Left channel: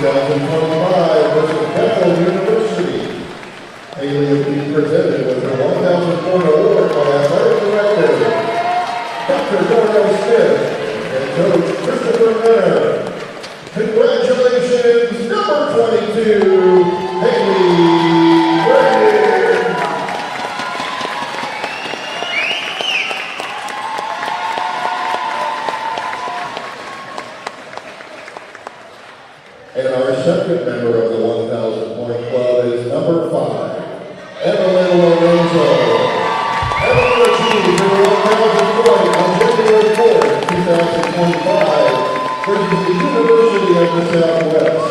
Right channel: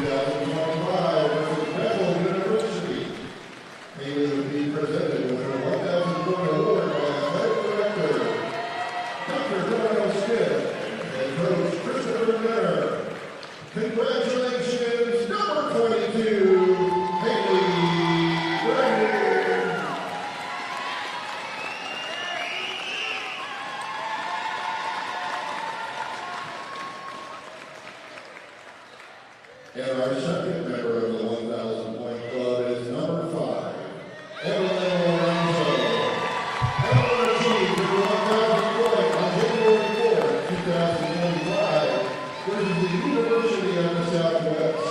2025 versus Bethel University. Haley will be presented with her 1,000-point award by Athletic Director Dr. Darnell Smith and Coach Christopher Renner. Congratulations, number 22, Haley Brandon. And our second member of the 1,000-point club is number 5, Evelyn Lorenzo. Evelyn achieved her 1,000 point on January 4th, 2025 versus the University of the Southwest.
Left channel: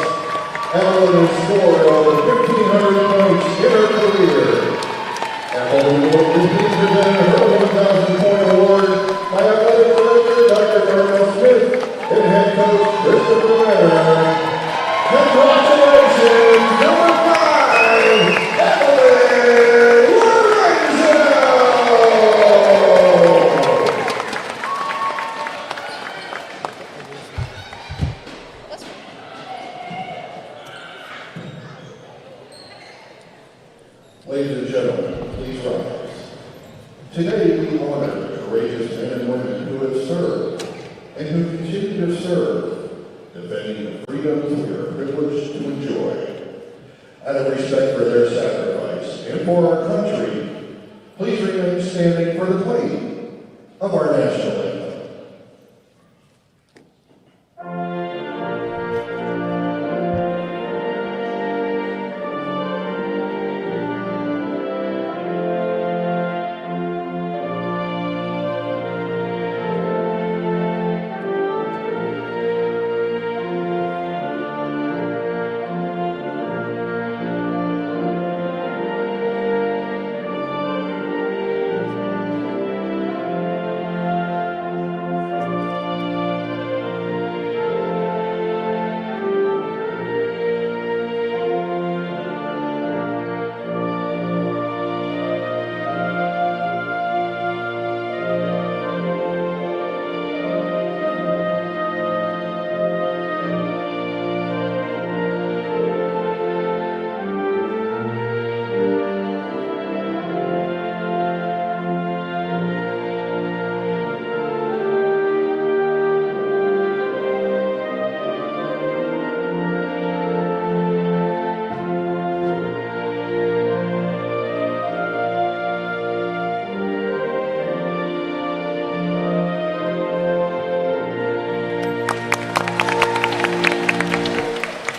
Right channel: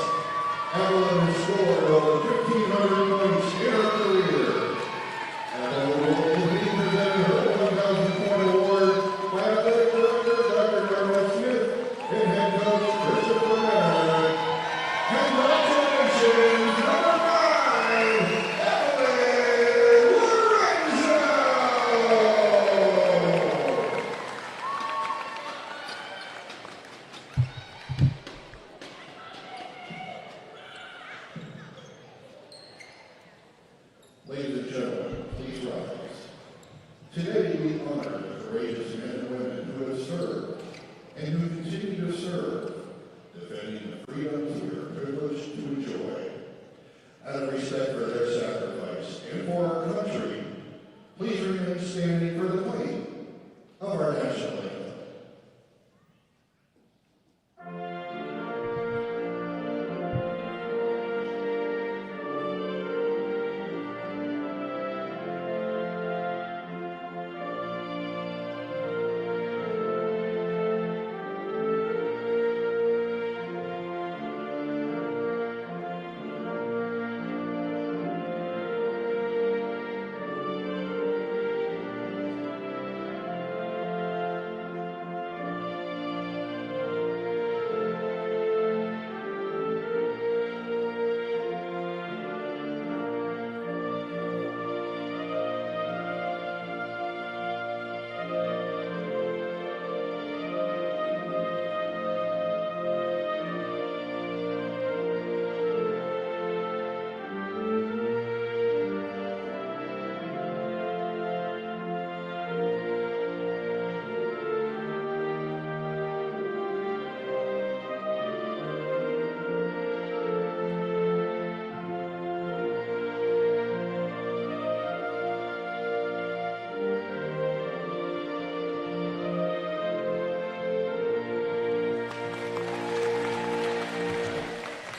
Evelyn has scored over 1,500 points in her career. Evelyn will be presenting her 1,000-point award by Athletic Director Dr. Darnell Smith and Head Coach Christopher Renner. Congratulations, number 5, Evelyn Lorenzo! Ladies and gentlemen, please rise. Today we honor the courageous men and women who have served and who continue to serve, defending the freedoms we are privileged to enjoy. Out of respect for their sacrifice and for our country, please remain standing for the playing of our national anthem.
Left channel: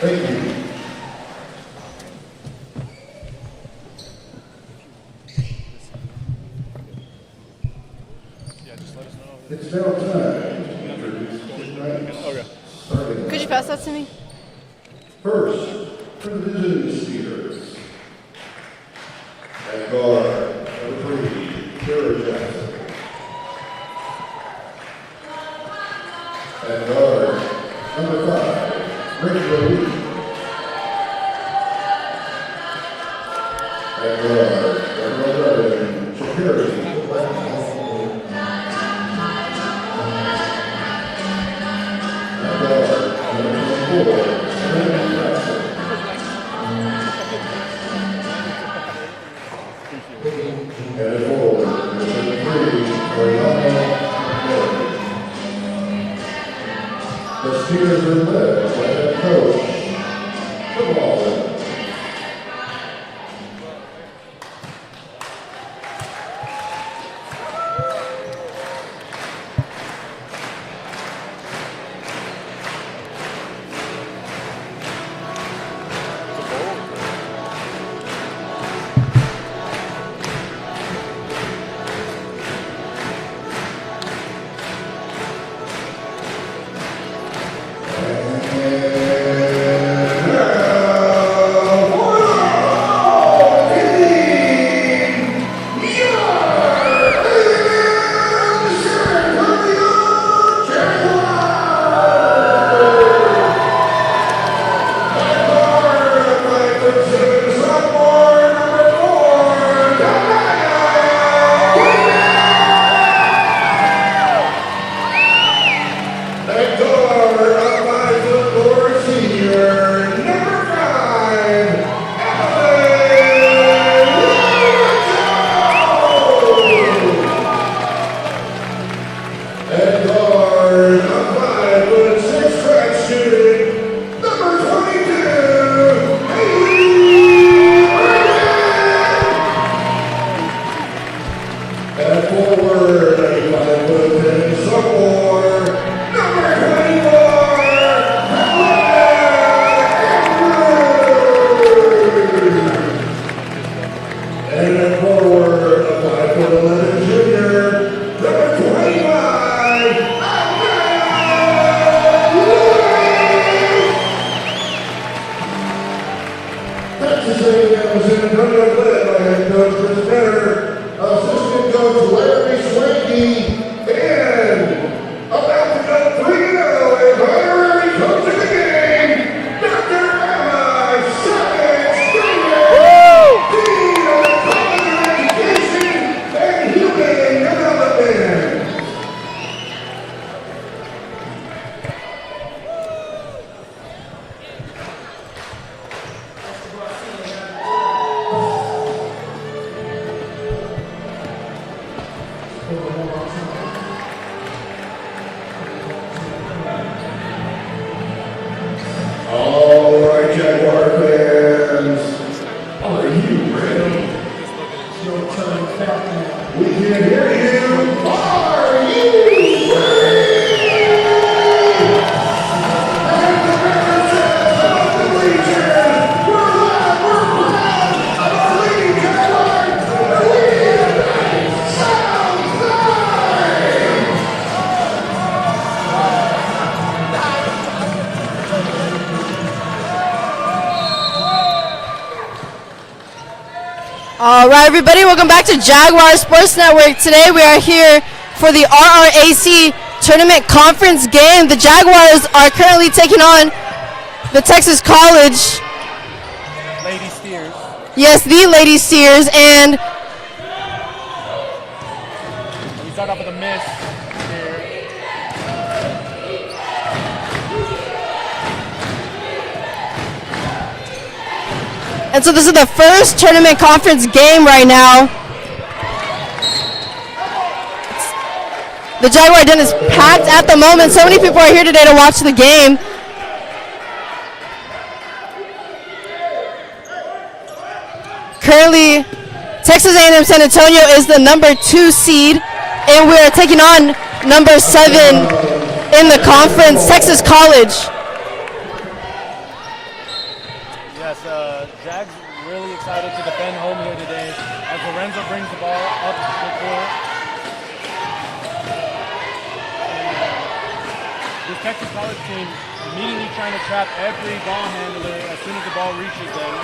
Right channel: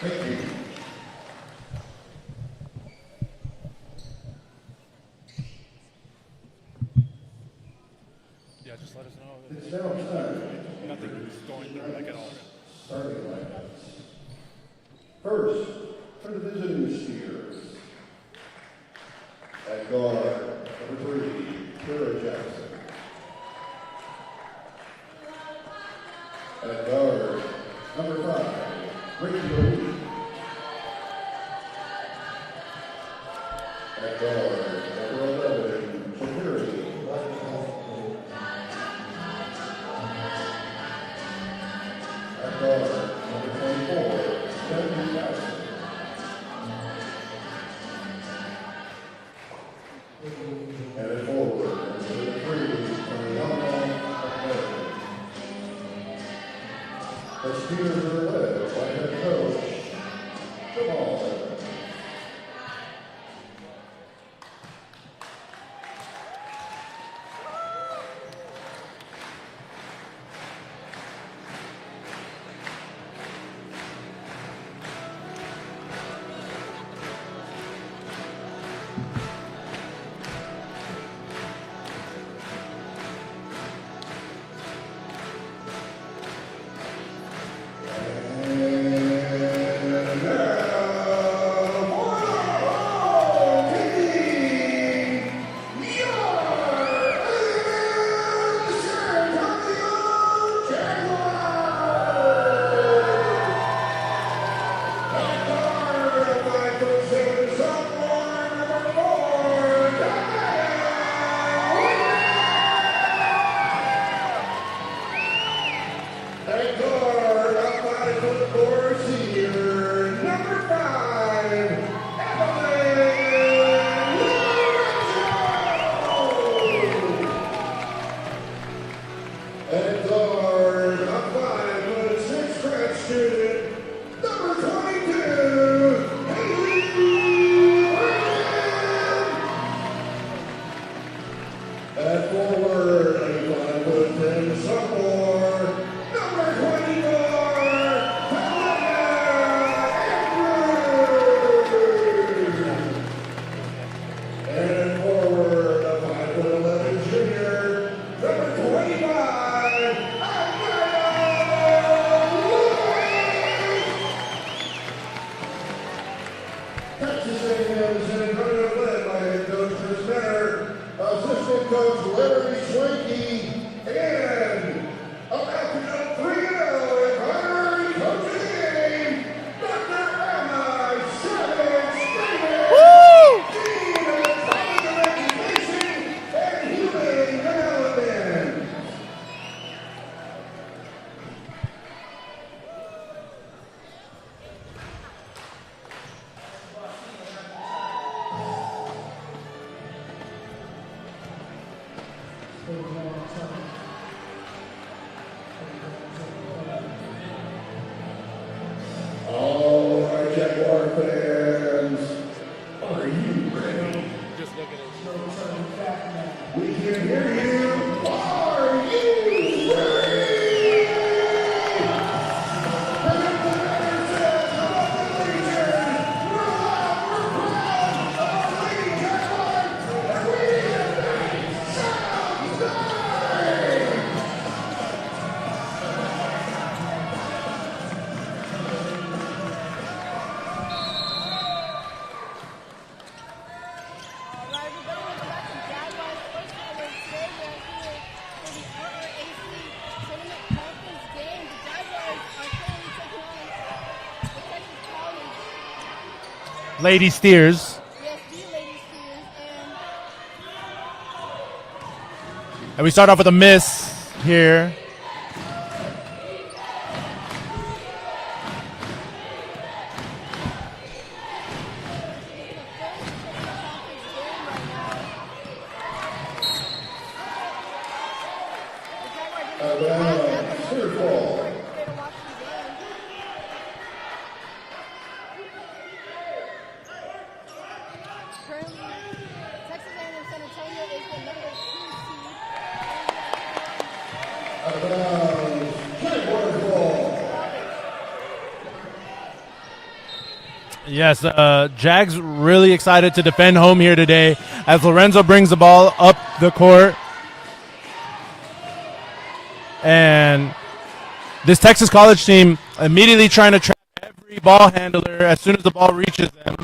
Thank you. It's now time to introduce the ranks. Could you pass that to me? First, for the visiting skiers. At guard, number 3, Sarah Jackson. At guard, number 5, Rachel Lee. At guard, number 11, Shakira. At guard, number 24, Samantha Jackson. And at forward, number 3, Ariana Murray. The skiers are led by head coach, football. We can hear you. Are you ready? And the representatives of the Legion, we're proud of our Lady Jaguars. Sounds like. All right, everybody, welcome back to Jaguar Sports Network. Today we are here for the RRAC Tournament Conference game. The Jaguars are currently taking on the Texas College Lady Steers. Yes, the Lady Steers, and We start off with a miss here. so this is the first tournament conference game right now. The Jaguar Den is packed at the moment. So many people are here today to watch the game. Currently, Texas A&M San Antonio is the number 2 seed, and we are taking on number 7 in the conference, Texas College. Yes, Jags really excited to defend home here today as Lorenzo brings the ball up the court. And this Texas College team immediately trying to trap every ball handler as soon as the ball reaches them.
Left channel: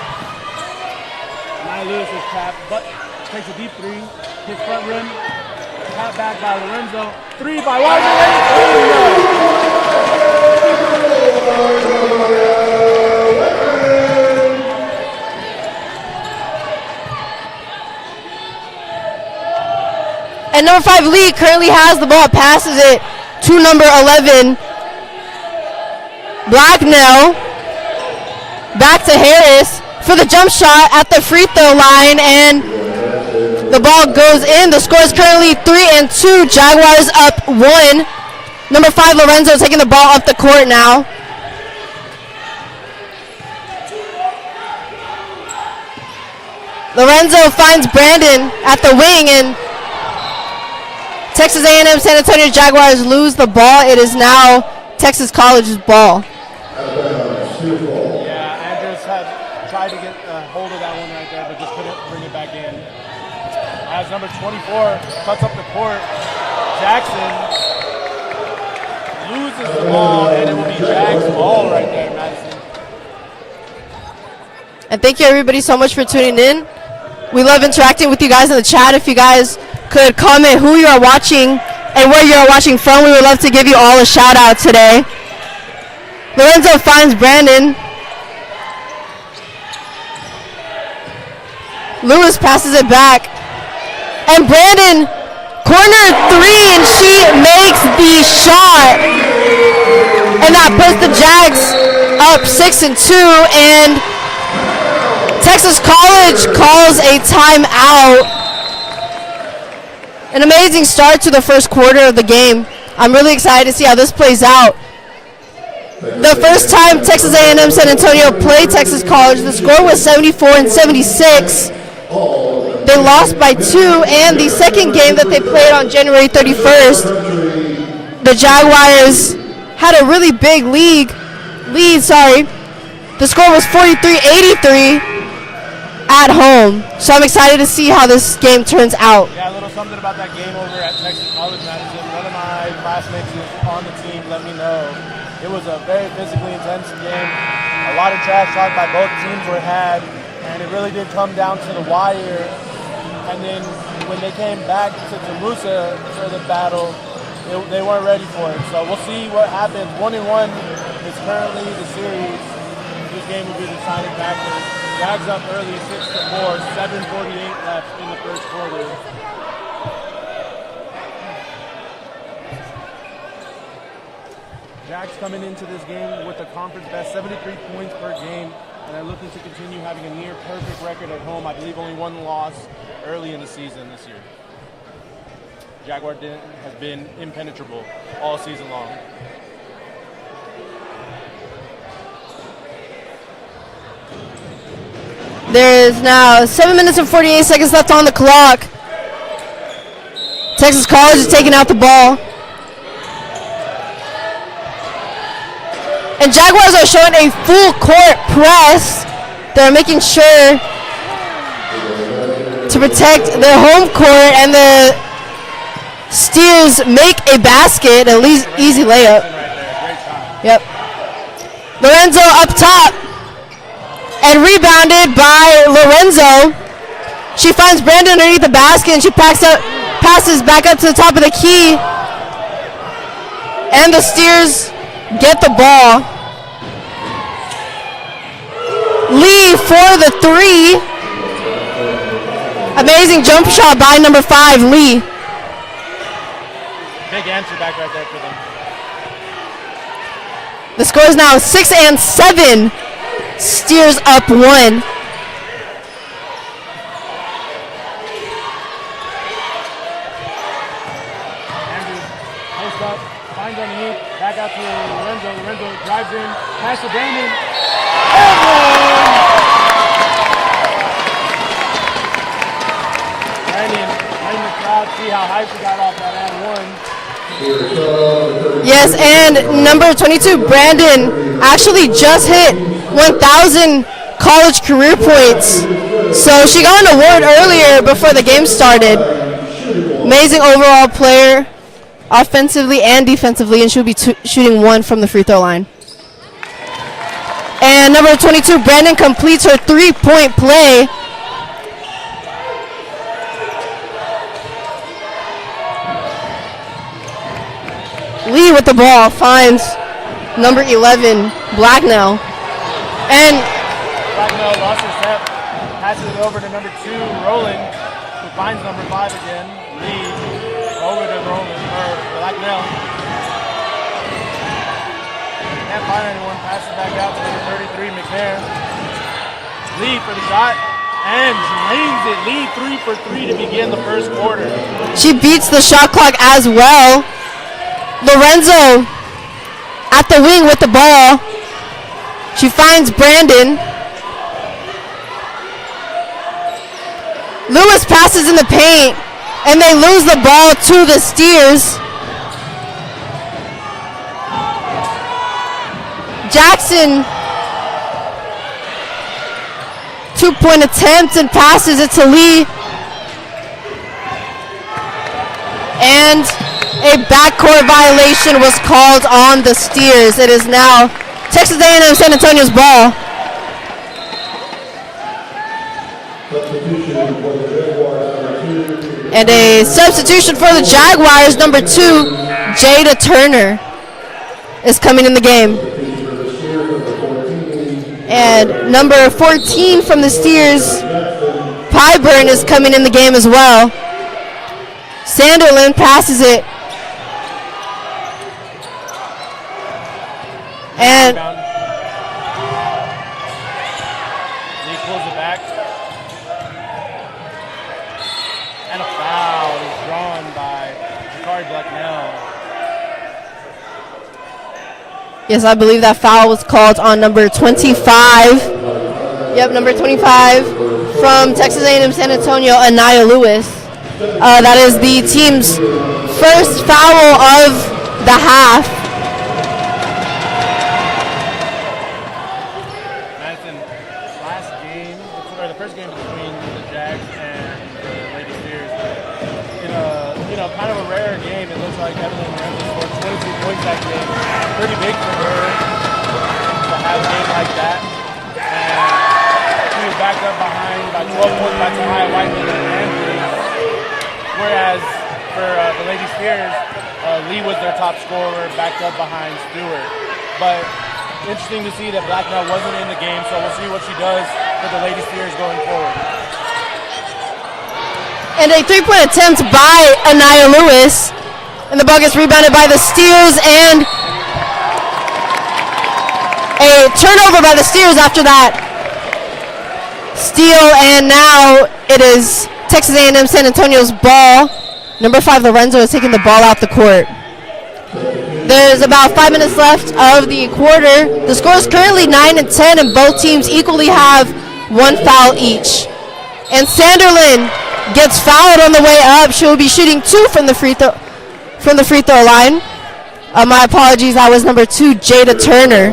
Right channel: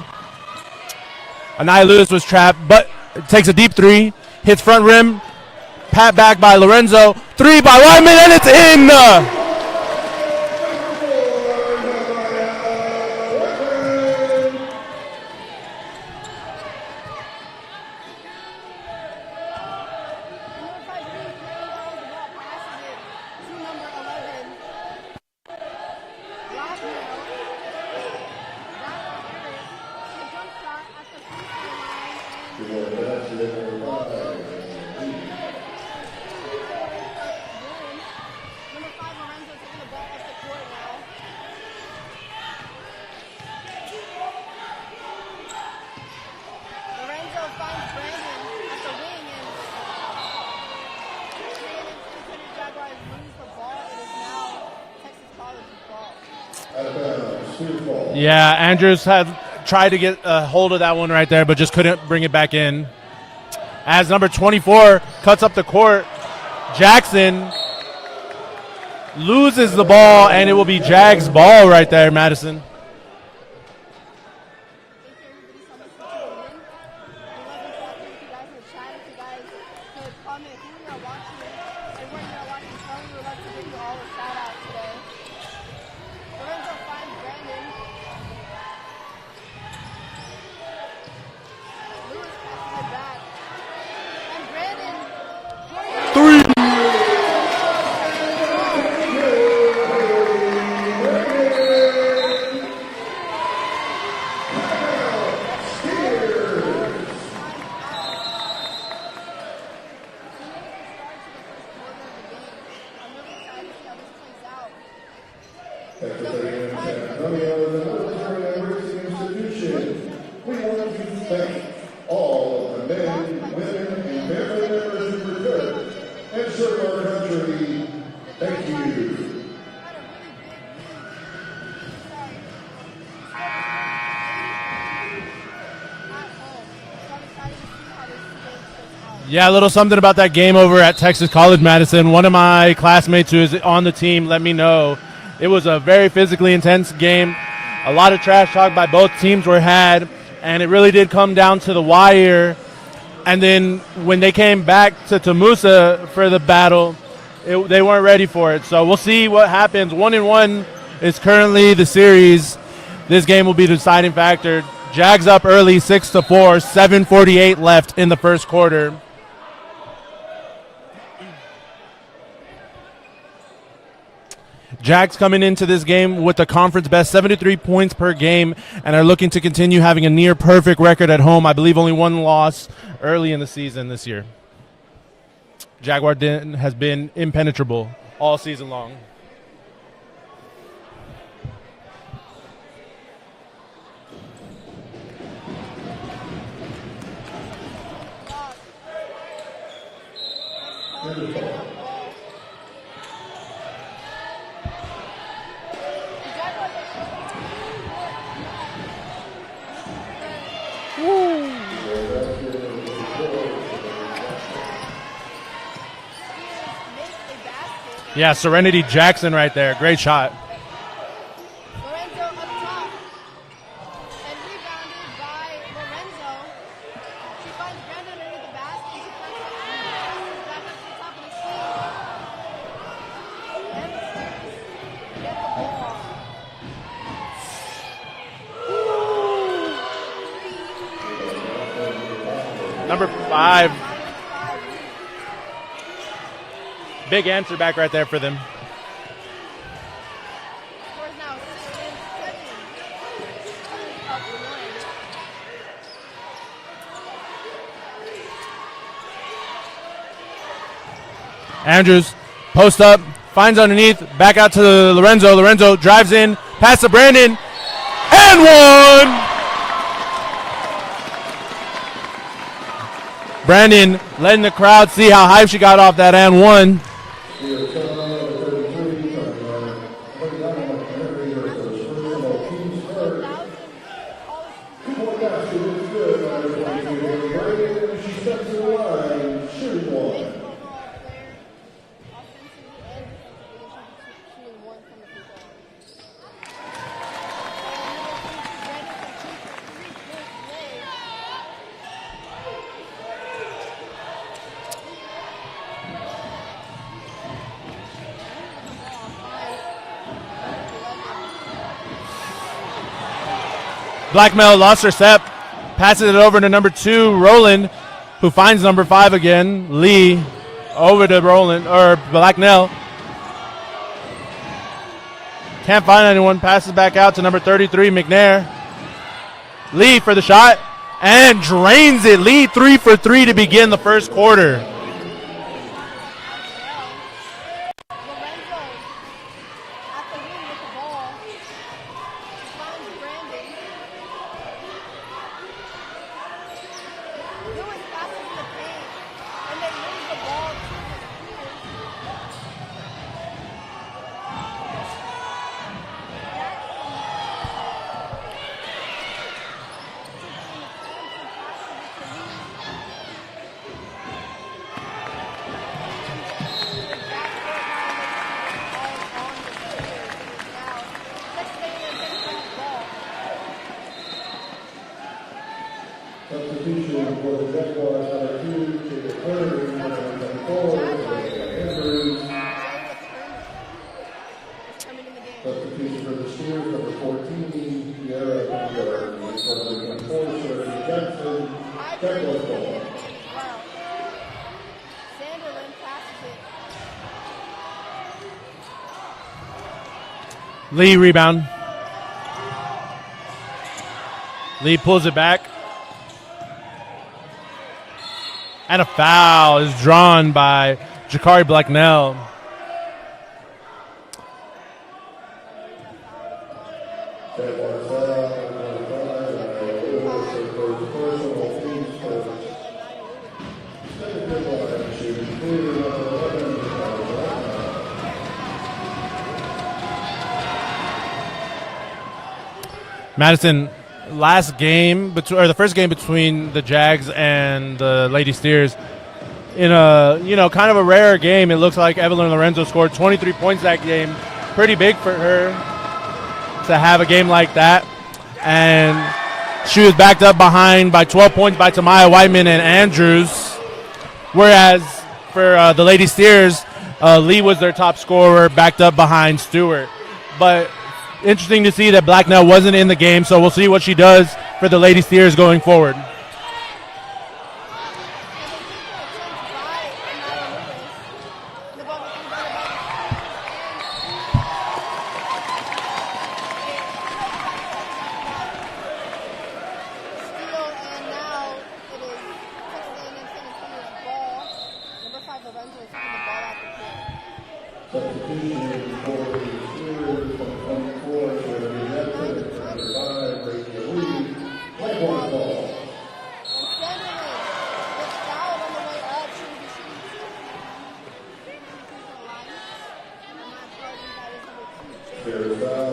Anaya Lewis was trapped, but takes a deep three, hits front rim, pat back by Lorenzo, 3 by Wyman, and it's in! And number 5, Lee, currently has the ball, passes it to number 11, Blacknell. Back to Harris for the jump shot at the free throw line, and the ball goes in. The score is currently 3-2. Jaguars up 1. Number 5, Lorenzo, taking the ball up the court now. Lorenzo finds Brandon at the wing, and Texas A&M San Antonio Jaguars lose the ball. It is now Texas College's ball. Yeah, Andrews had tried to get a hold of that one right there, but just couldn't bring it back in. As number 24 cuts up the court, Jackson loses the ball, and it will be Jags' ball right there, Madison. And thank you, everybody, so much for tuning in. We love interacting with you guys in the chat. If you guys could comment who you are watching and where you are watching from, we would love to give you all a shout out today. Lorenzo finds Brandon. Lewis passes it back. And Brandon, corner 3, and she makes the shot. And that puts the Jags up 6-2, and Texas College calls a timeout. An amazing start to the first quarter of the game. I'm really excited to see how this plays out. The first time Texas A&M San Antonio played Texas College, the score was 74-76. They lost by 2, and the second game that they played on January 31st, the Jaguars had a really big lead. The score was 43-83. At home. So I'm excited to see how this game turns out. Yeah, a little something about that game over at Texas College, Madison. One of my classmates who is on the team let me know it was a very physically intense game. A lot of trash talk by both teams were had, and it really did come down to the wire. And then when they came back to TAMUSA for the battle, they weren't ready for it. So we'll see what happens. 1-1 is currently the series. This game will be the deciding factor. Jags up early, 6-4, 7:48 left in the first quarter. Jags coming into this game with the conference best, 73 points per game, and are looking to continue having a near perfect record at home. I believe only one loss early in the season this year. Jaguar Den has been impenetrable all season long. There is now 7 minutes and 48 seconds left on the clock. Texas College is taking out the ball. And Jaguars are showing a full court press. They're making sure to protect their home court, and the Steers make a basket, at least easy layup. Jackson right there, great shot. Yep. Lorenzo up top and rebounded by Lorenzo. She finds Brandon underneath the basket, and she passes back up to the top of the key. And the Steers get the ball. Lee for the three. Amazing jump shot by number 5, Lee. Big answer back right there for them. The score is now 6-7. Steers up 1. Andrews, post up, finds underneath, back out to Lorenzo. Lorenzo drives in, pass to Brandon, and one! Brandon letting the crowd see how high she got off that and one. Yes, and number 22, Brandon, actually just hit 1,000 college career points. So she got an award earlier before the game started. Amazing overall player, offensively and defensively, and she'll be shooting 1 from the free throw line. And number 22, Brandon, completes her 3-point play. Lee with the ball finds number 11, Blacknell. And Blacknell lost her step, passes it over to number 2, Roland, who finds number 5 again, Lee, over to Roland, or Blacknell. Can't find anyone, passes back out to number 33, McNair. Lee for the shot, and drains it. Lee 3 for 3 to begin the first quarter. She beats the shot clock as well. Lorenzo at the wing with the ball. She finds Brandon. Lewis passes in the paint, and they lose the ball to the Steers. Jackson, 2-point attempt, and passes it to Lee. And a backcourt violation was called on the Steers. It is now Texas A&M San Antonio's ball. And a substitution for the Jaguars, number 2, Jada Turner, is coming in the game. And number 14 from the Steers, Pyburn, is coming in the game as well. Sanderlin passes it. Lee rebound. Lee pulls it back. And a foul is drawn by Jakari Blacknell. Yes, I believe that foul was called on number 25. Yep, number 25 from Texas A&M San Antonio, Anaya Lewis. That is the team's first foul of the half. Madison, last game, or the first game between the Jags and the Lady Steers, in a kind of a rare game, it looks like Evelyn Lorenzo scored 23 points that game. Pretty big for her to have a game like that. And she was backed up behind by 12 points by Tamaya Whiteman and Andrews. Whereas for the Lady Steers, Lee was their top scorer, backed up behind Stewart. But interesting to see that Blacknell wasn't in the game, so we'll see what she does for the Lady Steers going forward. And a 3-point attempt by Anaya Lewis. And the ball gets rebounded by the Steers, and a turnover by the Steers after that steal, and now it is Texas A&M San Antonio's ball. Number 5, Lorenzo, is taking the ball out the court. There's about 5 minutes left of the quarter. The score is currently 9-10, and both teams equally have 1 foul each. And Sanderlin gets fouled on the way up. She will be shooting 2 from the free throw line. My apologies, that was number 2, Jada Turner.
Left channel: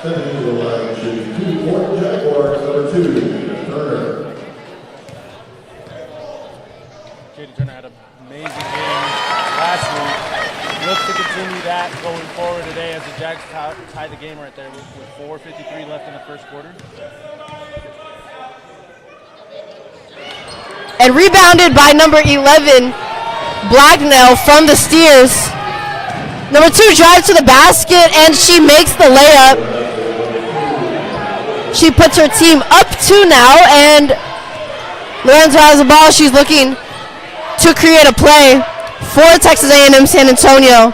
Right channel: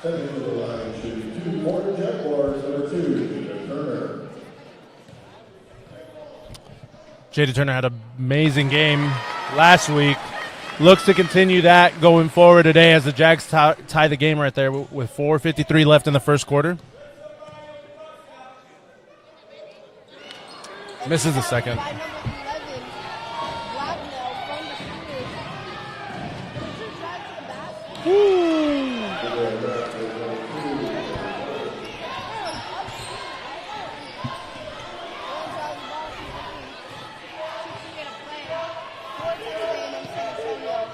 Stepping to the line, shooting 2 for the Jaguars, number 2, Turner. Jada Turner had an amazing game last week. Looks to continue that going forward today as the Jags tie the game right there with 4:53 left in the first quarter. And rebounded by number 11, Blacknell from the Steers. Number 2 drives to the basket, and she makes the layup. She puts her team up 2 now, and Lorenzo has the ball. She's looking to create a play for Texas A&M San Antonio.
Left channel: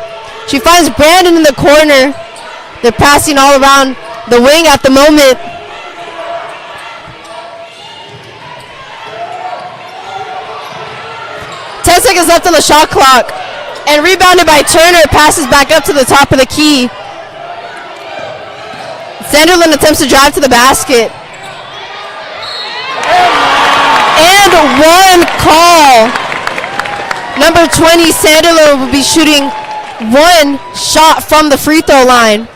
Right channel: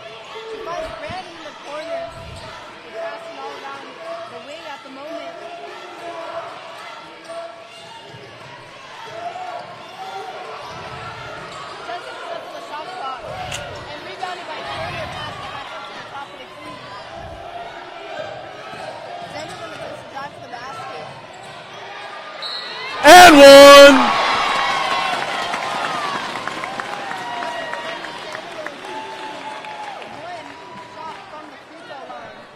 She finds Brandon in the corner. They're passing all around the wing at the moment. Ten seconds left on the shot clock. And rebounded by Turner, passes back up to the top of the key. Sanderlin attempts to drive to the basket. And one call. Number 20, Sanderlin will be shooting 1 shot from the free throw line.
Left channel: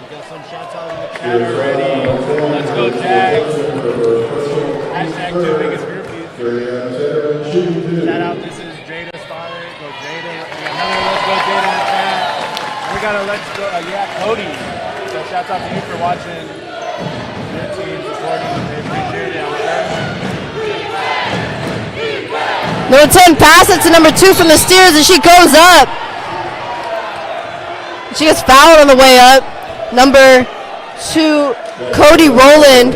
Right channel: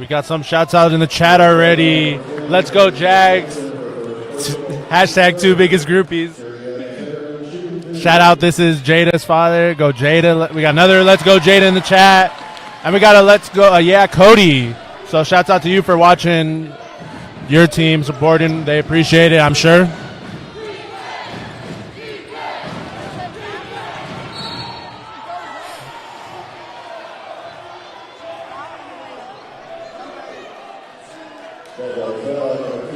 We got some shots out in the chat already. Let's go Jags. Hashtag 2 biggest groupies. Shout out, this is Jada's father. Go Jada. We got another Let's Go Jada in the chat. And we got a Let's Go, Cody. So shouts out to you for watching your team, supporting. They appreciate it, I'm sure. Number 10 passes to number 2 from the Steers, and she goes up. She gets fouled on the way up. Number 2, Cody Rowland,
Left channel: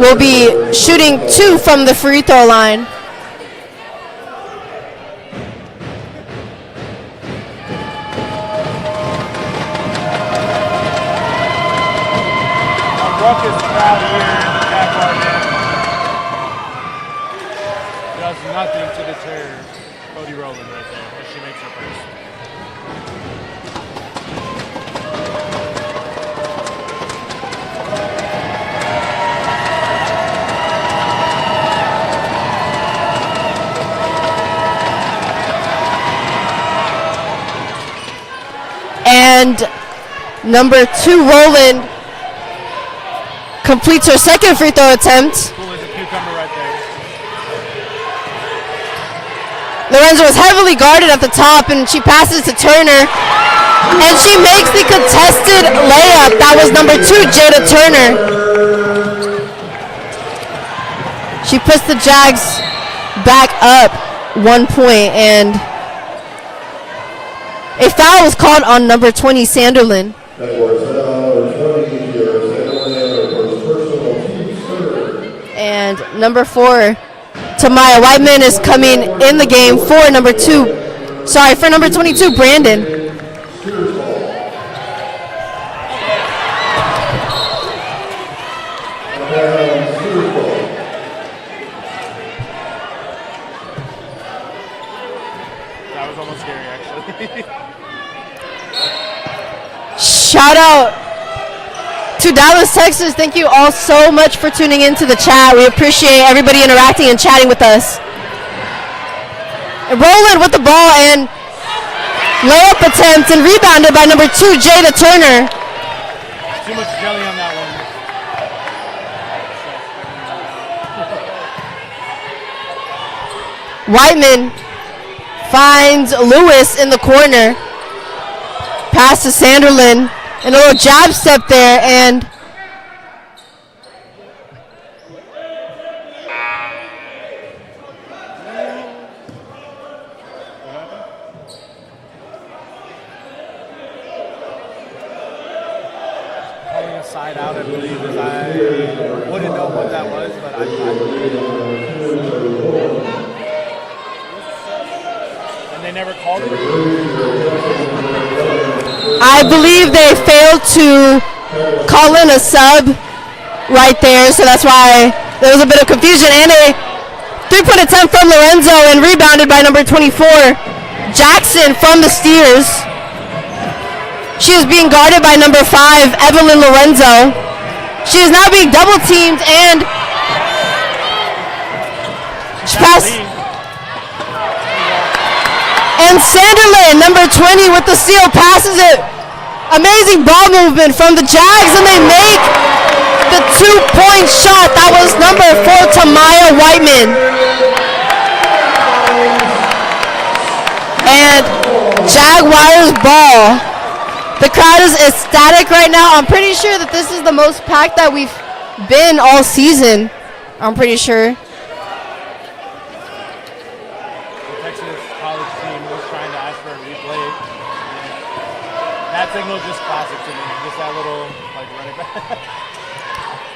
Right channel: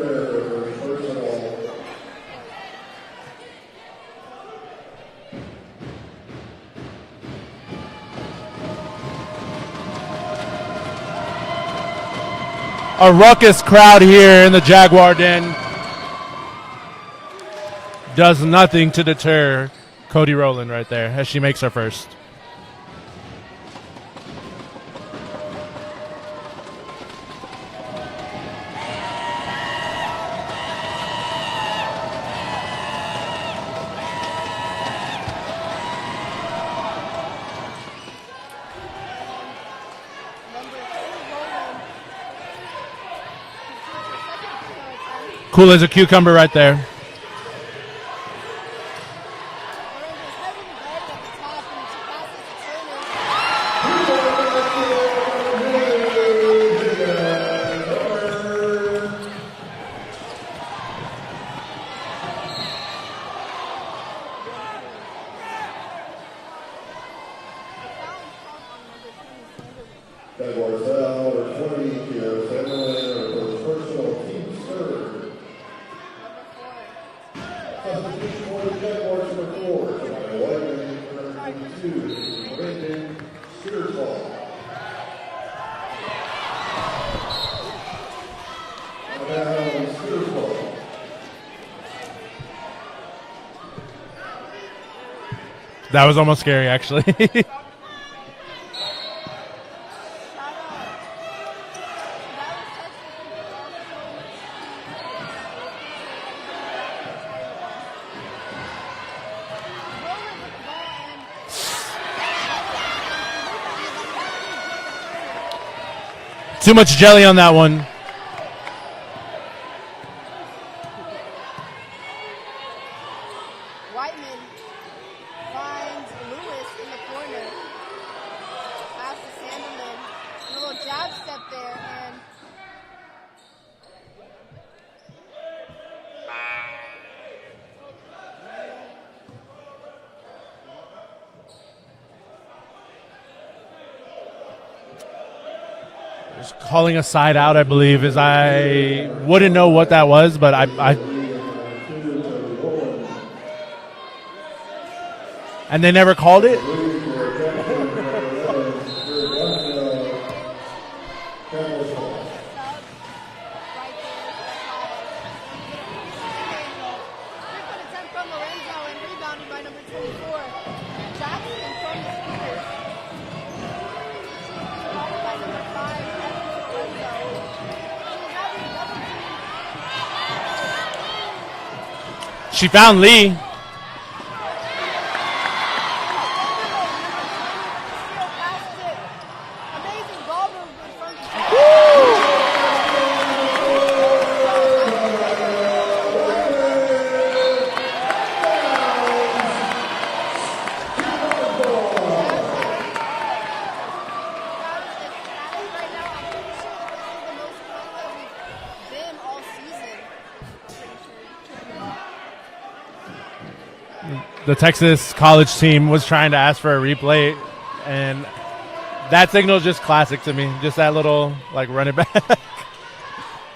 will be shooting 2 from the free throw line. A ruckus crowd here in the Jaguar Den does nothing to deter Cody Rowland right there as she makes her first. And number 2, Rowland, completes her second free throw attempt. Cool as a cucumber right there. Lorenzo was heavily guarded at the top, and she passes to Turner, and she makes the contested layup. That was number 2, Jada Turner. She puts the Jags back up 1 point, and a foul was called on number 20, Sanderlin. And number 4, Tamaya Whiteman, is coming in the game for number 22, Brandon. That was almost scary, actually. Shout out to Dallas, Texas. Thank you all so much for tuning into the chat. We appreciate everybody interacting and chatting with us. And Rowland with the ball, and layup attempt, and rebounded by number 2, Jada Turner. Too much jelly on that one. Whiteman finds Lewis in the corner. Pass to Sanderlin. And a little jab step there, and calling a side out, I believe, is I wouldn't know what that was, but I and they never called it? I believe they failed to call in a sub right there, so that's why there was a bit of confusion, and a Three-point attempt from Lorenzo and rebounded by number 24, Jackson from the Steers. She is being guarded by number 5, Evelyn Lorenzo. She is now being double teamed and she found Lee. And Sanderlin, number 20 with the steal, passes it. Amazing ball movement from the Jags, and they make the 2-point shot. That was number 4, Tamaya Whiteman. And Jaguars ball. The crowd is ecstatic right now. I'm pretty sure that this is the most packed that we've been all season. I'm pretty sure. The Texas college team was trying to ask for a replay, and that signal is just classic to me. Just that little, like, run it back.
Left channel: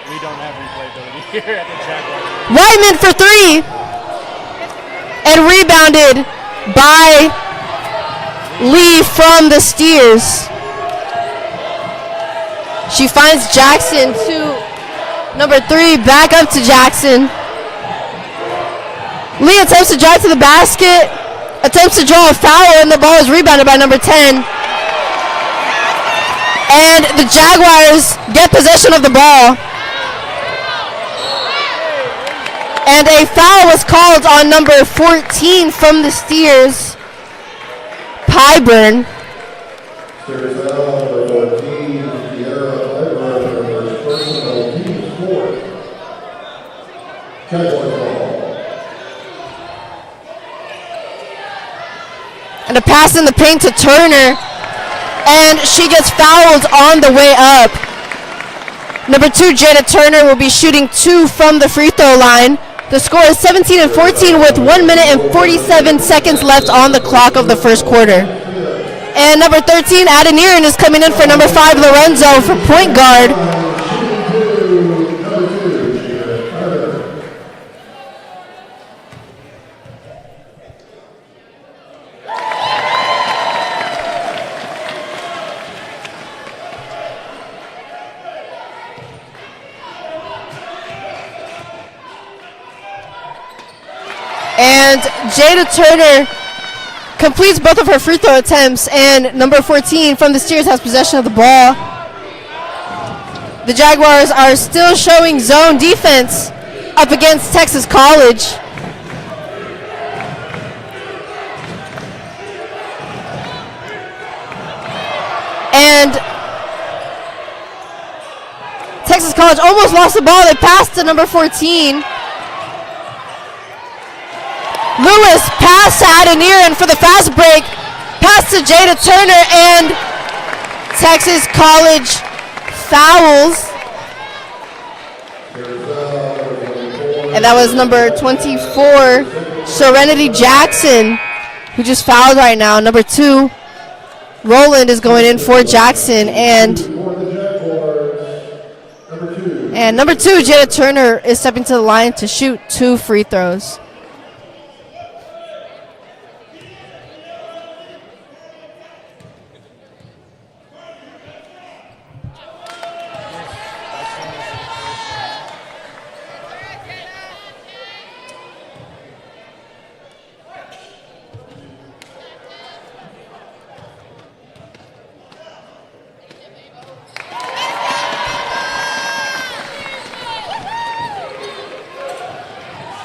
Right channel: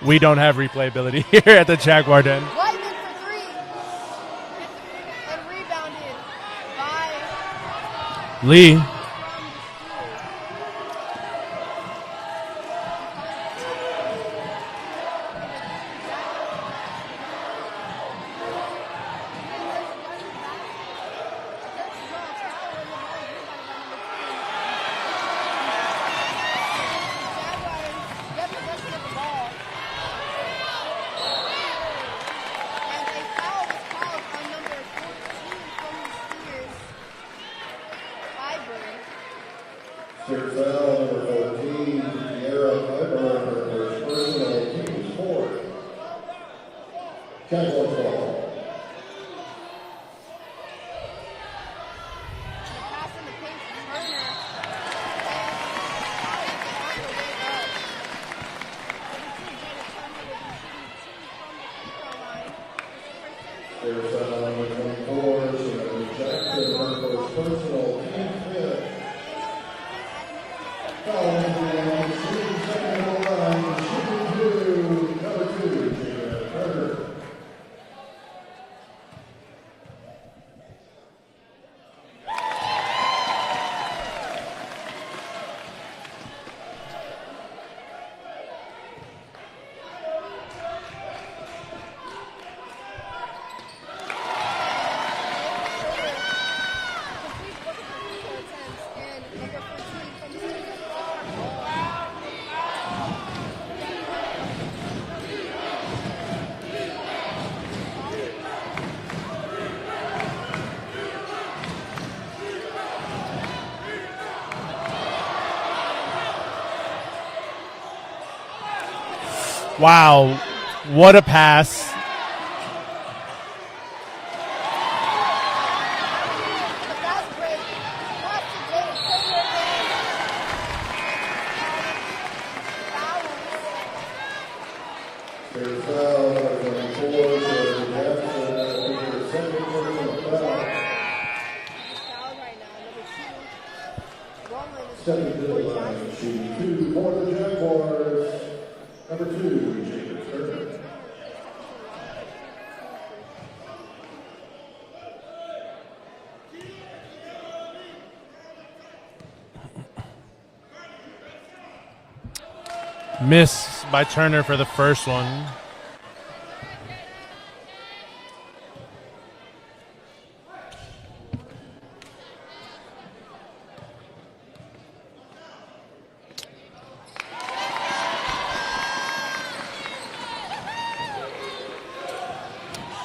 We don't have replay ability here at the Jaguar Den. Whiteman for 3. And rebounded by Lee from the Steers. She finds Jackson to number 3, back up to Jackson. Lee attempts to drive to the basket, attempts to draw a foul, and the ball is rebounded by number 10. And the Jaguars get possession of the ball. And a foul was called on number 14 from the Steers, Pyburn. And a pass in the paint to Turner, and she gets fouled on the way up. Number 2, Jada Turner, will be shooting 2 from the free throw line. The score is 17-14 with 1 minute and 47 seconds left on the clock of the first quarter. And number 13, Adeniran, is coming in for number 5, Lorenzo, for point guard. And Jada Turner completes both of her free throw attempts, and number 14 from the Steers has possession of the ball. The Jaguars are still showing zone defense up against Texas College. And Texas College almost lost the ball. They passed to number 14. Lewis pass to Adeniran for the fast break. Pass to Jada Turner, and Texas College fouls. And that was number 24, Serenity Jackson, who just fouled right now. Number 2, Roland, is going in for Jackson. And number 2, Jada Turner, is stepping to the line to shoot 2 free throws. Miss by Turner for the first one.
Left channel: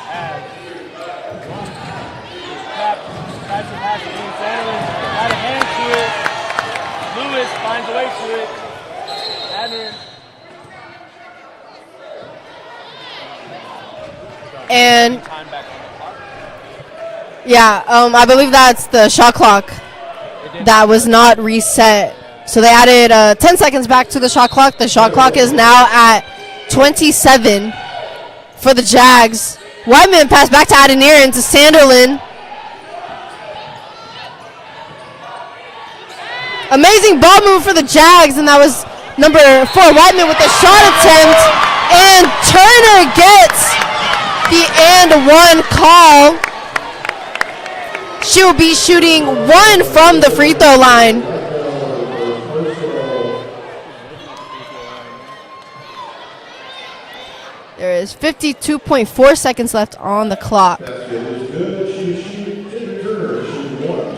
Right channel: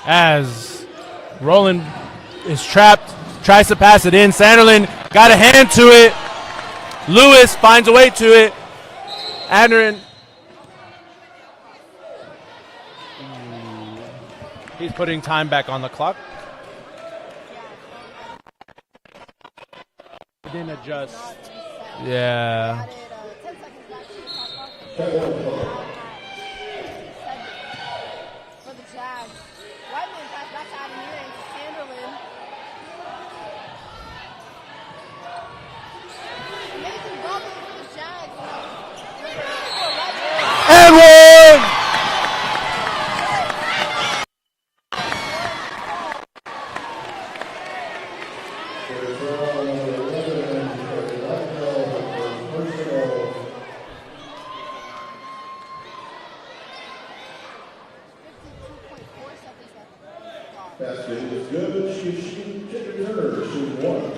As Roland is trapped, tries to pass it in. Sanderlin got a hand to it. Lewis finds a way to it. Adeniran. And putting time back on the clock. Yeah, I believe that's the shot clock that was not reset. Yeah. So they added 10 seconds back to the shot clock. The shot clock is now at 27 for the Jags. Whiteman pass back to Adeniran to Sanderlin. Amazing ball move for the Jags, and that was number 4, Whiteman, with the shot attempt. And Turner gets the and 1 call. She will be shooting 1 from the free throw line. There is 52.4 seconds left on the clock. Basket is good. She returned. She won.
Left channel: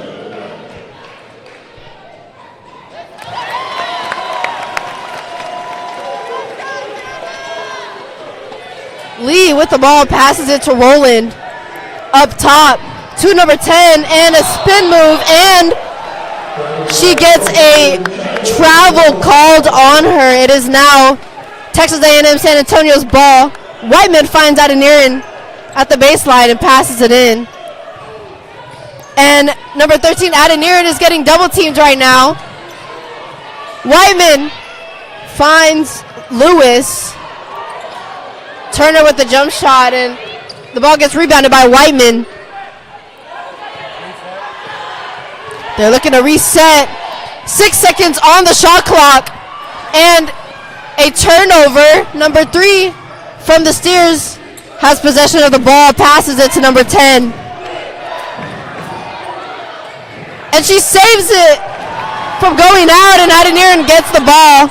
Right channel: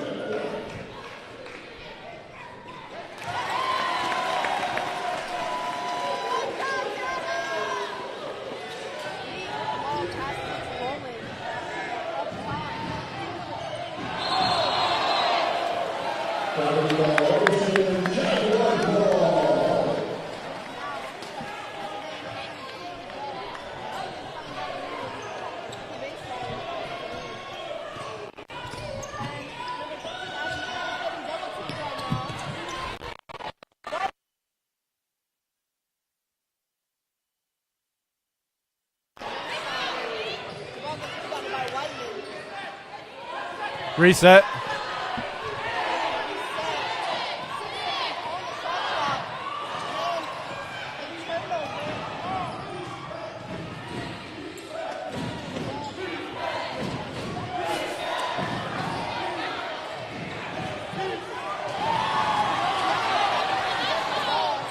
Lee with the ball passes it to Roland. Up top to number 10 and a spin move, and she gets a travel called on her. It is now Texas A&M San Antonio's ball. Whiteman finds Adeniran at the baseline and passes it in. And number 13, Adeniran, is getting double teamed right now. Whiteman finds Lewis. Turner with the jump shot, and the ball gets rebounded by Whiteman. Reset. They're looking to reset. 6 seconds on the shot clock, and a turnover. Number 3 from the Steers has possession of the ball, passes it to number 10. And she saves it from going out, and Adeniran gets the ball,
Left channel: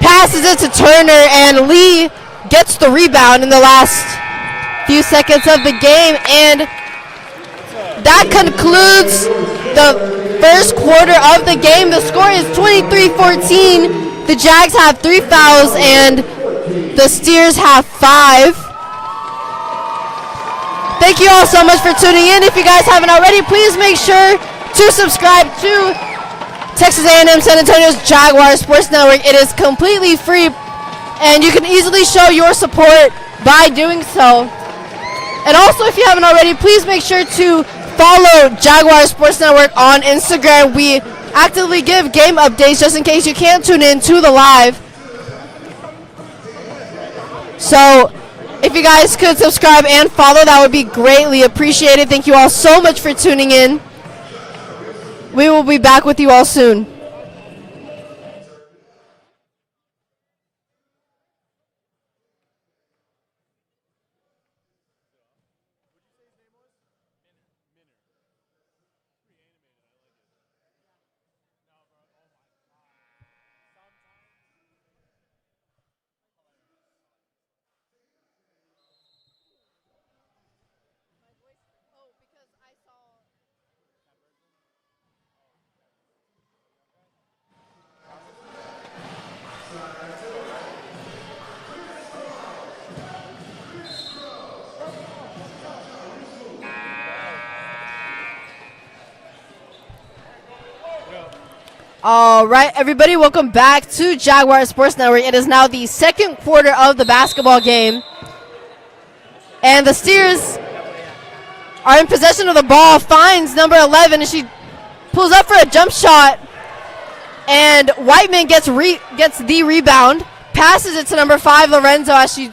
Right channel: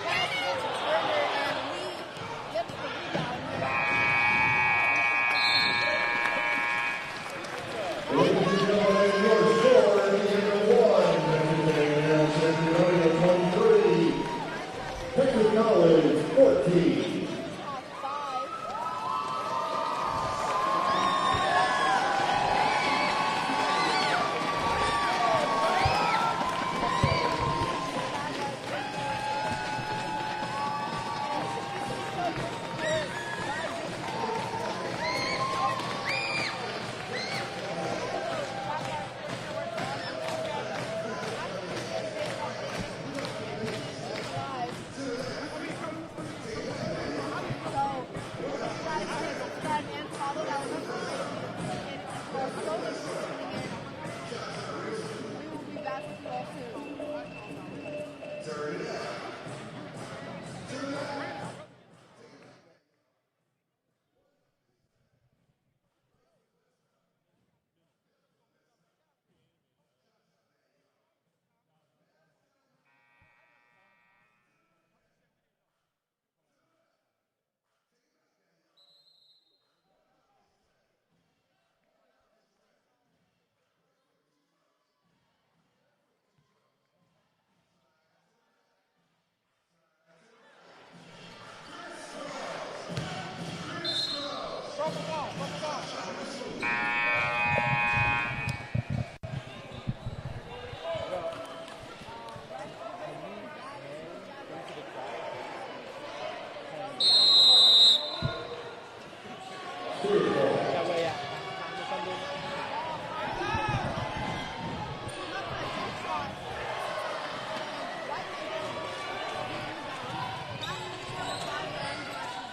passes it to Turner, and Lee gets the rebound in the last few seconds of the game. And that concludes the first quarter of the game. The score is 23-14. The Jags have 3 fouls and the Steers have 5. Thank you all so much for tuning in. If you guys haven't already, please make sure to subscribe to Texas A&M San Antonio's Jaguar Sports Network. It is completely free, and you can easily show your support by doing so. And also, if you haven't already, please make sure to follow Jaguar Sports Network on Instagram. We actively give game updates just in case you can't tune in to the live. So if you guys could subscribe and follow, that would be greatly appreciated. Thank you all so much for tuning in. We will be back with you all soon. All right, everybody, welcome back to Jaguar Sports Network. It is now the second quarter of the basketball game. And the Steers are in possession of the ball, finds number 11, and she pulls up for a jump shot. And Whiteman gets the rebound, passes it to number 5, Lorenzo, as she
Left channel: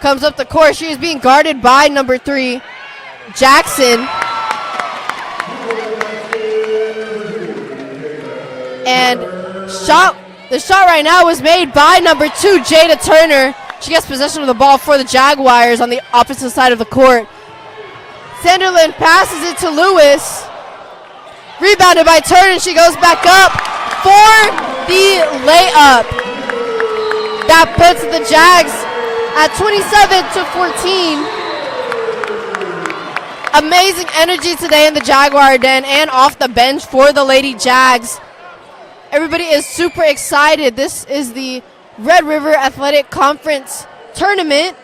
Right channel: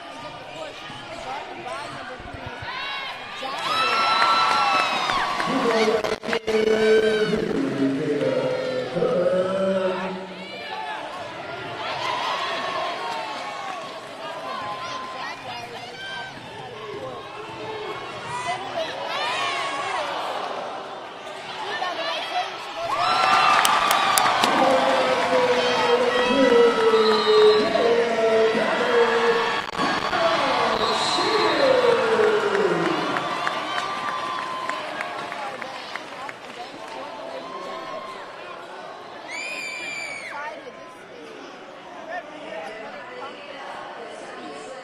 comes up the court. She is being guarded by number 3, Jackson. And the shot right now was made by number 2, Jada Turner. She gets possession of the ball for the Jaguars on the opposite side of the court. Sanderland passes it to Lewis. Rebounded by Turner. She goes back up for the layup. That puts the Jags at 27-14. Amazing energy today in the Jaguar Den and off the bench for the Lady Jags. Everybody is super excited. This is the Red River Athletic Conference tournament.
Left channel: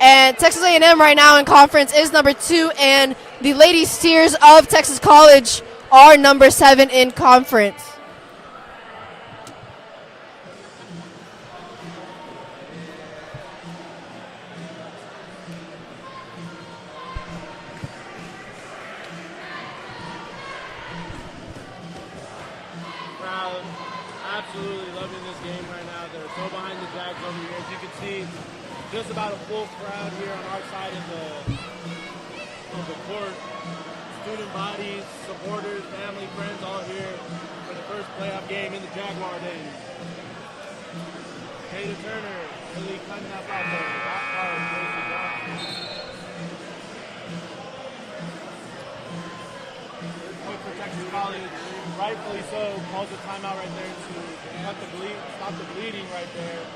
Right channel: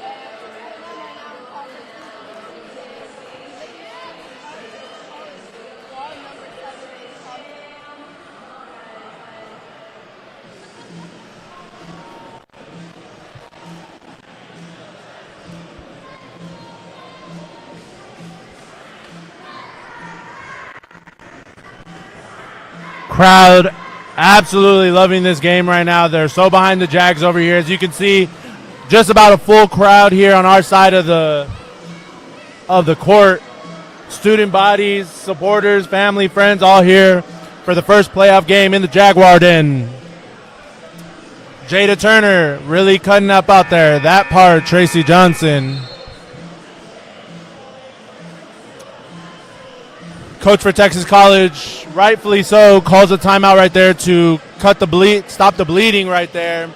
And Texas A&M right now in conference is number 2, and the Lady Steers of Texas College are number 7 in conference. Crowd absolutely loving this game right now. They're so behind the Jags over here. As you can see, just about a full crowd here on our side of the court. Student bodies, supporters, family, friends, all here for the first playoff game in the Jaguar Den. Jada Turner really cutting up out there. That part, Tracy Johnson. Coach for Texas College, rightfully so, calls a timeout right there to stop the bleeding right there.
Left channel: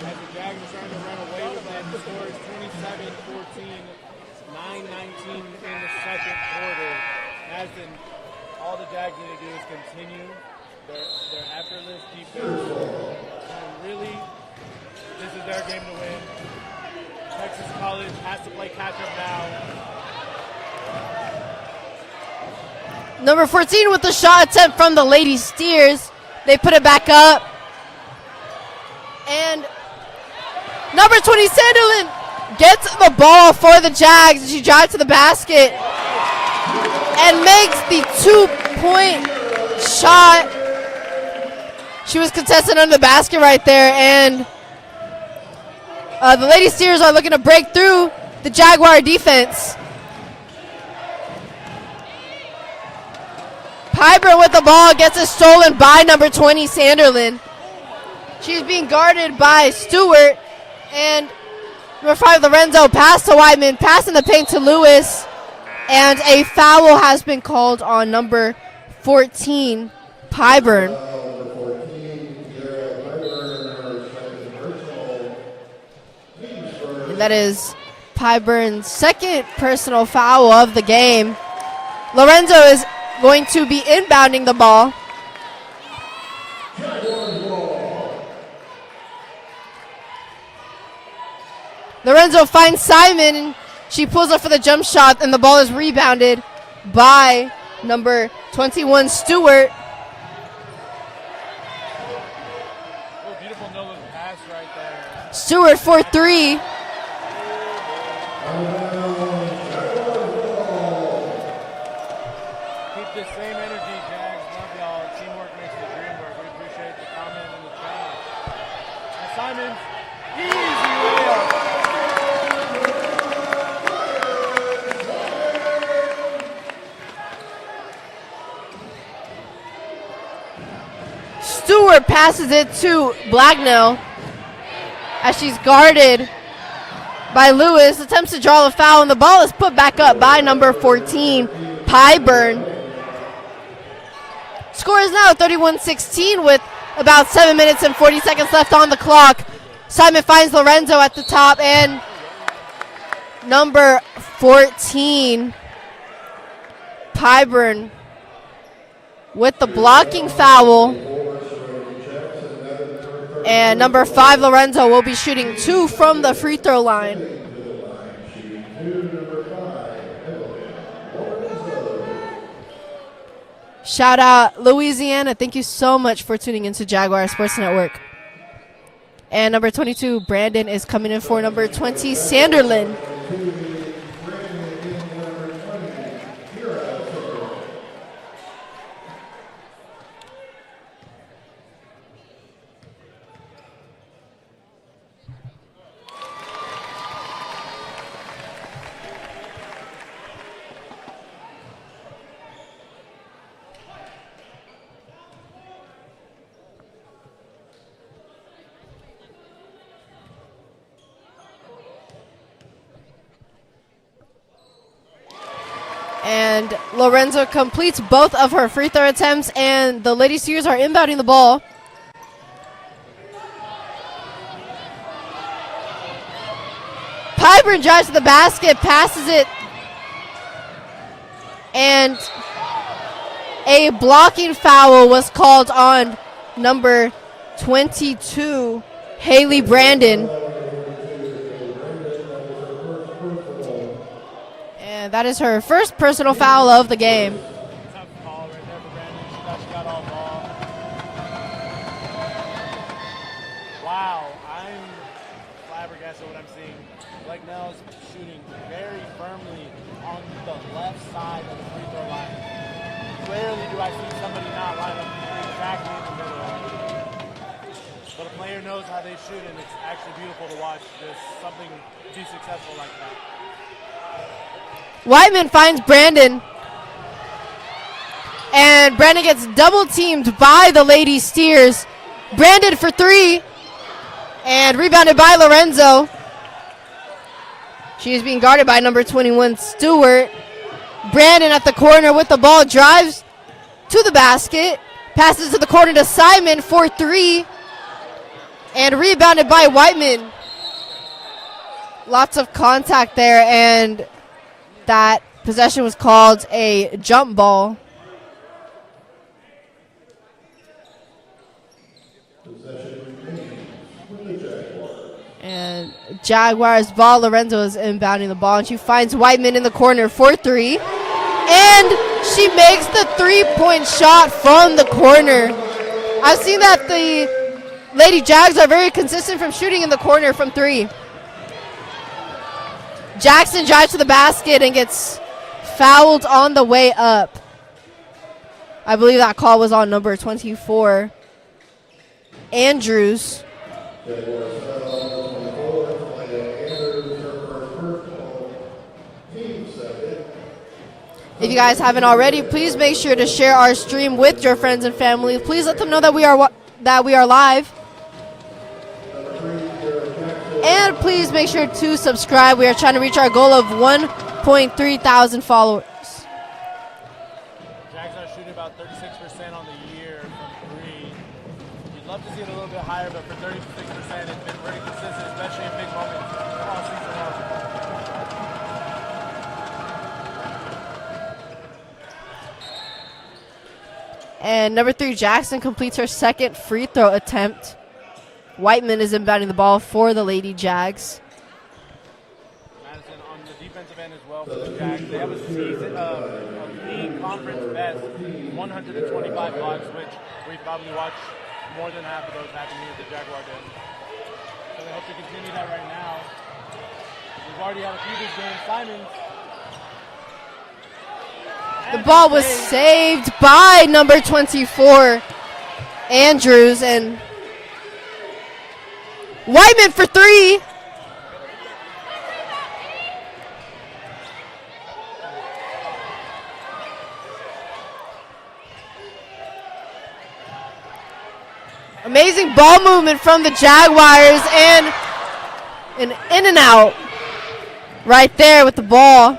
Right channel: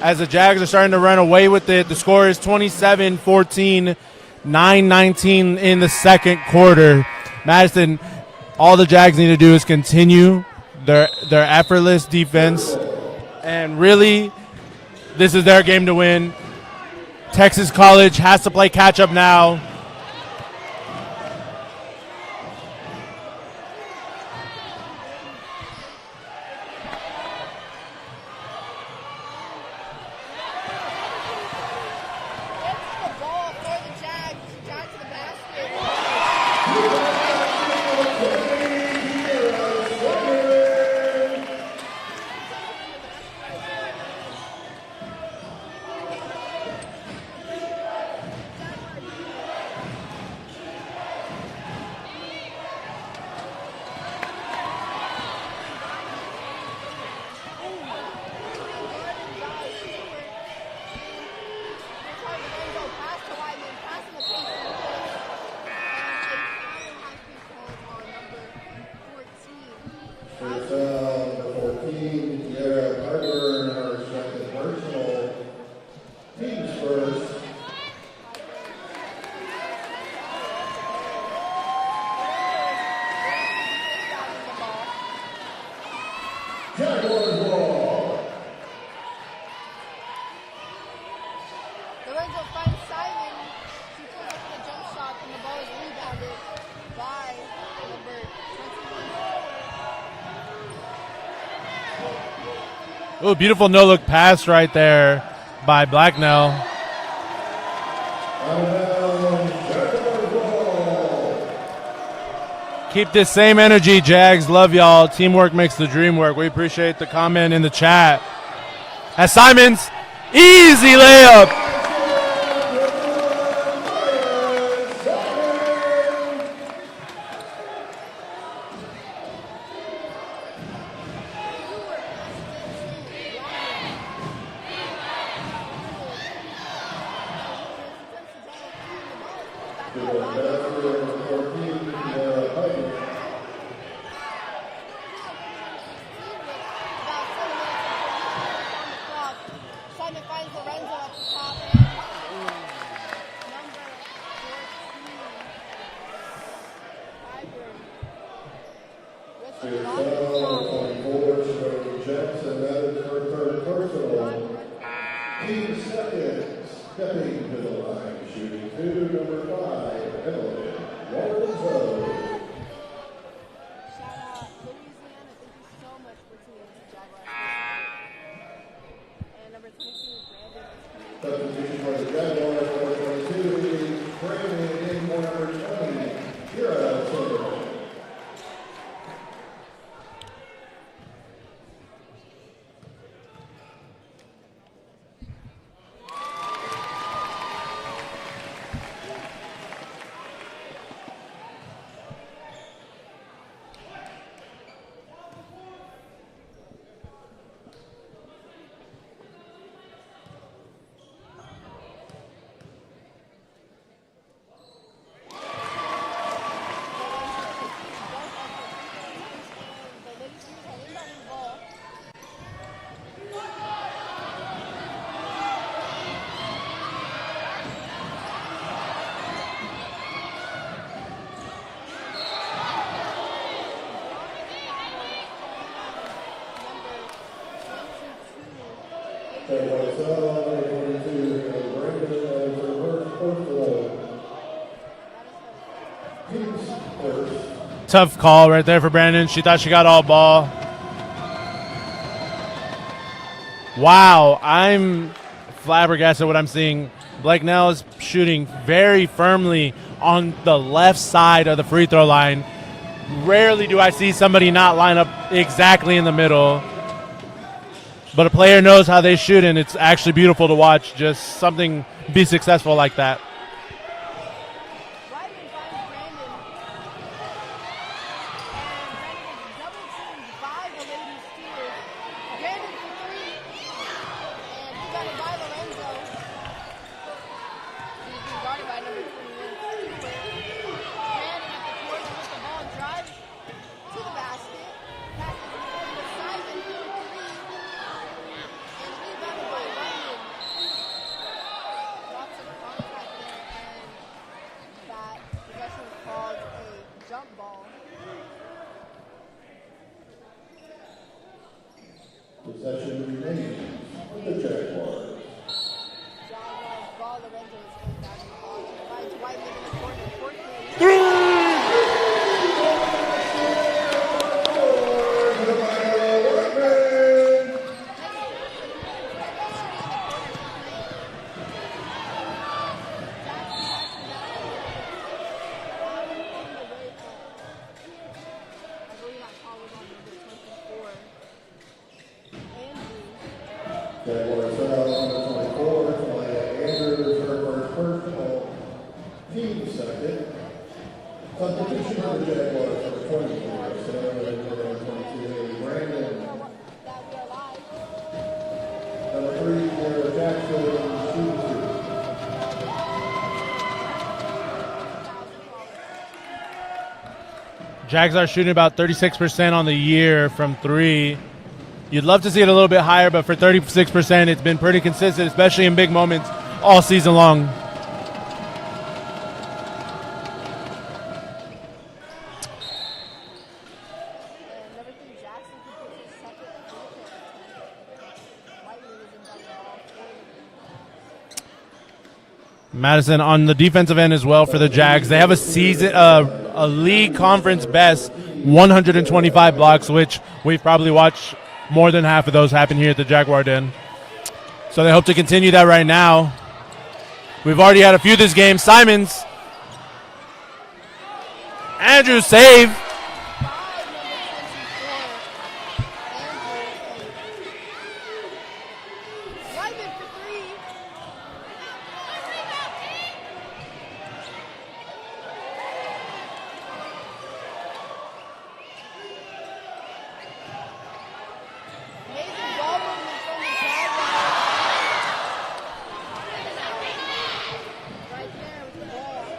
as the Jags are starting to run away with it. The score is 27-14, 9-19 in the second quarter. Madison, all the Jags need to do is continue their effortless defense, and really, this is their game to win. Texas College has to play catch-up now. Number 14 with the shot attempt from the Lady Steers. They put it back up. And number 20, Sanderlin, gets the ball for the Jags. She drives to the basket and makes the 2-point shot. She was contested under the basket right there, and the Lady Steers are looking to break through the Jaguar defense. Piper with the ball gets it stolen by number 20, Sanderlin. She's being guarded by Stewart, and number 5, Lorenzo, pass to Whiteman, pass in the paint to Lewis, and a foul has been called on number 14, Pyburn. That is Pyburn's second personal foul of the game. Lorenzo is going to be inbounding the ball. Lorenzo finds Simon. She pulls up for the jump shot, and the ball is rebounded by number 21, Stewart. Oh, beautiful no-look pass right there. Stewart for 3. Keep this same energy, Jags. Love y'all. Teamwork makes the dream work. We appreciate the comment in the chat. As Simons, easy layup. Stewart passes it to Blacknell as she's guarded by Lewis. Attempts to draw the foul, and the ball is put back up by number 14, Pyburn. Score is now 31-16 with about 7 minutes and 40 seconds left on the clock. Simon finds Lorenzo at the top, and number 14, Pyburn, with the blocking foul. And number 5, Lorenzo, will be shooting 2 from the free throw line. Shout out Louisiana. Thank you so much for tuning into Jaguar Sports Network. And number 22, Brandon, is coming in for number 20, Sanderlin. And Lorenzo completes both of her free throw attempts, and the Lady Steers are inbounding the ball. Pyburn drives to the basket, passes it, and a blocking foul was called on number 22, Haley Brandon. That is her first personal foul of the game. Tough call right there for Brandon. She thought she got all ball. Wow, I'm flabbergasted what I'm seeing. Blacknell is shooting very firmly on the left side of the free throw line. Rarely do I see somebody not line up exactly in the middle. But a player knows how they shoot, and it's actually beautiful to watch just something be successful like that. Whiteman finds Brandon, and Brandon gets double teamed by the Lady Steers. Brandon for 3, and rebounded by Lorenzo. She is being guarded by number 21, Stewart. Brandon at the corner with the ball, drives to the basket, passes to the corner to Simon for 3, And rebounded by Whiteman. Lots of contact there, and that possession was called a jump ball. Possession remains with the Jaguars. And Jaguars ball. Lorenzo is inbounding the ball, and she finds Whiteman in the corner for 3. And she makes the 3-point shot from the corner. I've seen that the Lady Jags are very consistent from shooting in the corner from 3. Jackson drives to the basket and gets fouled on the way up. I believe that call was on number 24, Andrews. Jaguars number 24, Andrews, her first personal team second. If you guys haven't already, please make sure to share our stream with your friends and family. Please let them know that we are live. And please make sure to subscribe. We are trying to reach our goal of 1.3 thousand followers. Jags are shooting about 36% on the year from 3. You'd love to see it a little bit higher, but for 36%, it's been pretty consistent, especially in big moments all season long. And number 3, Jackson completes her second free throw attempt. Whiteman is inbounding the ball for the Lady Jags. Madison on the defensive end as well for the Jags. They have a league conference best 125 blocks, which we've probably watched more than half of those happen here at the Jaguar Den. So they hope to continue that right now. We've already had a few this game. Simons. Andrews saved by number 24, Andrews, and Whiteman for 3. Amazing ball movement from the Jaguars, and an in and out right there with the ball.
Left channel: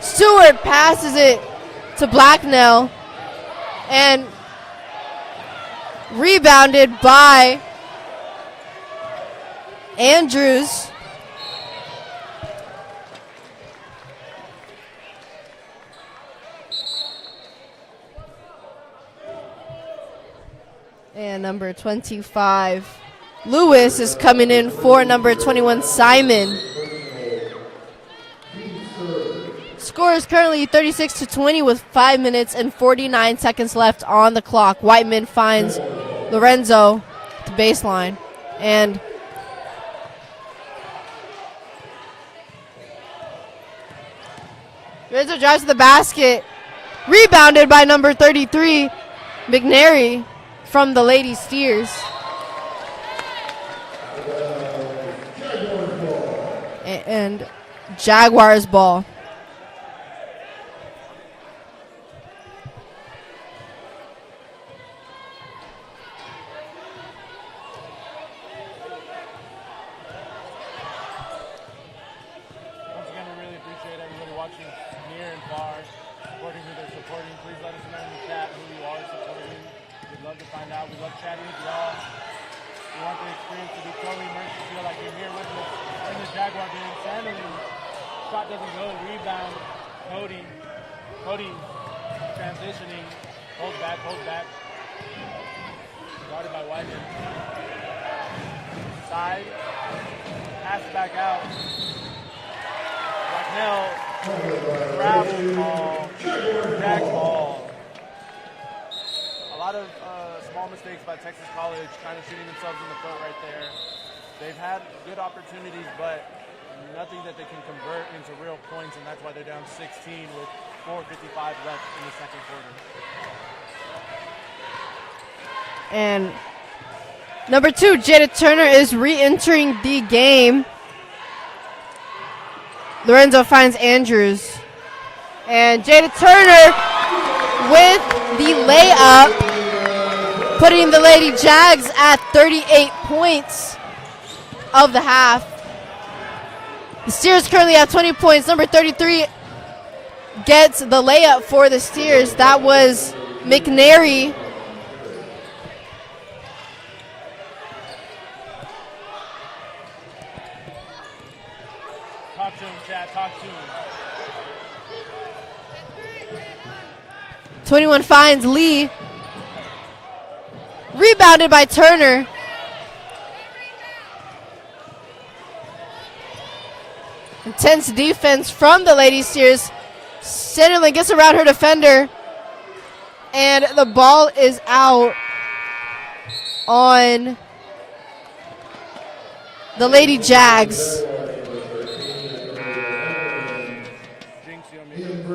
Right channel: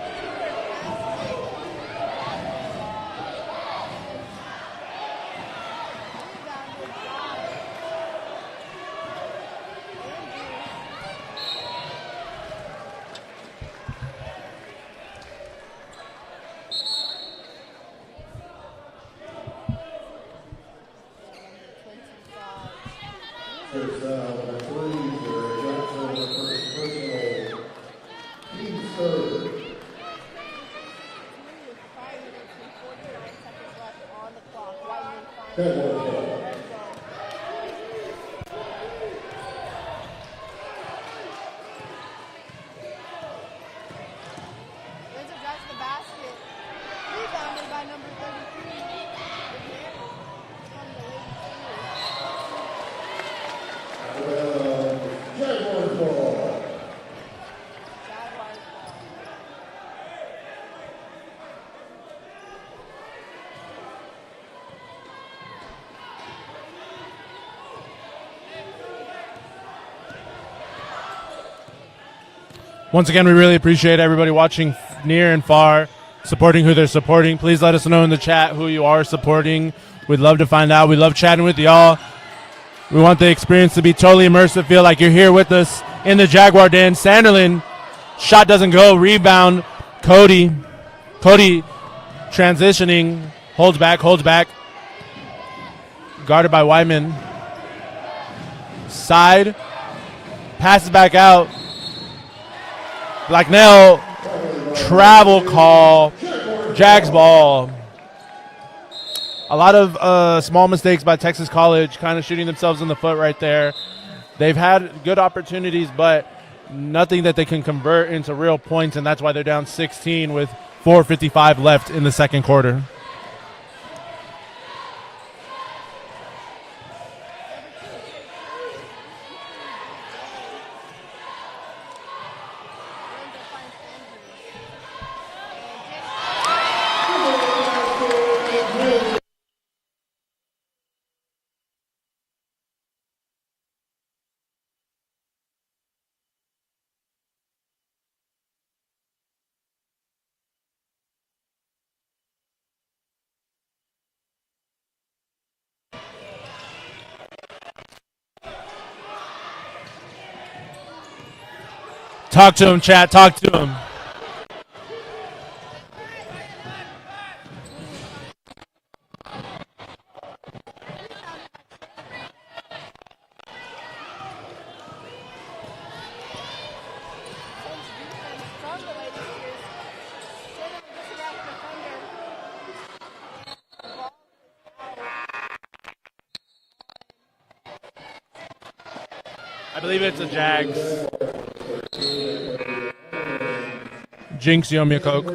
Stewart passes it to Blacknell, and rebounded by Andrews. And number 25, Lewis, is coming in for number 21, Simon. Score is currently 36-20 with 5 minutes and 49 seconds left on the clock. Whiteman finds Lorenzo at the baseline. And Lorenzo drives to the basket. Rebounded by number 33, McNary, from the Lady Steers. And Jaguars ball. Once again, we really appreciate everybody watching near and far, supporting who they're supporting. Please let us know in the chat who you are supporting. We'd love to find out. We love chatting with y'all. We want the experience to be totally immersive, feel like you're here with us in the Jaguar Den. Sanderlin, shot doesn't go, rebound. Cody transitioning, holds back. Guarded by Wyman. Side, passes back out. Blacknell, travel call, Jags ball. A lot of small mistakes by Texas College, kind of shooting themselves in the foot right there. They've had good opportunities, but nothing that they can convert into real points, and that's why they're down 16 with 4:55 left in the second quarter. And number 2, Jada Turner, is re-entering the game. Lorenzo finds Andrews. And Jada Turner with the layup, putting the Lady Jags at 38 points of the half. The Steers currently have 20 points. Number 33 gets the layup for the Steers. That was McNary. Talk to him, chat. Talk to him. 21 finds Lee. Rebounded by Turner. Intense defense from the Lady Steers. Centerland gets around her defender. And the ball is out on the Lady Jags. Jinx, you owe me a Coke.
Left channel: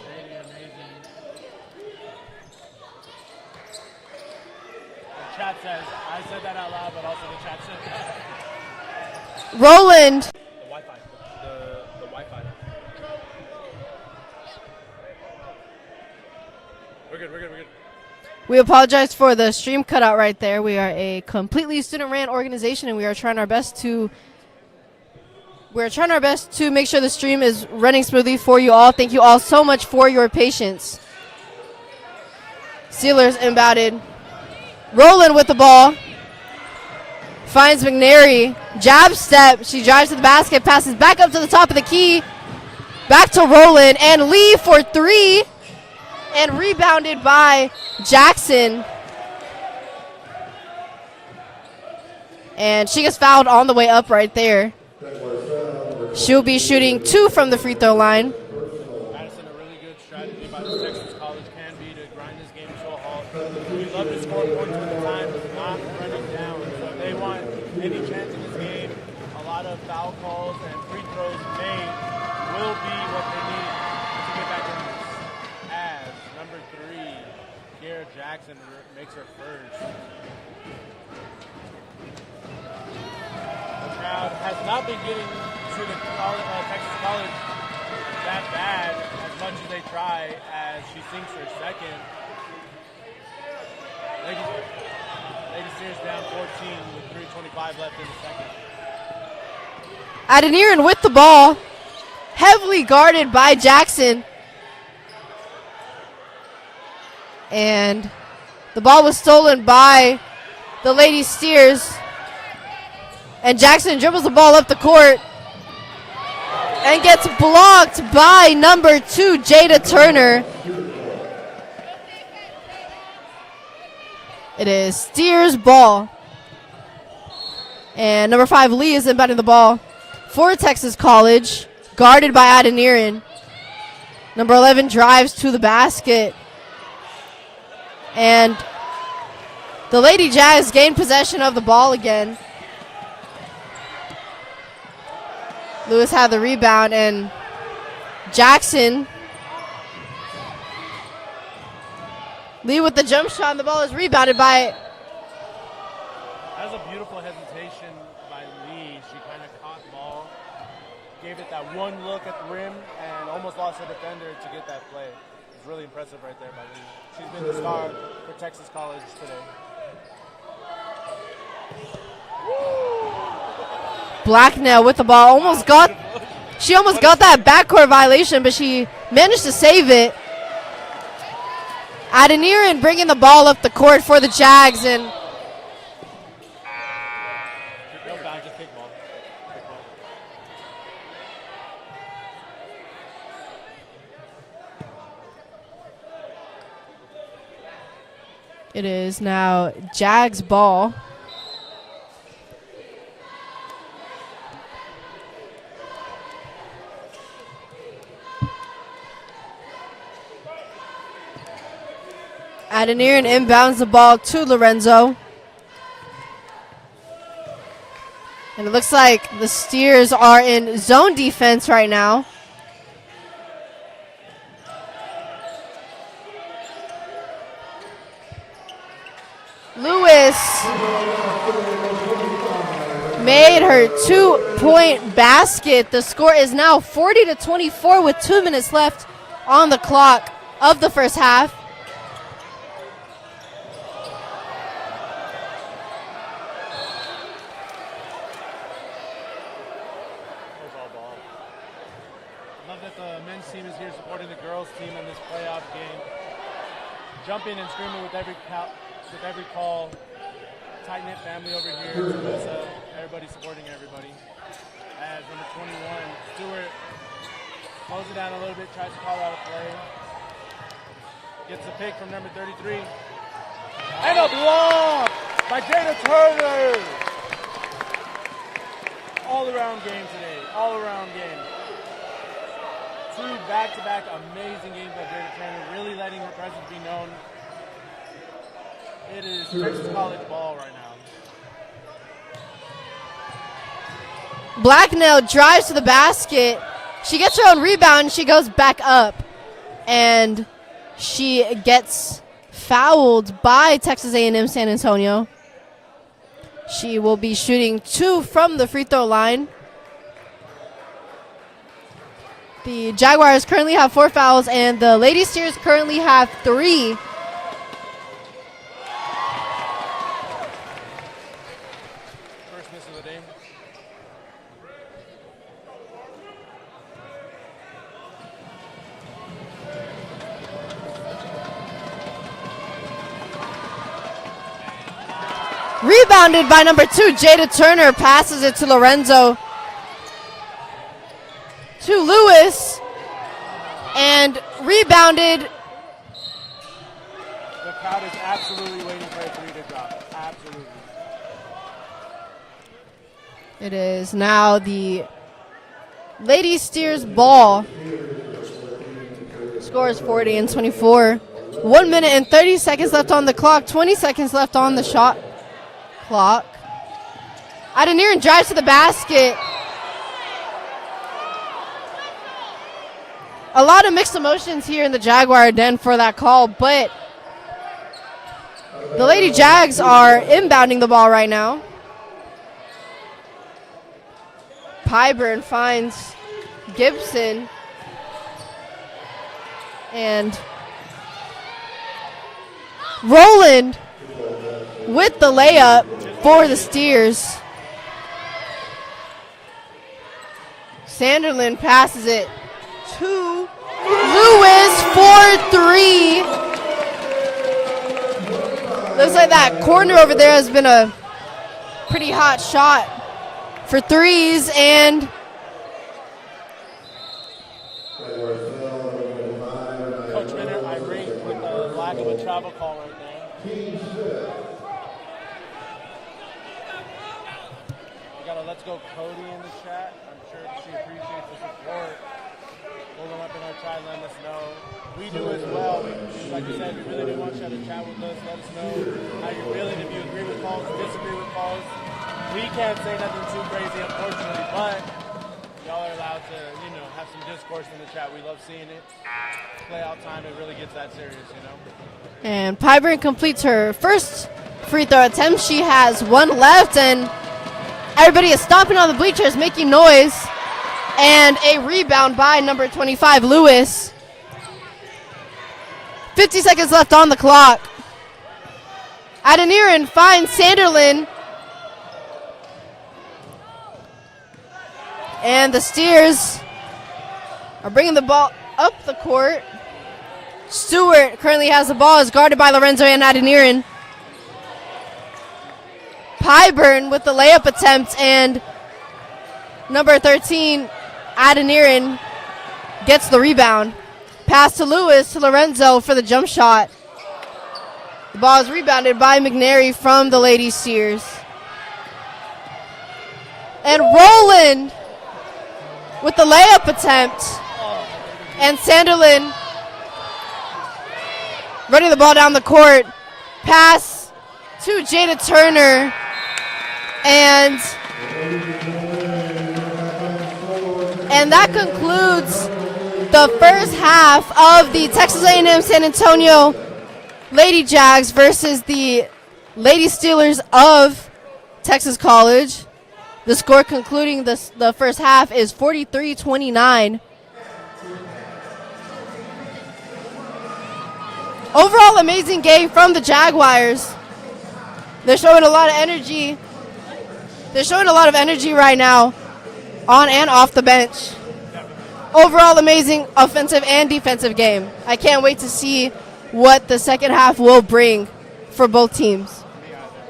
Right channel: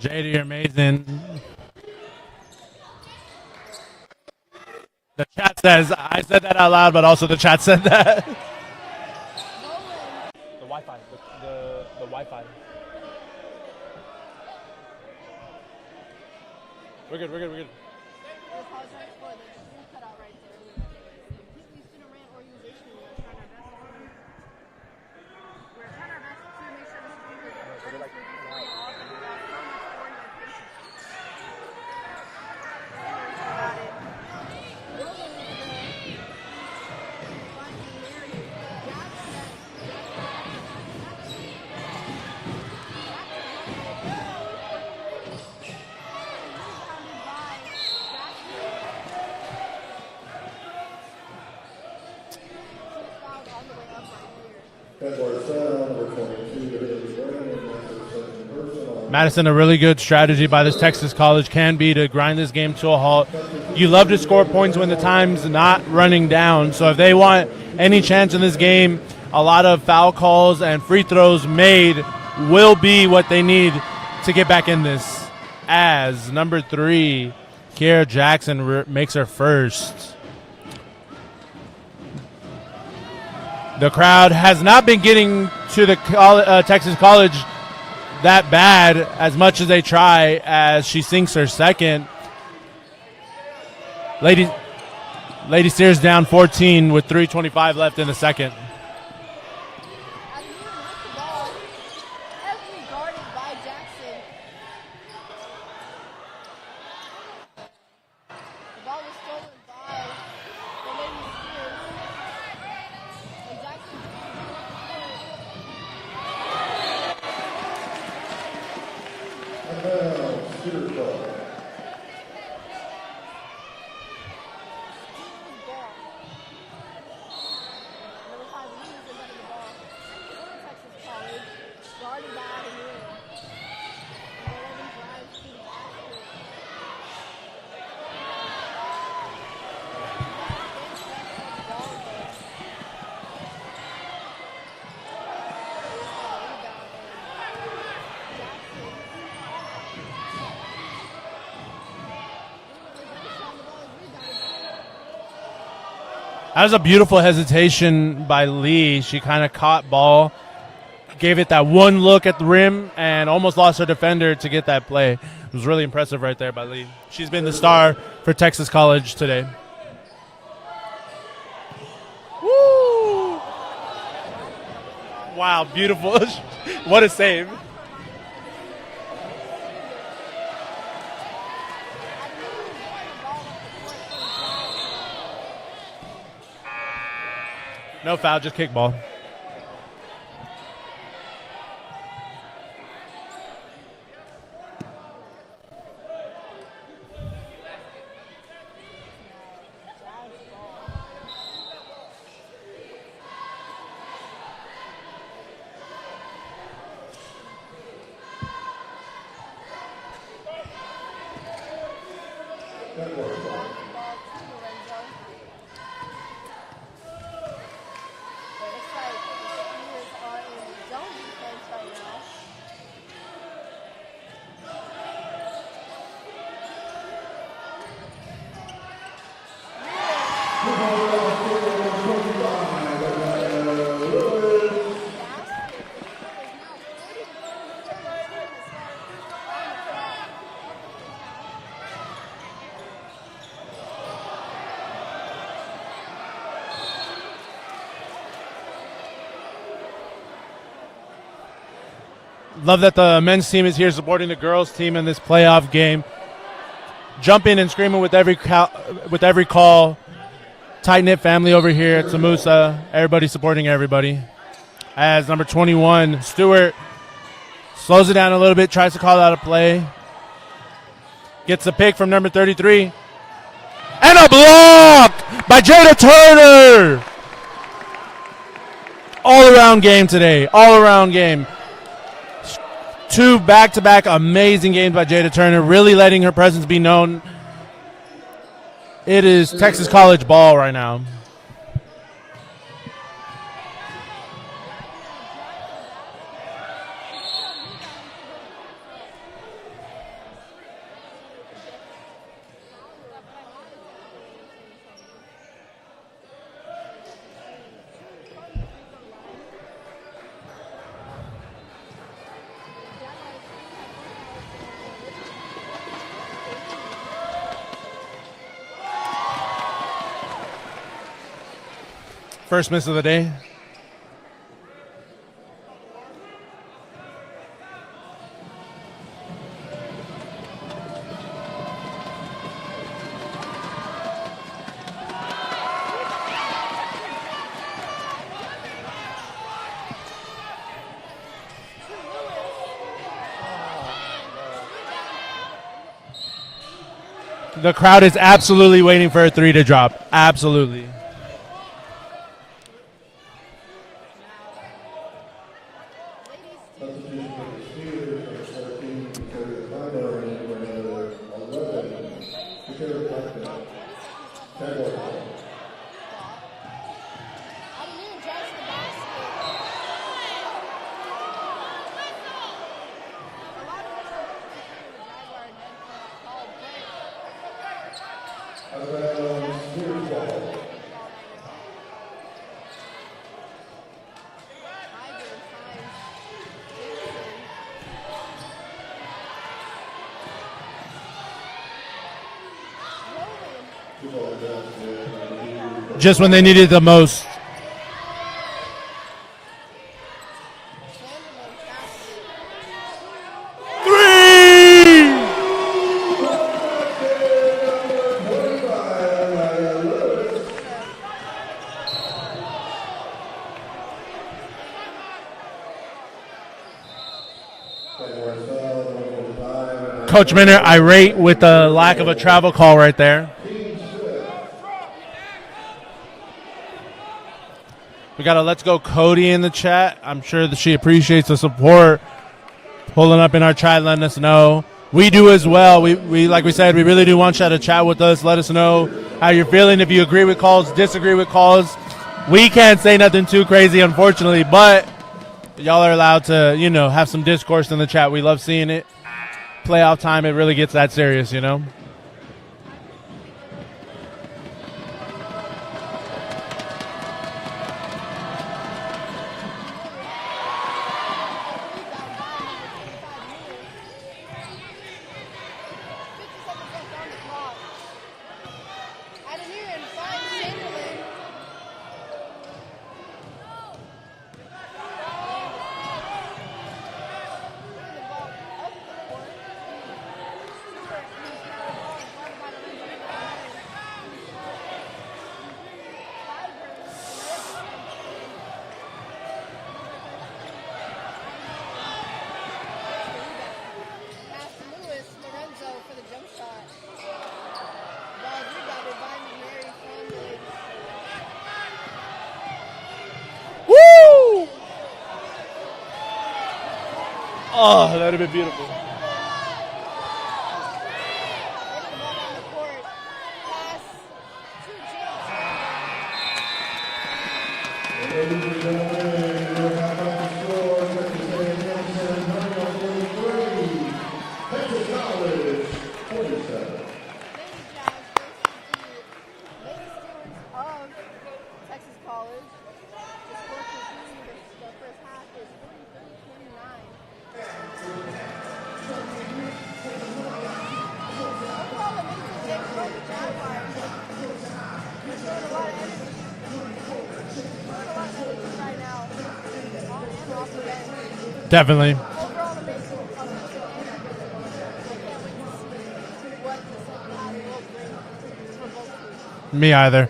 JD, you're amazing. The chat says, I said that out loud, but also the chat said that. Roland. The Wi-Fi. The Wi-Fi. We're good. We apologize for the stream cutout right there. We are a completely student-ran organization, and we are trying our best to make sure the stream is running smoothly for you all. Thank you all so much for your patience. Steelers inbounded. Roland with the ball. Finds McNary. Jab step. She drives to the basket. Passes back up to the top of the key. Back to Roland. And Lee for three. And rebounded by Jackson. And she gets fouled on the way up right there. She'll be shooting 2 from the free throw line. Madison, a really good strategy by this Texas College can be to grind this game to a halt. You love to score points when the time's not running down. So if they want any chance in this game, a lot of foul calls and free throws made will be what they need to get back in this. As number 3, Kiera Jackson makes her first. The crowd has not been getting to the Texas College that bad as much as they try, as she sinks her second. Lady Steers down 14 with 3:25 left in the second. Adeniran with the ball, heavily guarded by Jackson. And the ball was stolen by the Lady Steers. And Jackson dribbles the ball up the court and gets blocked by number 2, Jada Turner. It is Steers' ball. And number 5, Lee, is inbounding the ball for Texas College, guarded by Adeniran. Number 11 drives to the basket. And the Lady Jags gain possession of the ball again. Lewis had the rebound, and Jackson. Lee with the jump shot, and the ball is rebounded by. That was a beautiful hesitation by Lee. She kind of caught ball, gave it that one look at the rim, and almost lost her defender to get that play. It was really impressive right there by Lee. She's been the star for Texas College today. Woo! Blacknell with the ball. She almost got that backcourt violation, but she managed to save it. Adeniran bringing the ball up the court for the Jags, and no foul, just kick ball. it is now Jags ball. Adeniran inbounds the ball to Lorenzo. And it looks like the Steers are in zone defense right now. Lewis made her 2-point basket. The score is now 40-24 with 2 minutes left on the clock of the first half. Love that the men's team is here supporting the girls' team in this playoff game. jumping and screaming with every call. Tight-knit family over here at TAMUSA. Everybody supporting everybody. As number 21, Stewart, slows it down a little bit, tries to call out a play. Gets a pick from number 33. And a block by Jada Turner. All-around game today. All-around game. 2 back-to-back amazing games by Jada Turner, really letting her presence be known. It is Texas College ball right now. Blacknell drives to the basket. She gets her own rebound. She goes back up. And she gets fouled by Texas A&M San Antonio. She will be shooting 2 from the free throw line. The Jaguars currently have 4 fouls, and the Lady Steers currently have 3. First miss of the day. Rebounded by number 2, Jada Turner, passes it to Lorenzo. To Lewis. And rebounded. The crowd is absolutely waiting for a 3 to drop. Absolutely. It is now the Lady Steers ball. Score is 40-24. 1 minute and 30 seconds left on the clock. 20 seconds left on the shot clock. Adeniran drives to the basket. A lot of mixed emotions here in the Jaguar den for that call, but the Lady Jags are inbounding the ball right now. Pyburn finds Gibson. And Roland with the layup. Just when they needed the most. Sanderlin passes it to Lewis for 3. Looks like that corner over there has been a pretty hot shot for threes, and Coach Minner irate with the lack of a travel call right there. We got a Let's Go Cody in the chat. I'm sure that she appreciates the support. Pulling up in our chat, letting us know. We do as well. We like we said, we really do want you to chat with us. Let us know how you're feeling. If you agree with calls, disagree with calls. We can't say nothing too crazy, unfortunately, but y'all are allowed to, have some discourse in the chat. We love seeing it. Playoff time, it really gets that serious, And Pyburn completes her first free throw attempt. She has 1 left, and everybody is stomping on the bleachers, making noise. And a rebound by number 25, Lewis. 50 seconds left on the clock. Adeniran finds Sanderlin. And the Steers are bringing the ball up the court. Stewart currently has the ball, is guarded by Lorenzo and Adeniran. Pyburn with the layup attempt, and number 13, Adeniran, gets the rebound. Pass to Lewis, to Lorenzo for the jump shot. The ball is rebounded by McNary from the Lady Steers. And Roland with the layup attempt. Oh, that would have been beautiful. And Sanderlin running the ball down the court. Pass to Jada Turner. And that concludes the first half of the Texas A&M San Antonio Lady Jags versus the Lady Steelers of Texas College. The score concluding the first half is 43-29. Overall, amazing game from the Jaguars. They're showing a lot of energy. They're showing a lot of energy right now on and off the bench. Definitely. Overall, amazing offensive and defensive game. I can't wait to see what the second half will bring for both teams. Me either.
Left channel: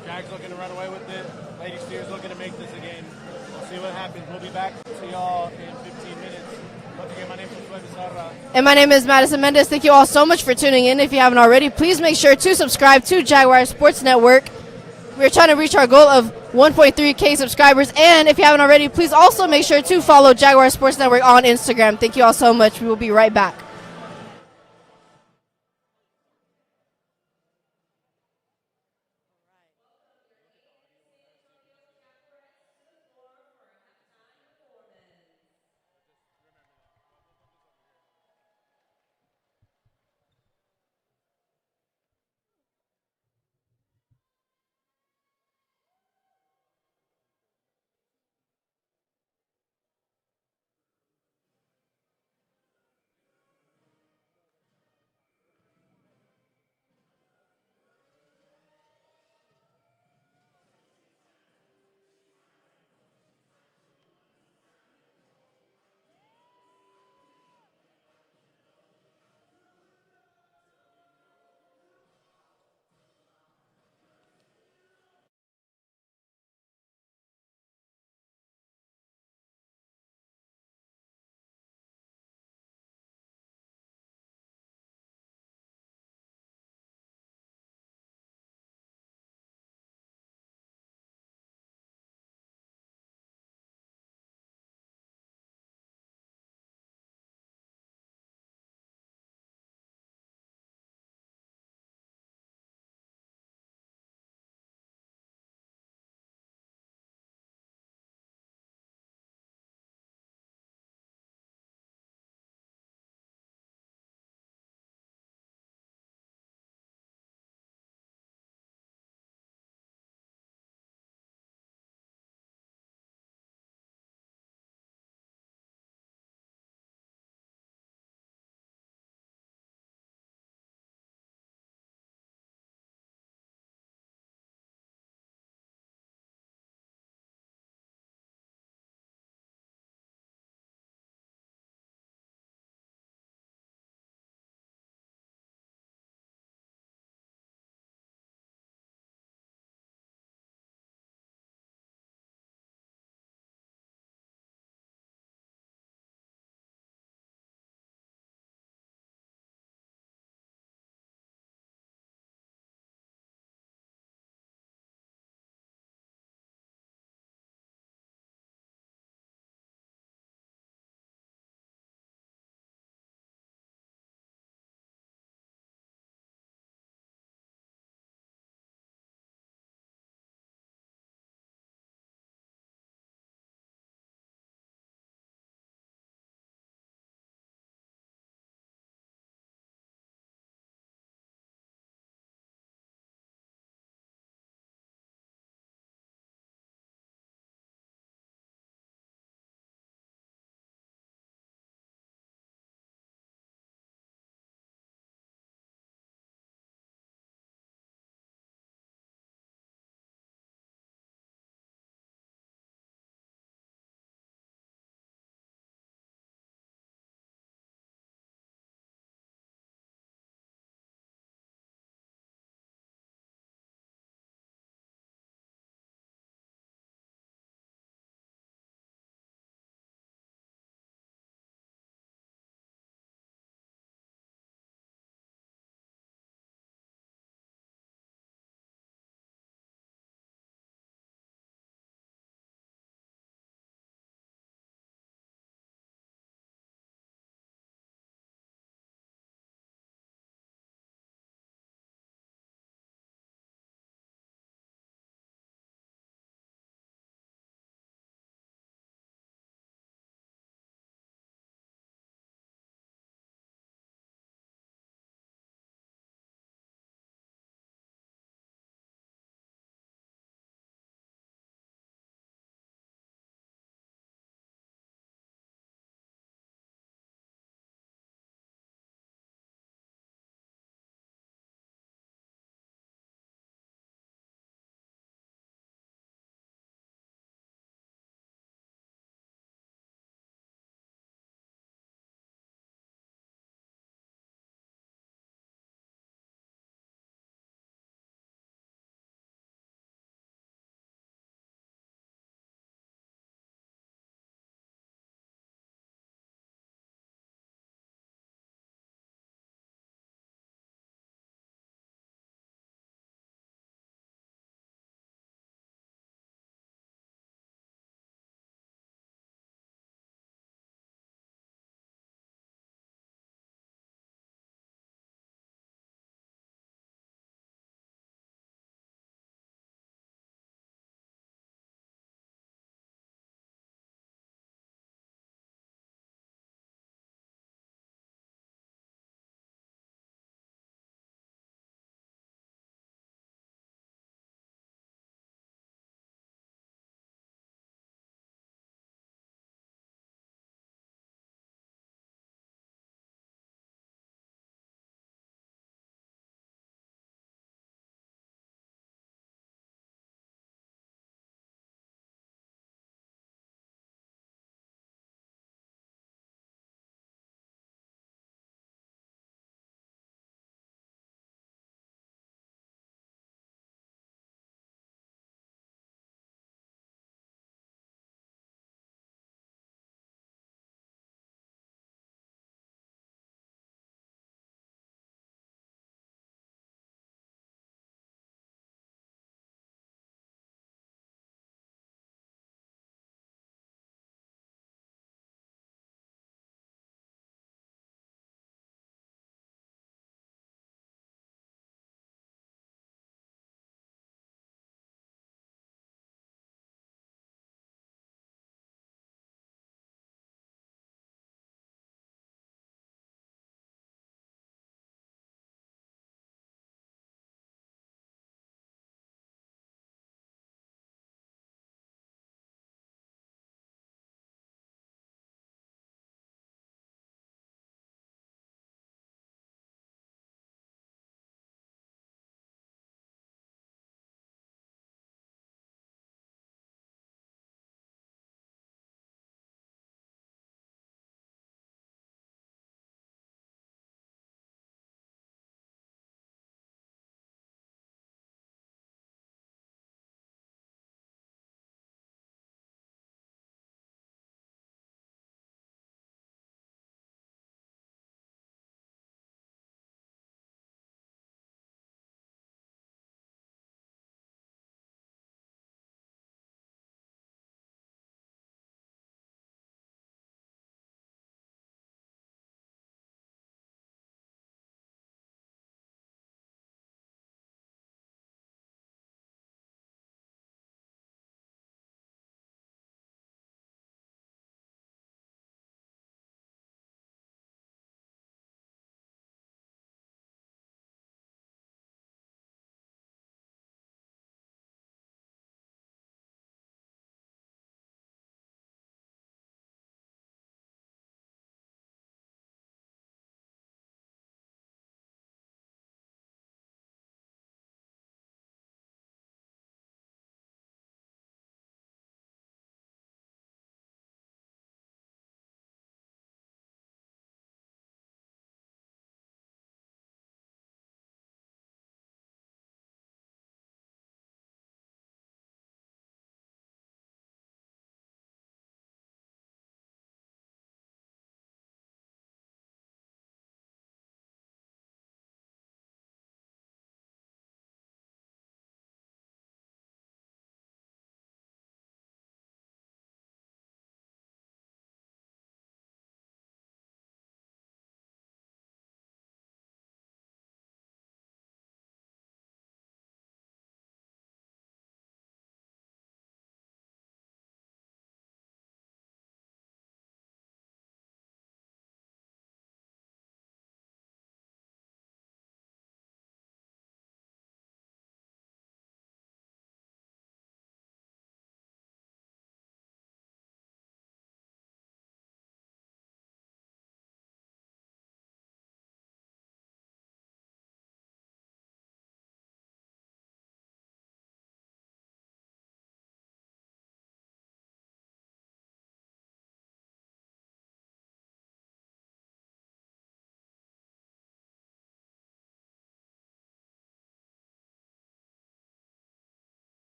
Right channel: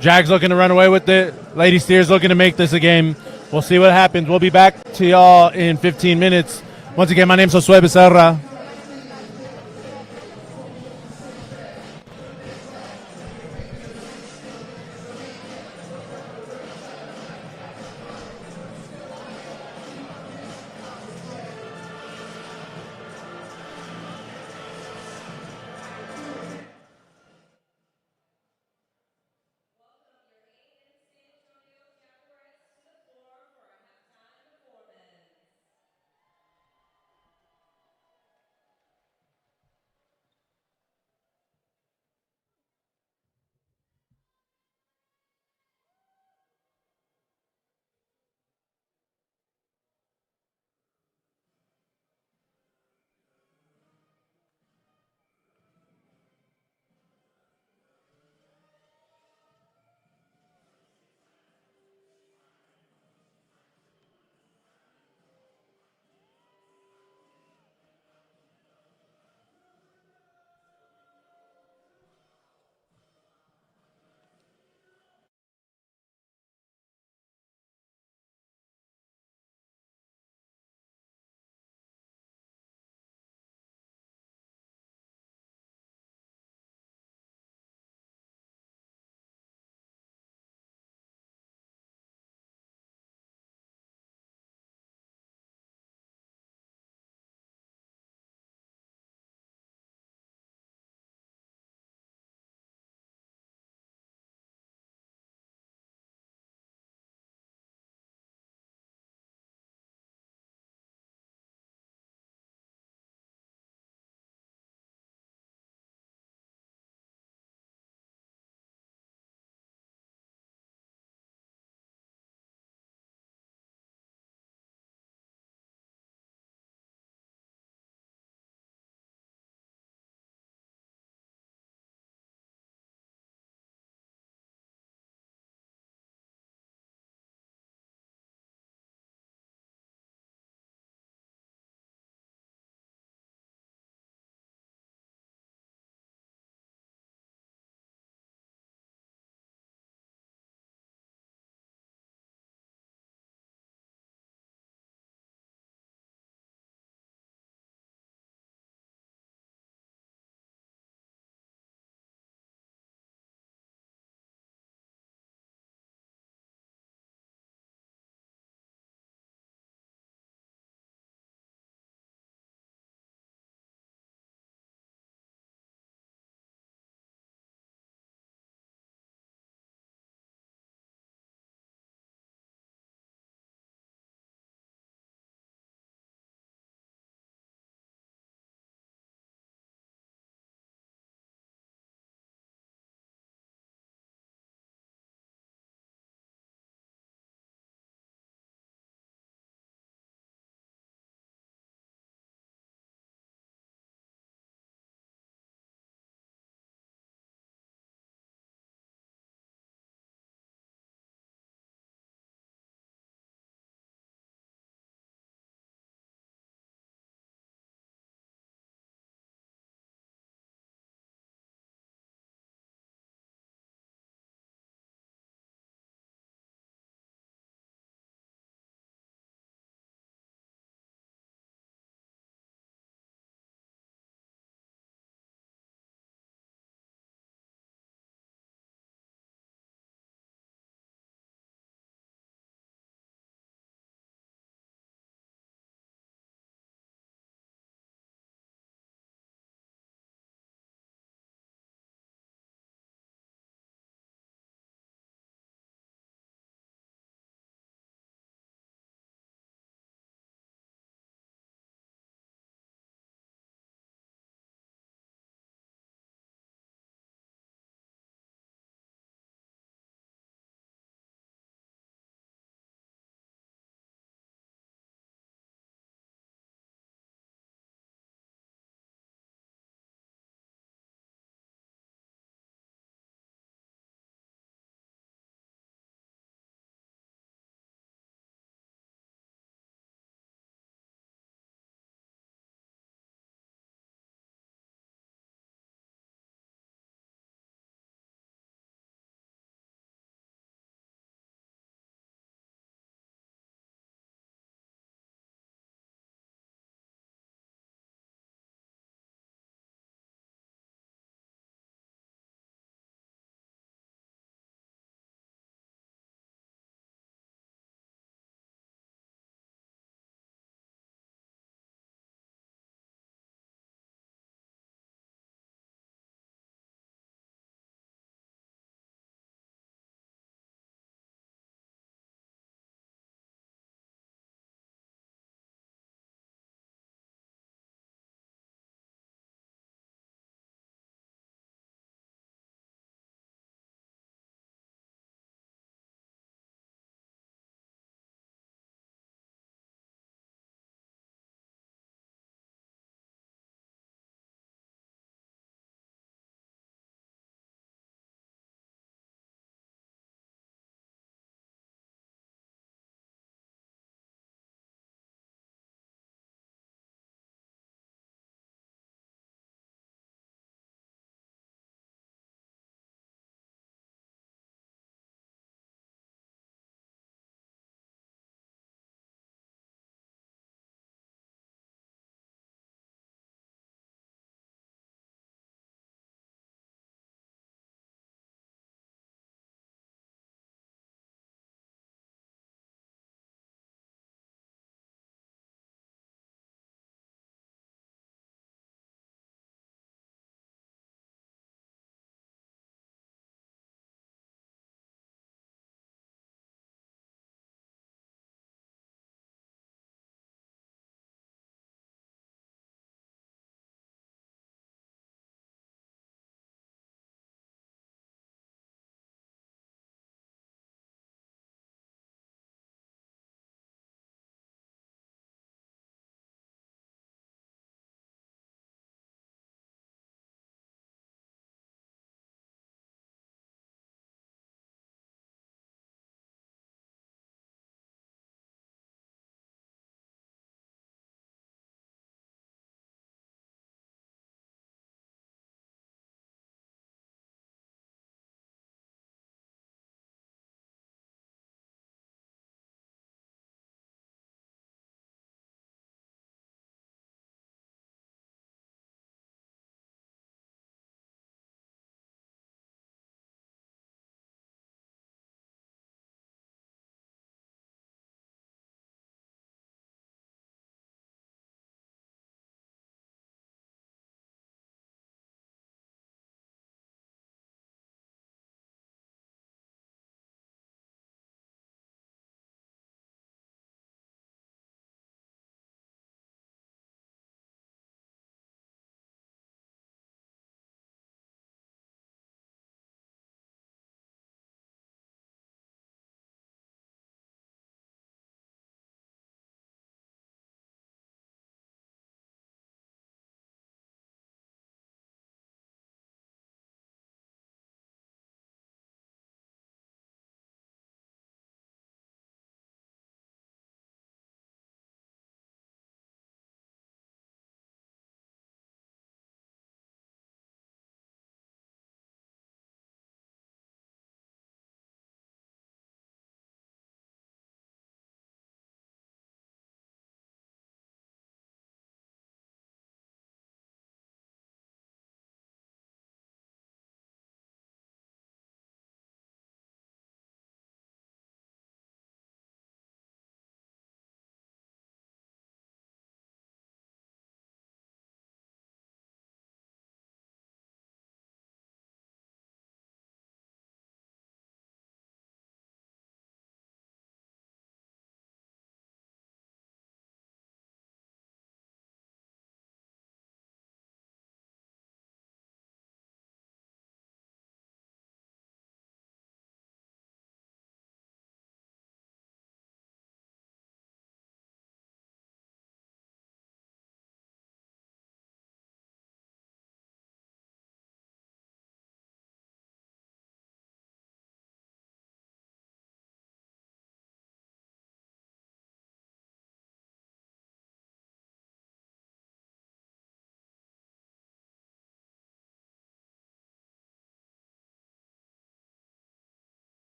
Jags looking to run away with it. Lady Steers looking to make this a game. We'll see what happens. We'll be back to y'all in 15 minutes. Once again, my name's Josue Becerra. And my name is Madison Mendez. Thank you all so much for tuning in. If you haven't already, please make sure to subscribe to Jaguar Sports Network. We're trying to reach our goal of 1.3K subscribers. And if you haven't already, please also make sure to follow Jaguar Sports Network on Instagram. Thank you all so much. We will be right back.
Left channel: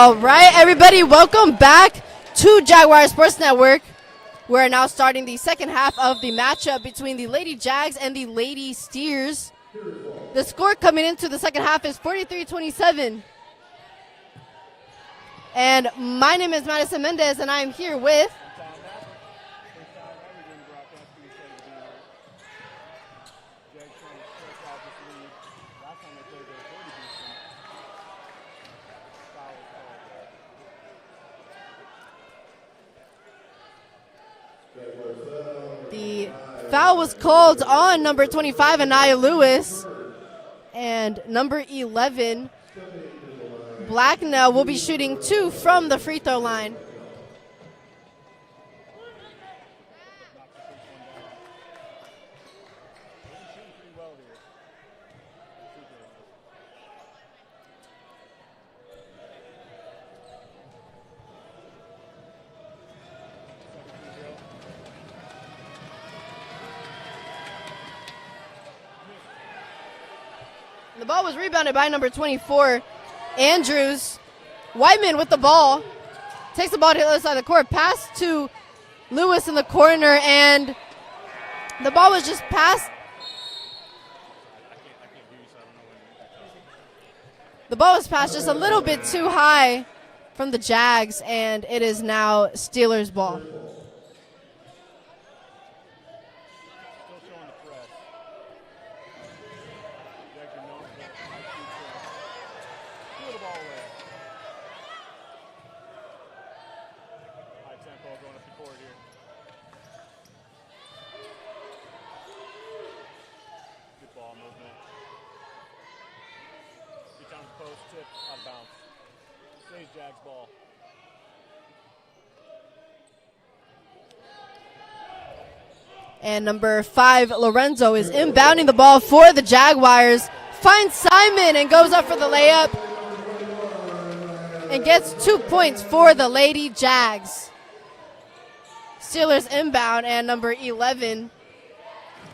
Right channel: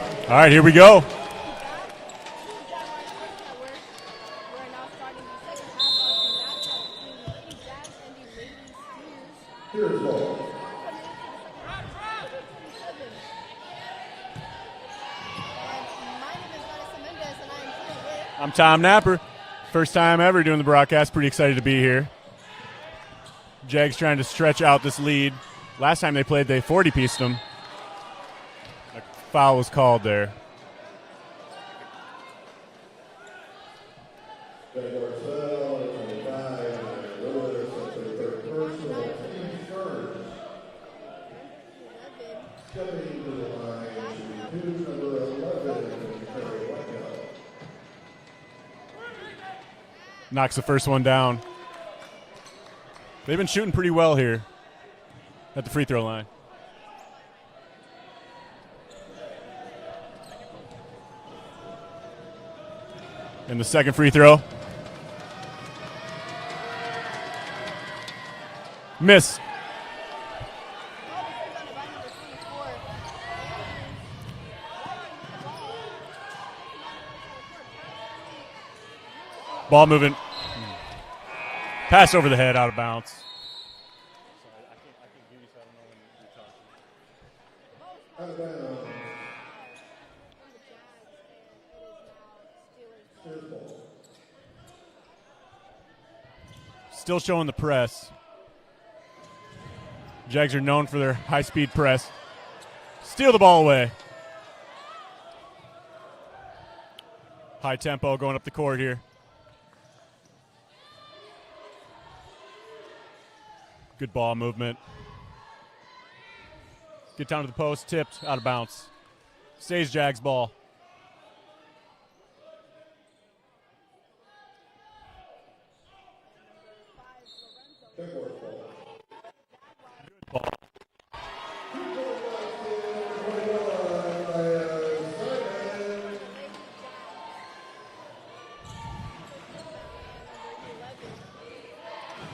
All right, here we everybody, go. welcome back to Jaguar Sports Network. We're now starting the second half of the matchup between the Lady Jags and the Lady Steers. The score coming into the second half is 43-27. And my name is Madison Mendez, and I'm here with... I'm Tom Napper. First time ever doing the broadcast. Pretty excited to be here. Jags trying to stretch out this lead. Last time they played, they 40-pieced them. A foul was called there. The foul was called on number 25, Anaya Lewis, and number 11, Blacknell, will be shooting 2 from the free throw line. Knocks the first one down. They've been shooting pretty well here at the free throw line. And the second free throw. Miss. The ball was rebounded by number 24, Andrews. Whiteman with the ball. Takes the ball to the other side of the court. Pass to Lewis in the Ball corner, moving. and the Pass ball was over the just head, out of passed. bounds. The ball was passed just a little bit too high from the Jags, and it is now Steelers' ball. Still showing the press. Jags are known for their high-speed press. Steal the ball away. High tempo going up the court here. Good ball movement. Get down to the post, tipped, out of bounds. Stays Jags ball. And number 5, Lorenzo, is inbounding the ball for the Jaguars. Finds Simon and goes up for the layup. And gets 2 points for the Lady Jags. Steelers inbound, and number 11,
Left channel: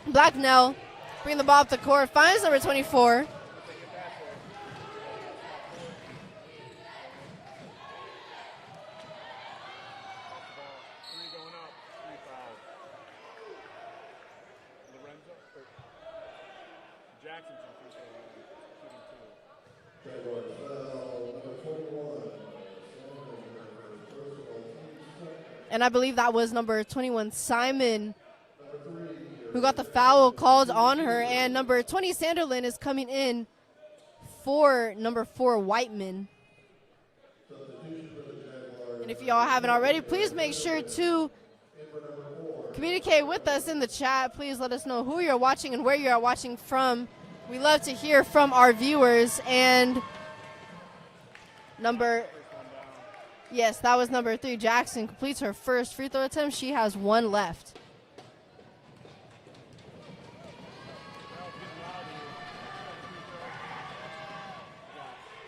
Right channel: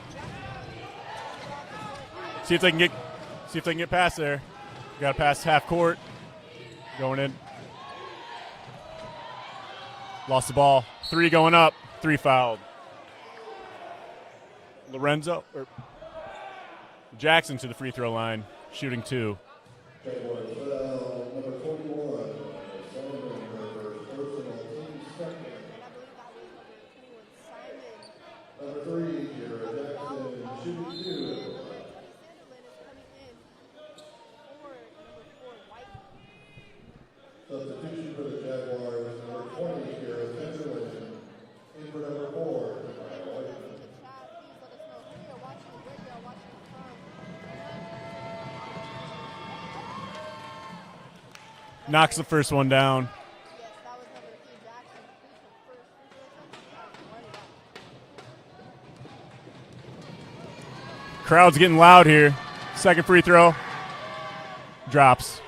Blacknell, bring the ball up the court. Finds number 24. See if they can get past there. Got to pass half court. Going in. Lost the ball. 3 going up. 3 fouled. Lorenzo Jackson to the free throw line, shooting 2. And I believe that was number 21, Simon, who got the foul called on her. And number 20, Sanderlin, is coming in for number 4, Whiteman. And if y'all haven't already, please make sure to communicate with us in the chat. Please let us know who you're watching and where you are watching from. We love to hear from our viewers. And knocks the first one down. Yes, that was number 3. Jackson completes her first free throw attempt. She has 1 left. Crowd's getting loud here. Second free throw. Drops.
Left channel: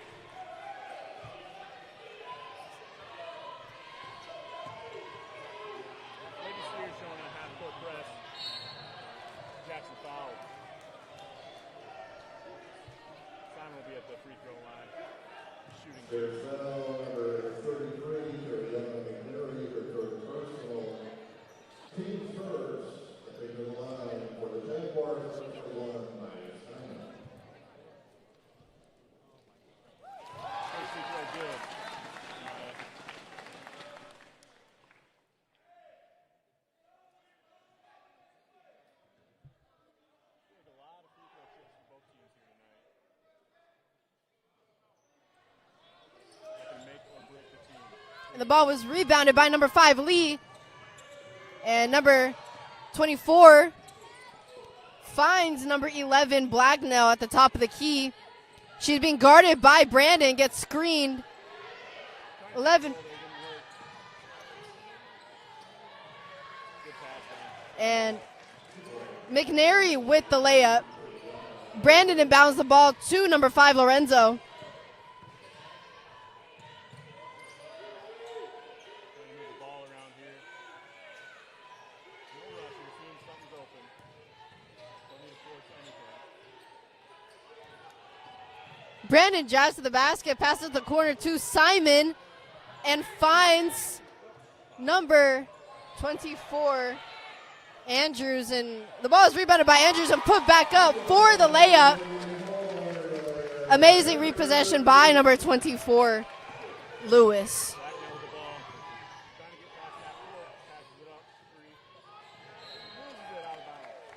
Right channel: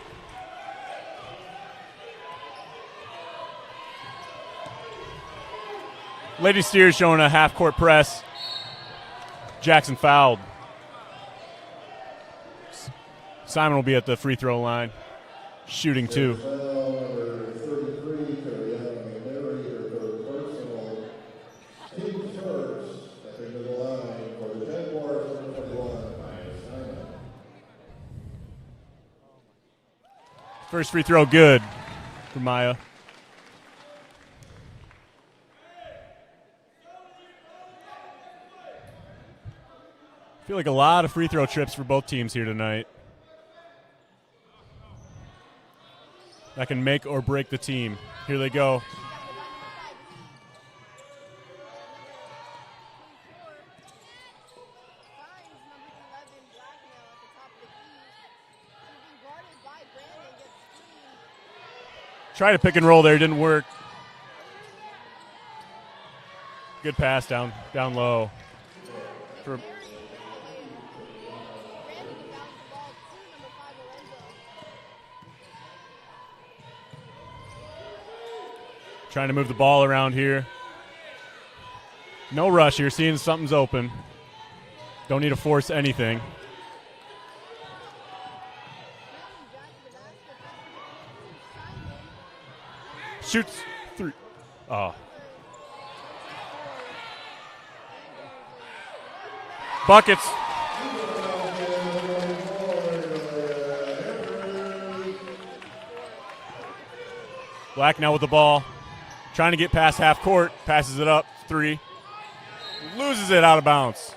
Lady Steers showing a half-court press. Jackson fouled. Simon will be at the free throw line, shooting 2. First free throw good for Maya. I feel like a lot of free throw trips for both teams here tonight. That can make or break the team. Here they go. The ball was rebounded by number 5, Lee. And number 24 finds number 11, Blacknell, at the top of the key. She's being guarded by Brandon, gets screened. Try to pick and roll there, didn't work. Good pass down low. McNary with the layup. Brandon inbounds the ball to number 5, Lorenzo. Trying to move the ball around here. No rush here, seeing something's open. Don't need to force anything. Brandon drives to the basket, passes the corner to Simon, and finds number 24, Andrews. And the ball is rebounded by Andrews and put back up for the layup. Amazing repossession by number 24, Lewis. Black now with the ball, trying to get past half court, passes it up, 3. Loses it out of bounds.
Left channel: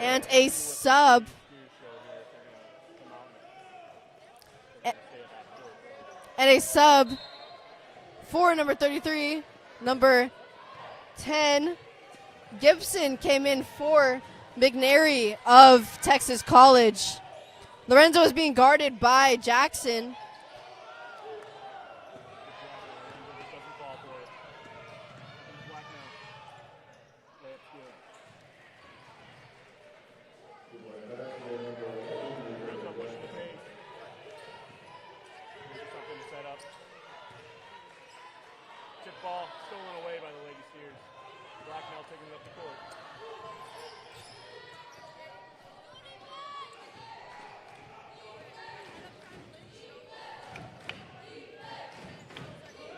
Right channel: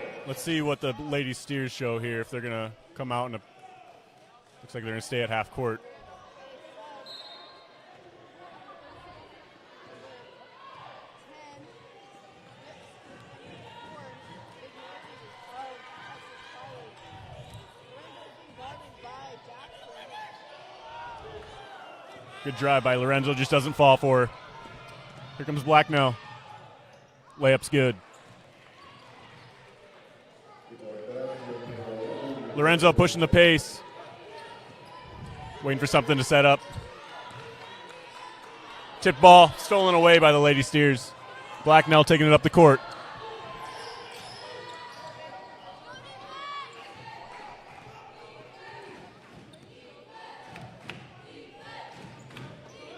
And Let's see what the Lady Steers show here, if they're going to come out and looks like they're going to stay at half court. And a sub for number 33, number 10, Gibson came in for McNary of Texas College. Lorenzo is being guarded by Jackson. Good drive by Lorenzo, just doesn't fall for her. Here comes Black now. Layup's good. Lorenzo pushing the pace. Waiting for something to set up. Tip ball stolen away by the Lady Steers. Blacknell taking it up the court.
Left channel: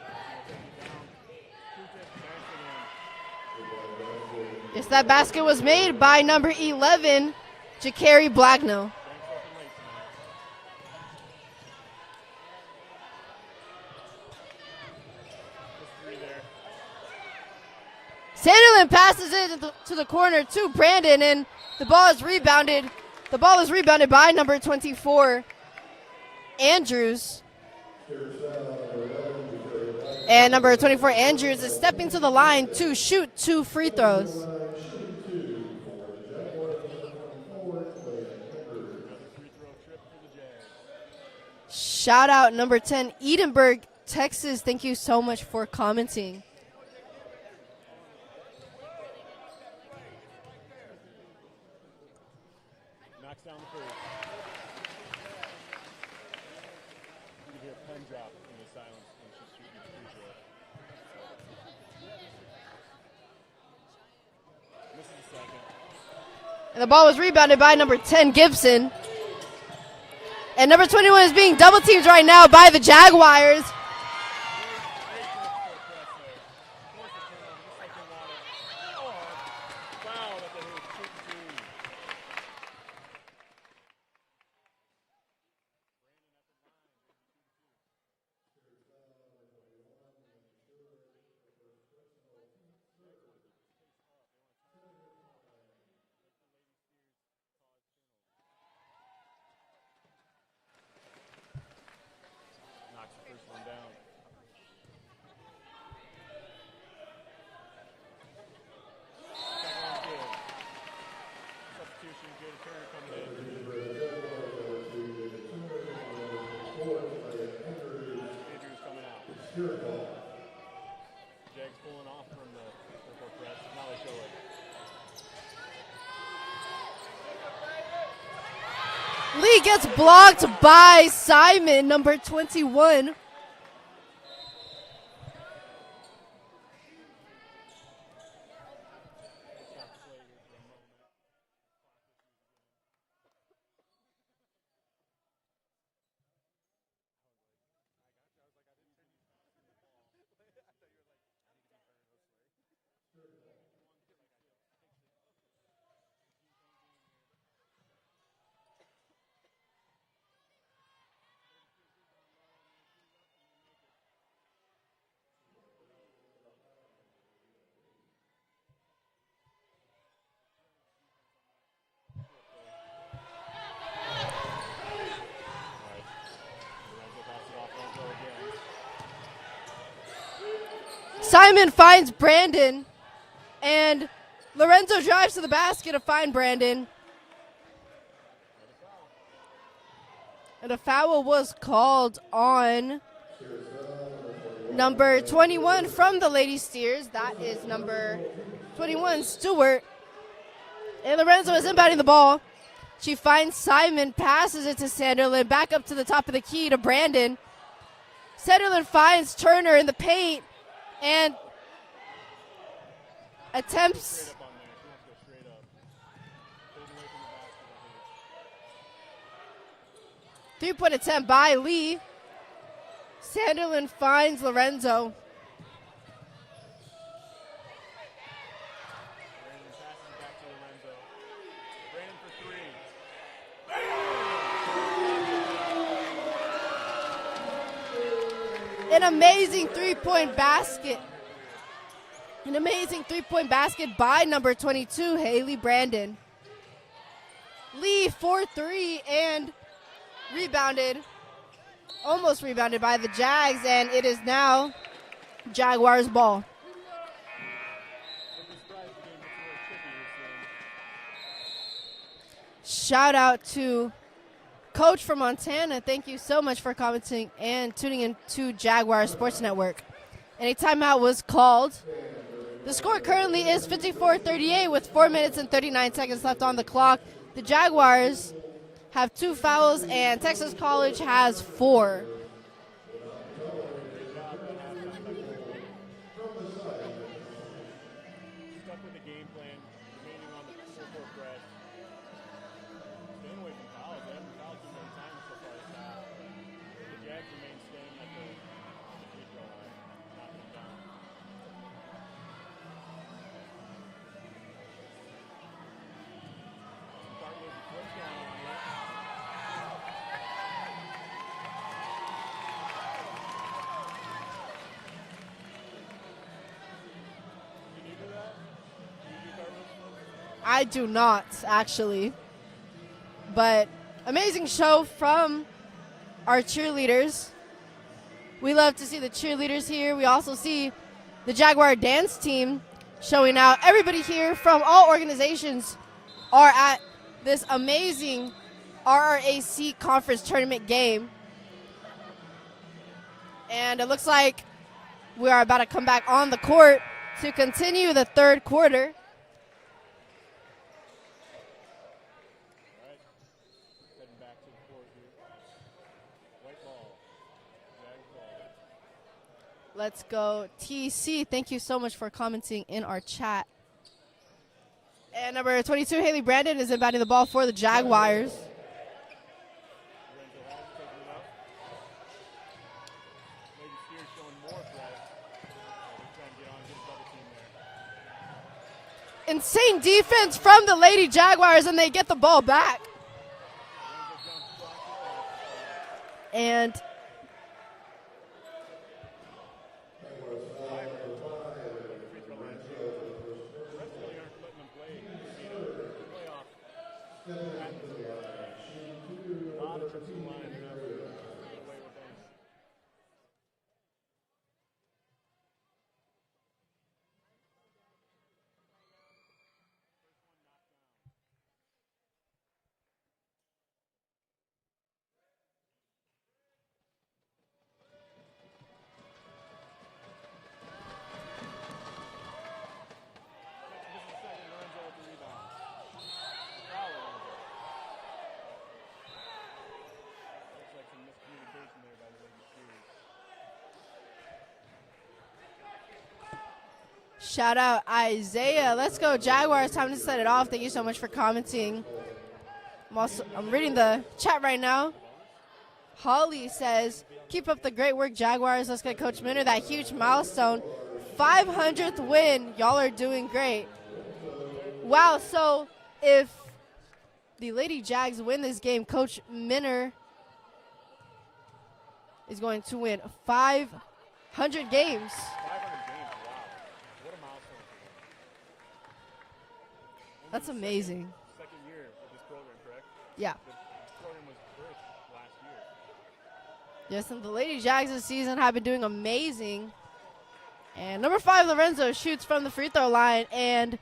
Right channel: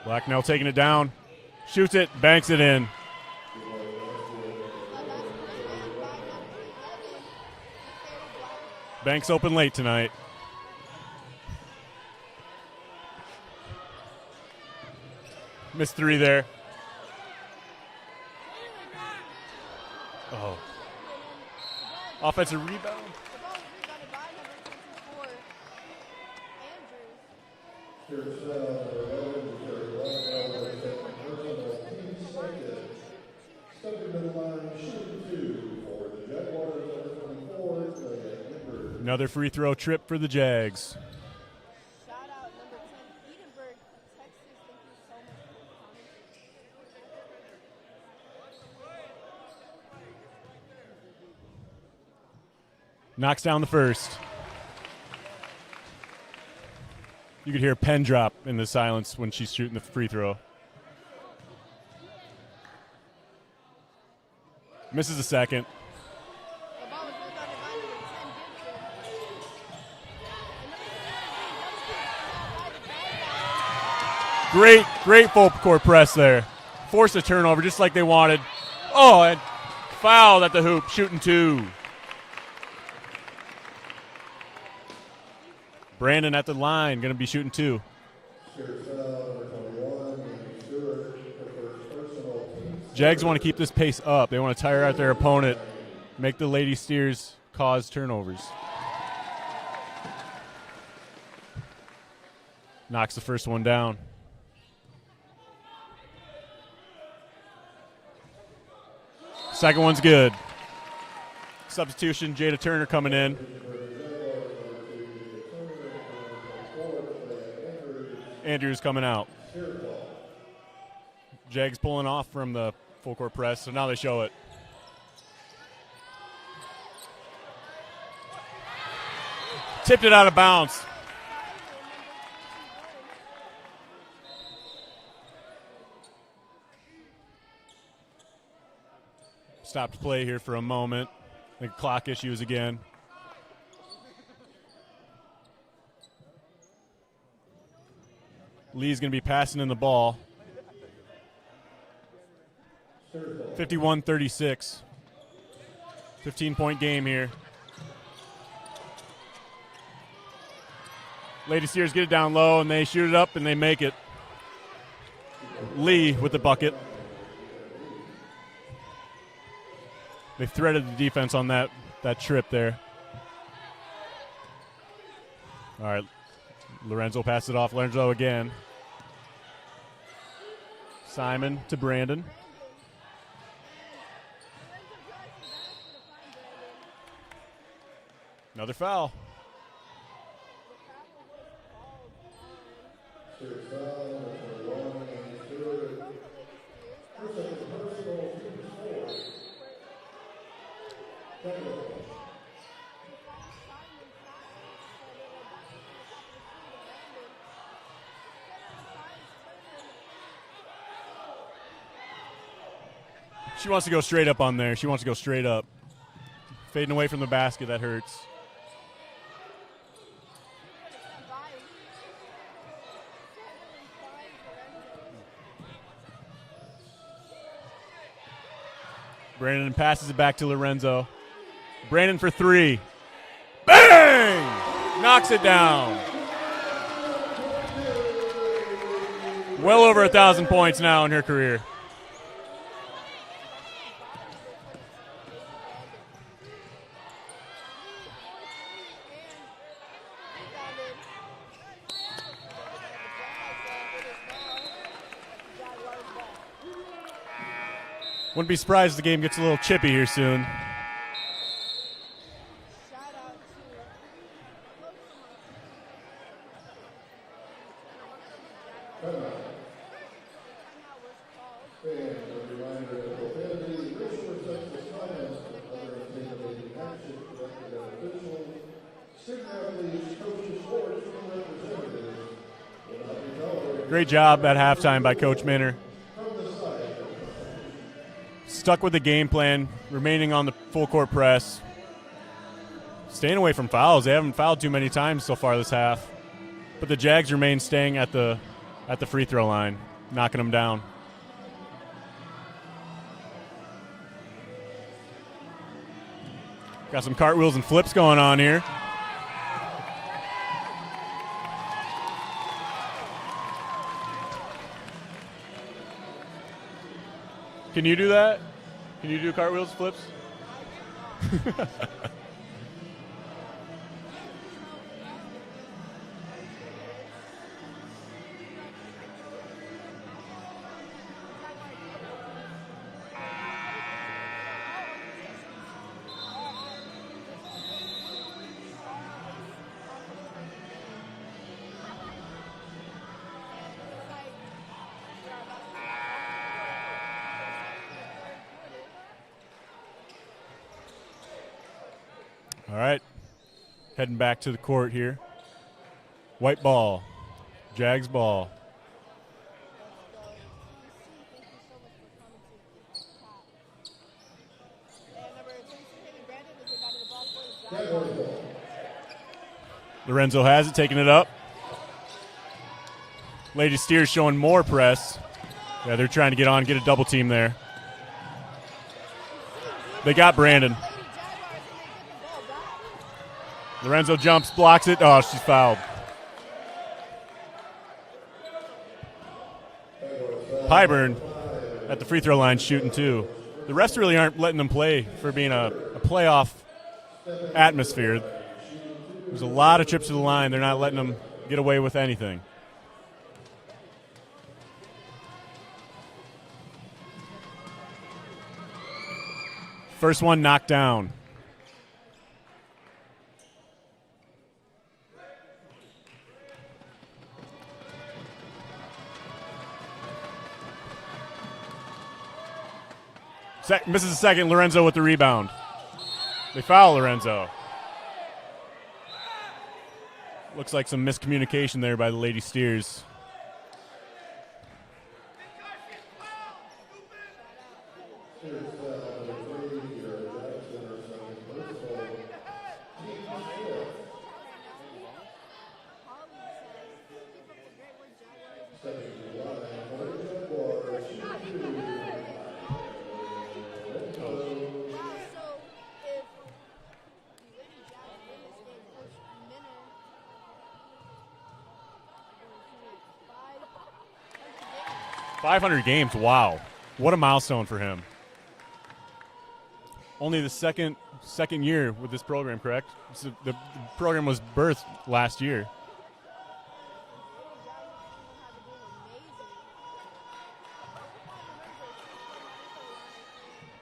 Blacknell taking it down. Shoots it, banks it in. Yes, that basket was made by number 11, Jakari Blacknell. Banks open late tonight. Missed 3 there. Sanderlin passes it to the corner to Brandon, and the ball is rebounded. The ball is rebounded by number 24, Andrews. And number 24, Andrews, is stepping to the line to shoot 2 free throws. Another free throw trip for the Jags. Shout out number 10, Edinburgh, Texas. Thank you so much for commenting. Knocks down the first. You could hear a pen drop in the silence when she's shooting the free throw. Misses the second. And the ball was rebounded by number 10, Gibson. And number 21 is being double teamed right now by the Jaguars. Great full court press there. Forced a turnover just like they wanted. Oh, and fouled at the hoop, shooting 2. Brandon at the line, going to be shooting 2. Jags want to keep this pace up. They want to tire out their opponent, make the Lady Steers cause turnovers. Knocks the first one down. Second one's good. Substitution, Jada Turner coming in. Andrews coming out. Jags pulling off from the full court press, so now they show it. Lee gets blocked by Simon, number 21. Stopped play here for a moment. I think clock issues again. Lee's going to be passing in the ball. 51-36. 15-point game here. Lady Steers get it down low, and they shoot it up, and they make it. Lee with the bucket. They threaded the defense on that trip there. All right. Lorenzo passes it off. Lorenzo again. Simon finds Brandon, and Lorenzo drives to the basket to find Brandon. Another foul. And a foul was called on number 21 from the Lady Steers. That is number 21, Stewart. And Lorenzo is inbounding the ball. She finds Simon, passes it to Sanderlin, back up to the top of the key to Brandon. Sanderlin finds Turner in the paint, and She wants to go straight up on there. She wants to go straight up. Fading away from the basket, that hurts. 3-point attempt by Lee. Sanderlin finds Lorenzo. Brandon passes it back to Lorenzo. Brandon for three. Bang! Knocks it down. An amazing well over 1,000 basket. points now in her career. An amazing 3-point basket by number 22, Haley Brandon. Lee for three and almost rebounded by the Jags, and it is now Jaguars ball. Wouldn't be surprised if the game gets a little chippy here soon. Shout out to Coach from Montana. Thank you so much for commenting and tuning in to Jaguar Sports Network. And a timeout was called. The score currently is 54-38 with 4 minutes and 39 seconds left on the clock. The Jaguars have 2 fouls and Texas College has 4. Great job at halftime by Coach Minner. Stuck with the game plan, remaining on the full court press. Staying away from fouls. They haven't fouled too many times so far this half. But the Jags remain staying at the free throw line, knocking them down. Got some cartwheels and flips going on here. Can you do that? Can you do cartwheels, flips? I do not, actually. But amazing show from our cheerleaders. We love to see the cheerleaders here. We also see the Jaguar dance team showing out. Everybody here from all organizations are at this amazing RRAC conference tournament game. And it looks like we are about to come back on the court to continue the third quarter. All right, heading back to the court here. White ball, Jags ball. Let's go TC. Thank you so much for commenting in our chat. And number 22, Haley Brandon, is inbounding the ball for the Jaguars. Lorenzo has it, taking it up. Lady Steers showing more press. Yeah, they're trying to get a double team there. Insane defense got from Brandon. the Lady Jaguars, and they get the ball back. Lorenzo jumps, blocks it. Oh, she's fouled. And Pyburn at the free throw line shooting too. The refs really aren't letting them play for being a playoff atmosphere. There's a lot of trips to the line. They're not letting them get away with anything. First one knocked down. Misses the second. Lorenzo with the rebound. They foul Lorenzo. Looks like some miscommunication there by the Lady Steers. shout out Isaiah. Let's go Jaguars. Time to set it off. Thank you so much for commenting. I'm reading the chat right now. Holly says, keep up the great work, Jaguars. Let's get Coach Minner that huge milestone. 500th win. Y'all are doing great. Wow, so if the Lady Jags win this game, Coach Minner is going to win 500 games. 500 games, wow. What a milestone for him. Only That's the amazing. second year with this program, correct? Yeah. The program was birthed last year. Yes, and the Lady Jags this season have been doing amazing. And number 5, Lorenzo, shoots from the free throw line, and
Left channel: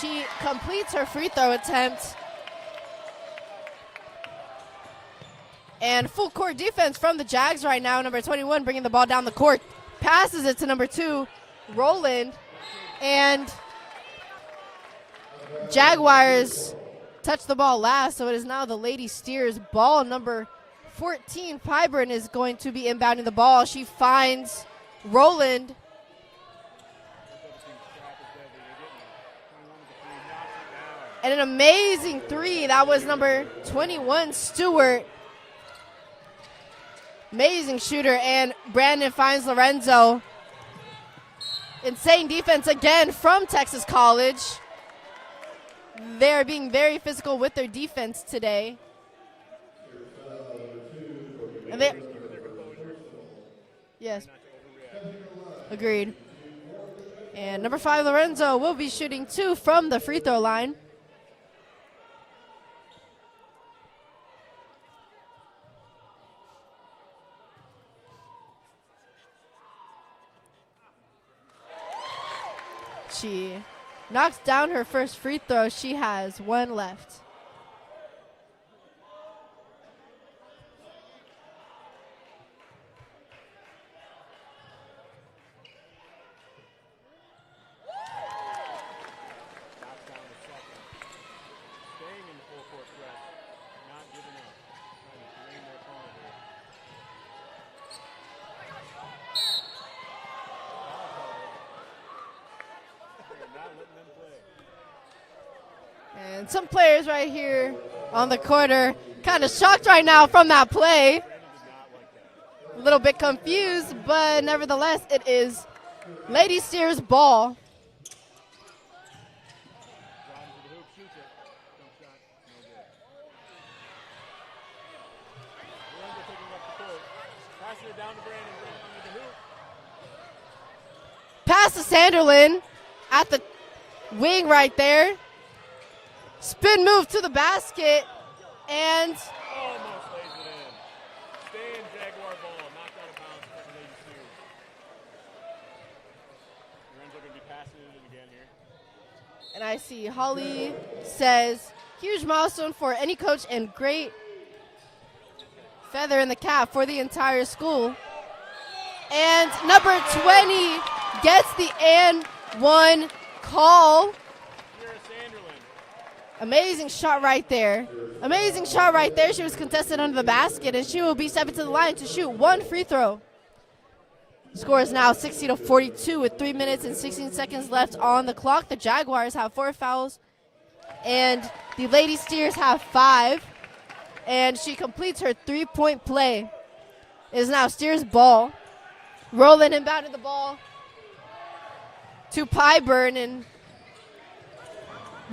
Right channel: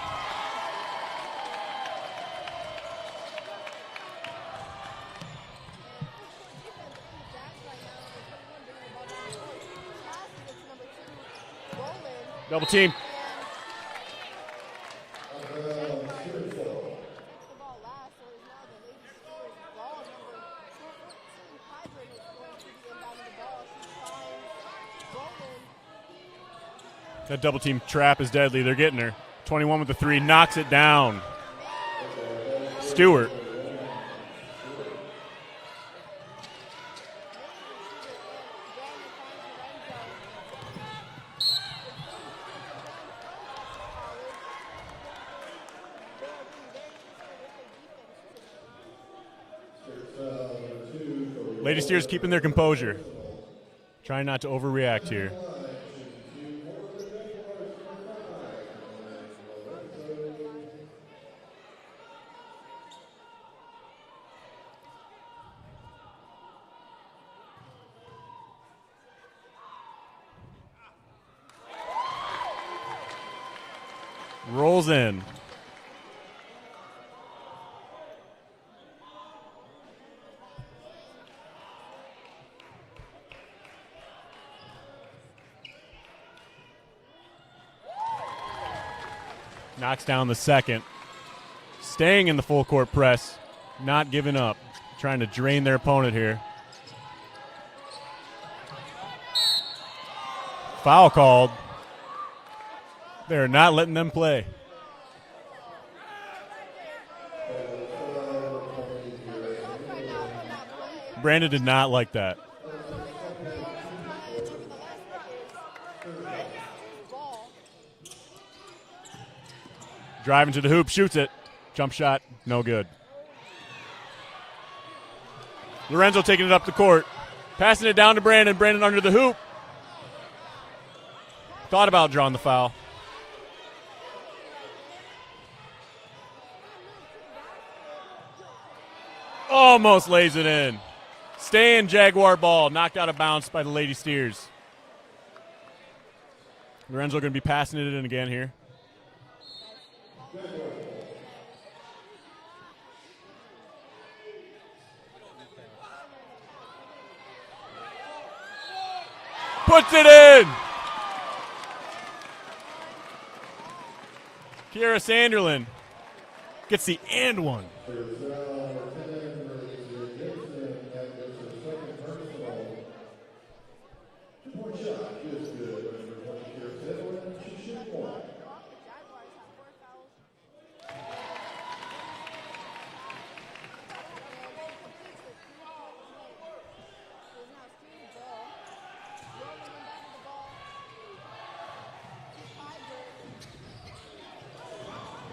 she completes her free throw attempt. And full court defense from the Jags right now. Number 21 bringing the ball down the court. Passes it to number 2, Roland. Double team. And Jaguars touch the ball last, so it is now the Lady Steers ball. Number 14, Pyburn, is going to be inbounding the ball. She finds Roland. That double team trap is deadly. They're getting her. 21 with the three, knocks it down. And an amazing three. That was Stewart. number 21, Stewart. Amazing shooter, and Brandon finds Lorenzo. Insane defense again from Texas College. They are being very physical with their defense today. Lady Steers keeping their composure. Yes. Trying not to overreact here. Agreed. And number 5, Lorenzo, will be shooting 2 from the free throw line. She knocks down Rolls her first in. free throw. She has 1 left. Knocks down the second. Staying in the full court press. Not giving up. Trying to drain their opponent here. Foul called. They're not letting them play. And some players right here on the court are kind of shocked right now from that play. Brandon did not like that. A little bit confused, but nevertheless, it is Lady Steers ball. Driving to the hoop, shoots it. Jump shot, no good. Lorenzo taking it up the court. Passing it down to Brandon. Brandon under the hoop. Pass Thought to about drawing the Sanderlin foul. at the wing right there. Spin move to the basket, and Almost lays it in. Staying Jaguar ball. Knocked out of bounds by the Lady Steers. Lorenzo going to be passing it in again here. and I see Holly says, huge milestone for any coach and great feather in the cap for the entire school. And number 20 gets the and one call. Kiera Sanderlin. Amazing shot right there. Amazing shot right there. She was contested under the basket, and she will be stepping to the line to shoot one free throw. Score is now 60-42 with 3 minutes and 16 seconds left on the clock. The Jaguars have 4 fouls, and the Lady Steers have 5. And she completes her 3-point play. It is now Steers' ball. Rolling inbounded the ball to Pyburn, and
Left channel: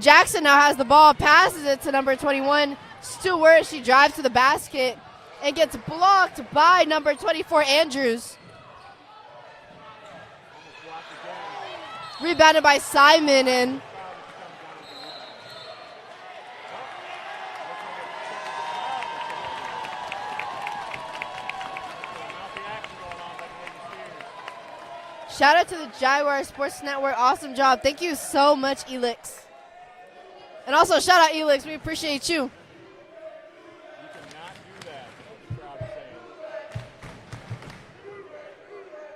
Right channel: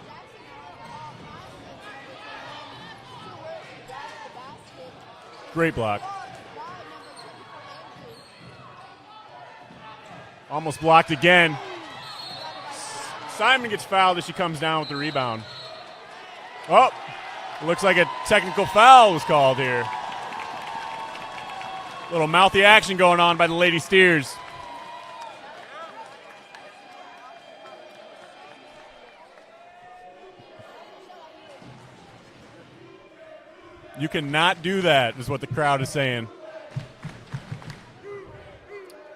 Jackson now has the ball, passes it to number 21, Stewart. She drives to the basket and gets blocked by number 24, Andrews. Almost blocked again. Rebounded by Simon. Simon gets fouled as she comes down with the rebound. Oh, looks like a technical foul was called here. Little mouthy action going on by the Lady Steers. Shout out to the Jaguar Sports Network. Awesome job. Thank you so much, Elix. And also shout out Elix. We appreciate you. You cannot do that, is what the crowd is saying.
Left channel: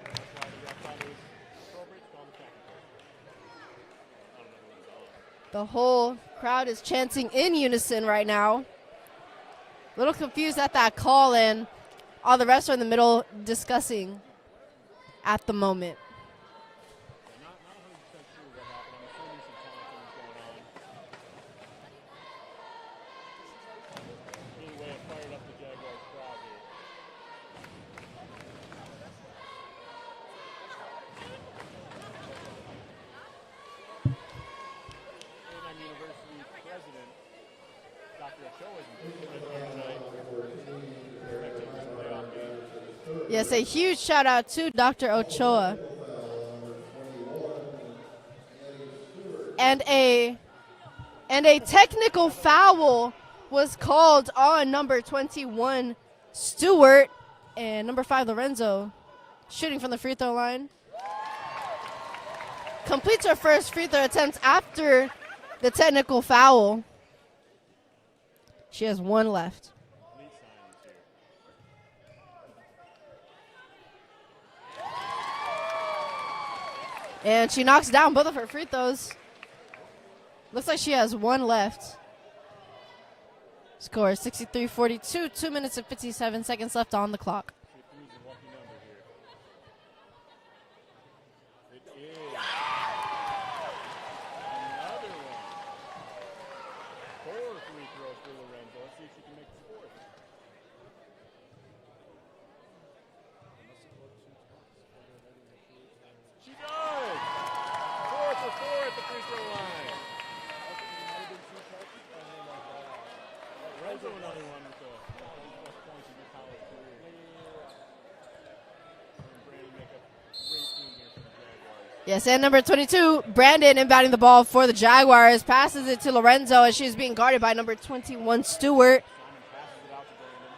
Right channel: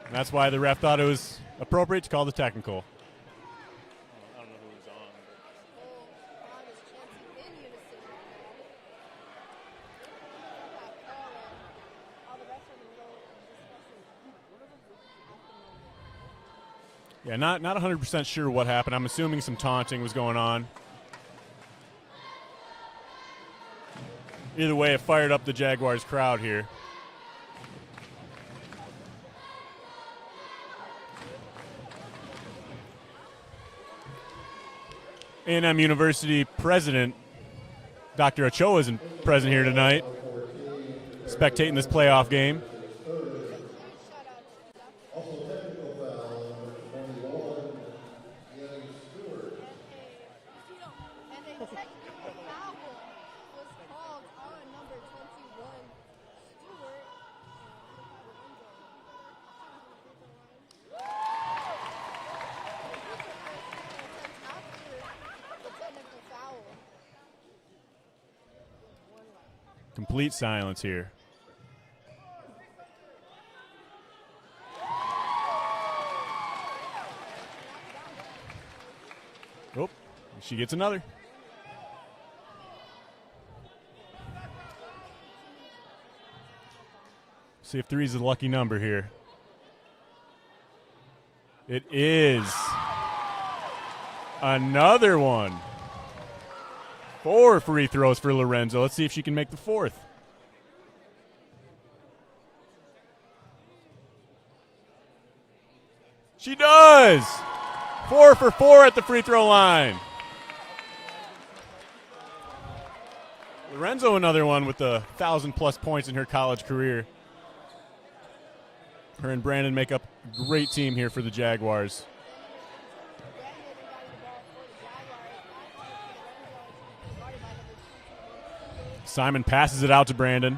And that's why the ref thought it was appropriate to call the technical. The whole crowd is chanting in unison right now. A little confused at that call, and all the refs are in the middle discussing at the moment. Yeah, not 100% sure what happened. I'm assuming some taunting was going on. Either way, it fired up the Jaguars crowd here. A&M University president, Dr. Ochoa, isn't present here tonight, spectating this playoff game. Yes, a huge shout out to Dr. Ochoa. And a technical foul was called on number 21, Stewart, and number 5, Lorenzo, shooting from the free throw line. Completes her first free throw attempt after the technical foul. She has 1 left. Complete silence here. And she knocks down both of her free throws. Oh, she Looks gets like another. she has 1 left. Score 63-42, 2 minutes and 57 seconds left on the clock. See if 3 is a lucky number here. It is. Another one. 4 free throws for Lorenzo. Let's see if she can make the 4th. She does. 4 for 4 at the free throw line. Lorenzo, another one with 1,000+ points in her college career. Her and Brandon make up a great team here for the Jaguars. Yes, and number 22, Brandon, inbounding the ball for the Jaguars, passes it to Lorenzo as she's being guarded by number 21, Stewart. Simon passes it out to Brandon.